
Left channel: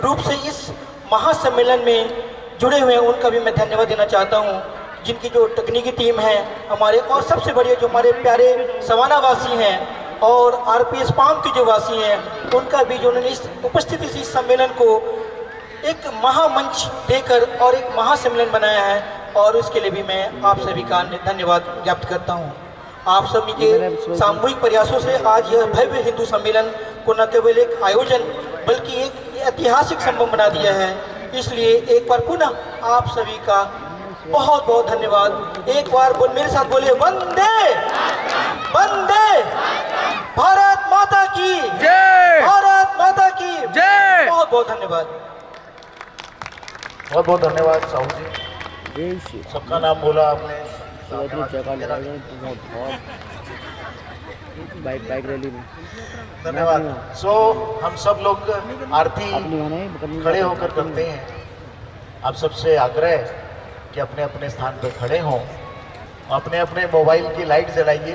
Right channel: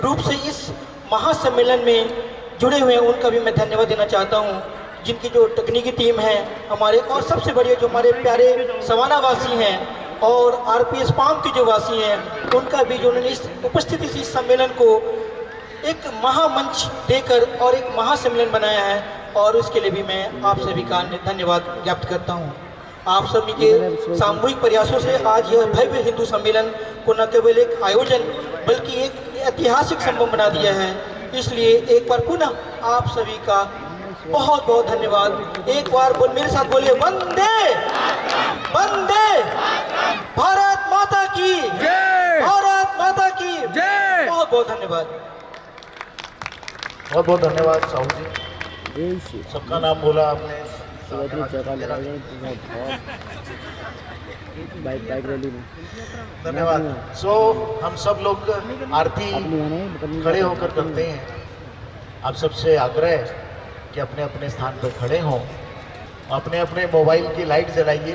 रूप से इस महासम्मेलन में जुड़े हुए हैं, उनका भी मैं धन्यवाद देना चाहता हूँ, जिनकी जो तकनीकी टीम है हमारे, और सबसे बढ़िया जो हमारे प्यारे सवाना वासी हैं और आरपीएस पाम के जो वासी हैं, उनका भी जो उन्होंने इस उपस्थिति से इस सम्मेलन को एक महामंच देकर और एक महासम्मेलन बनाया है, और उसके लिए भी मैं आप सभी का धन्यवाद ज्ञापित करता हूँ। आप सभी के सामूहिक प्रयासों से आज यह भव्य हिंदू सम्मेलन को न केवल एक आयोजन बल्कि एक ऐतिहासिक संभव बना दिया है। इसलिए एक बार पुनः आप सभी का बहुत बहुत धन्यवाद। एक बार मेरे साथ बोले, वंदे वंदे भारत माता की जय, भारत माता की जय। बहुत बहुत धन्यवाद। बहुत बहुत धन्यवाद साहू जी, सबका नाम बोला आपने। बाइक रैली में धन्यवाद। सो हम सब लोग आरती खड़े होकर करते हैं। आप सबसे आग्रह कि अपने अपने स्थान पर खड़े हों, अपने अपने मोबाइल की लाइट जलाइए,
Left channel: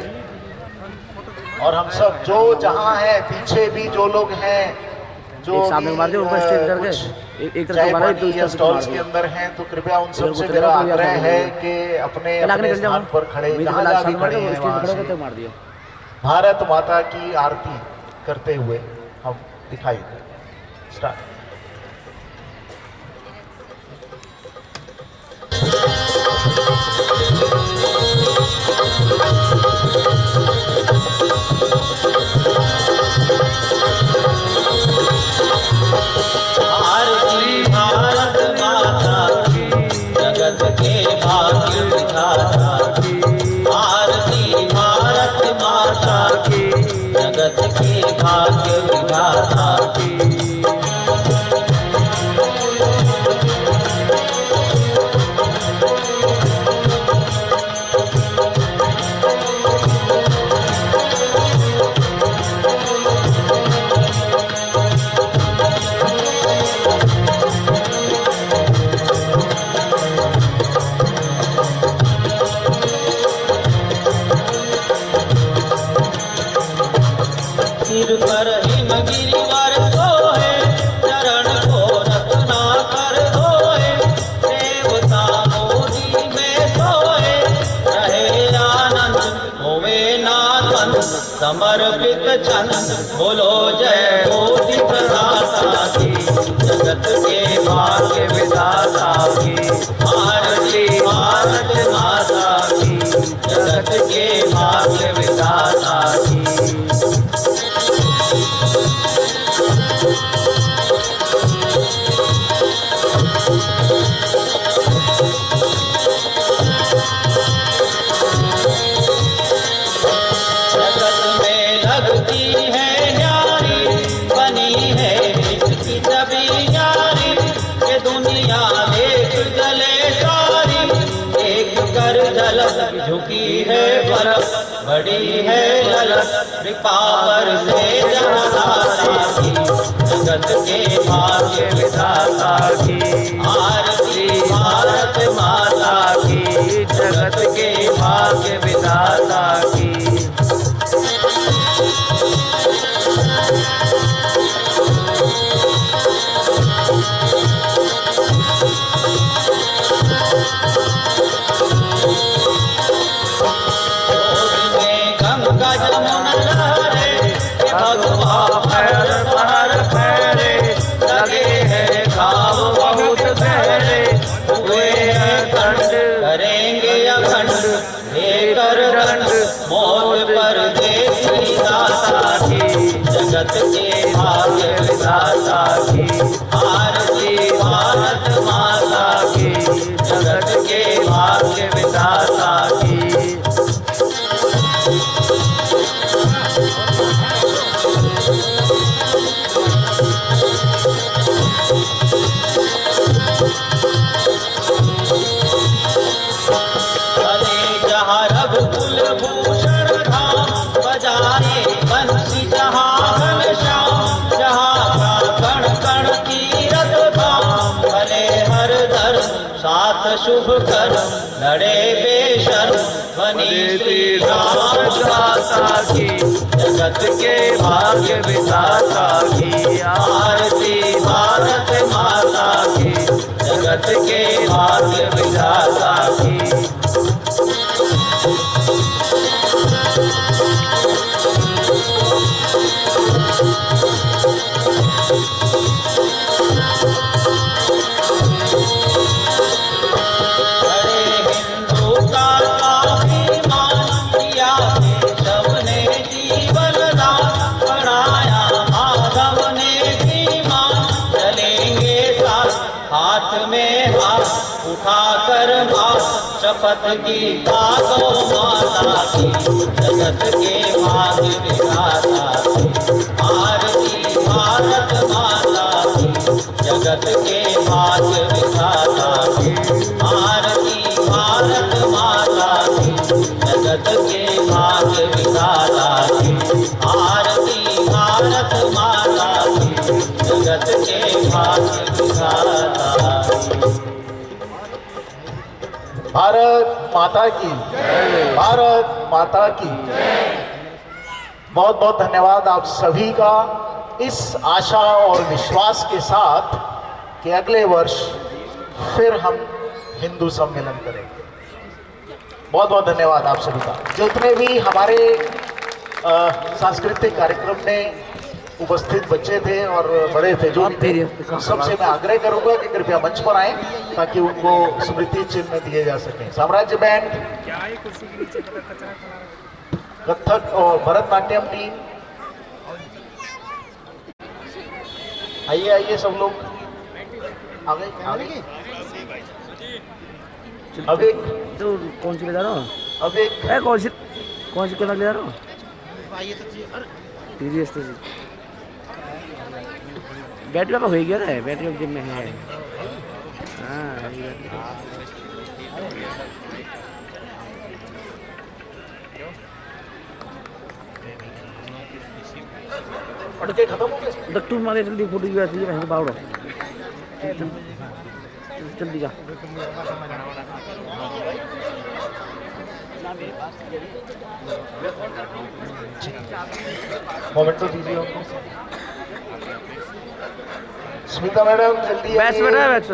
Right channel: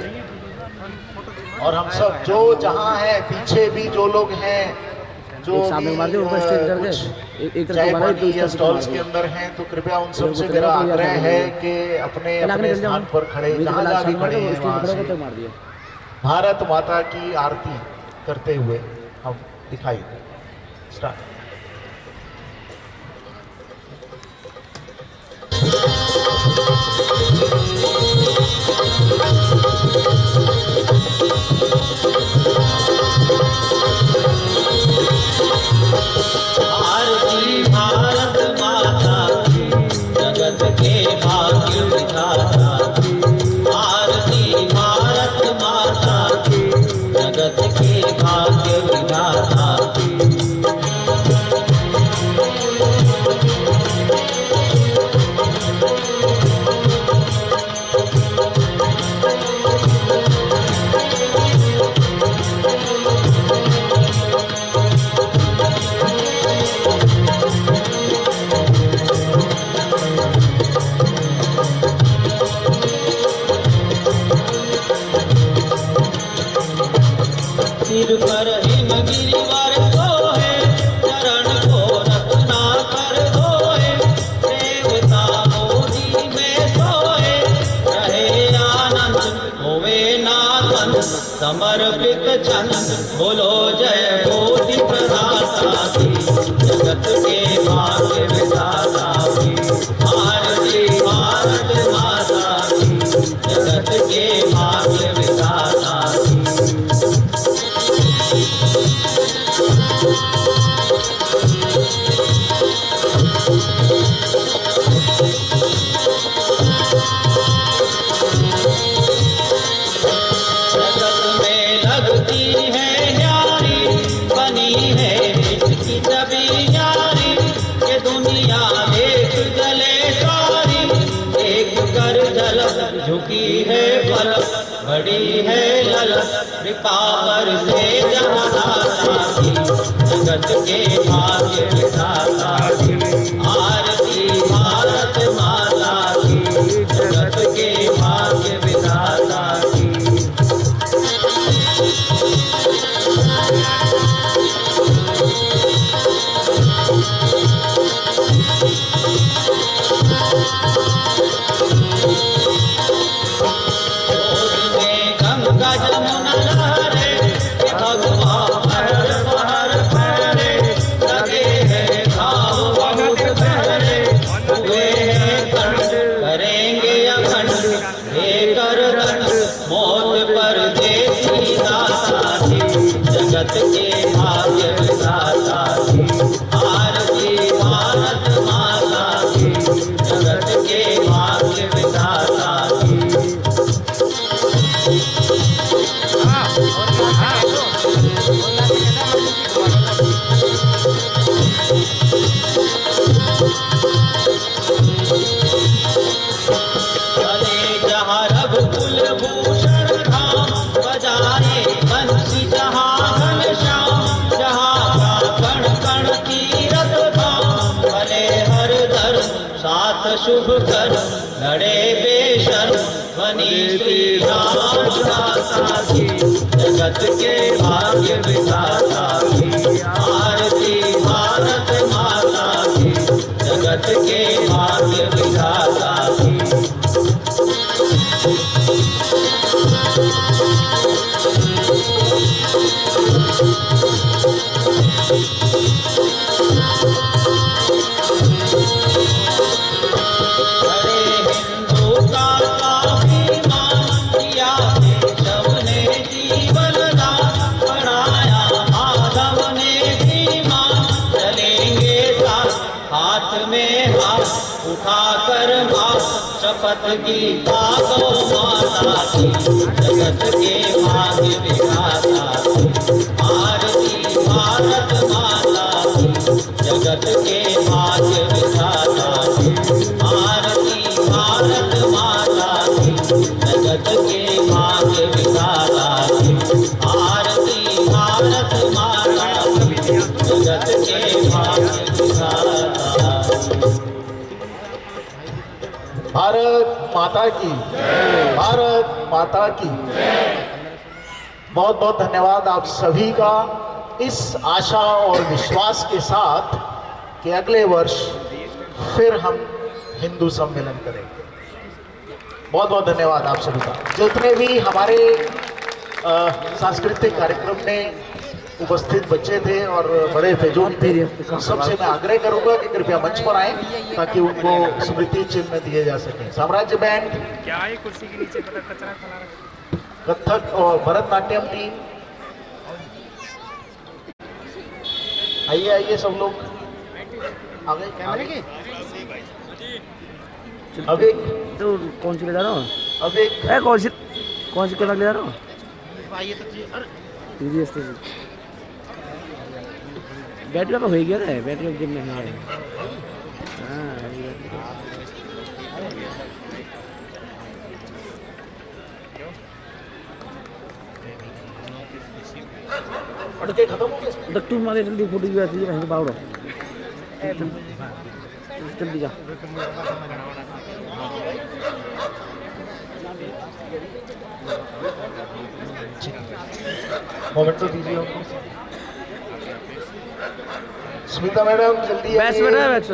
और हम सब जो जहां हैं, पीछे भी जो लोग हैं, जो चाय पानी या स्टॉल्स के अंदर हैं, तो कृपया उन सबसे मेरा आग्रह है कि अपने अपने स्थान पर खड़े, जहाँ भी खड़े हैं वहाँ से भारत माता की आरती करते हुए हम दिखाई दें। स्टार्ट। चंद बोलो जय कोटि प्रदाता की, जगत के भाग्य विधाता की, आरती भारत माता की, जगत के भाग्य विधाता की। जगत में लगती है न्यारी, बनी है इसकी छवि न्यारी, ये दुनिया देख गले सारी, देख कर झलक झुकी है बरफ, बड़ी है ललक कृपावर से जहां की, जगत के भाग्य विधाता की, आरती भारत माता की, जगत के भाग्य विधाता की। गंगा जमुना लहरे, भगवान हर पहर फहरे, लगे हैं घाव बहुत गहरे, हुए हैं दंड करेंगे अखंड, लेकर दंड मौत पर देती दाता की, जगत के भाग्य विधाता की, आरती भारत माता की, जगत के भाग्य विधाता की। चले जहाँ रघुकुल भूषण धाम, बजाए बंसी जहाँ घनश्याम, जहाँ कण कण तीरथ धाम, भले हर धर्म साथ शुभ कर्म, लड़े बेशर्म बनी श्री राम दाता की, जगत के भाग्य विधाता की, आरती भारत माता की, जगत के भाग्य विधाता की। बड़े हिंदू का स्वाभिमान, किया केशव ने जीवन दान, बढ़ाया माधव ने धीमान, चलेंगे साथ हाथ में हाथ उठाकर माथ, शपथ की गौ माता की, जगत के भाग्य विधाता की, आरती भारत माता की, जगत के भाग्य विधाता की, आरती भारत माता की, जगत के भाग्य विधाता की, आरती भारत माता की, जगत के भाग्य विधाता की। भारत माता की, भारत माता की। बहुत बहुत धन्यवाद आप सभी का, इस आशा और विश्वास के साथ कि अगले वर्ष फिर हम हिंदू सम्मेलन करेंगे। बहुत बहुत धन्यवाद आप सभी का। जितने भी हमारे सांस्कृतिक कार्यक्रम में उपस्थित बच्चे थे और बड़े थे जो भी थे, सबसे मैं आग्रह करूंगा कि कृपया मंच पर आए ताकि उनको स्मृति चिन्ह दिए जा सके। साम्राज्य बैंड, कथक और भरतनाट्यम टीम, आइए आइए सब लोग आगे आगे। अब एक तो कौन सी ले जा रहा हूँ? अब एक कौन सी कलर ले जा रहा हूँ? बैटरी का हो गया ना, बैटरी जिम में है। हाँ अटके खत्म हो गए। डक्टू मारे जल्दी फोटो भी आती है बावड़ो। जल्दी जा। मोमेंट तो दीजिए उनको। स्मिता मैडम जल्दी बैच बैठा है बैच।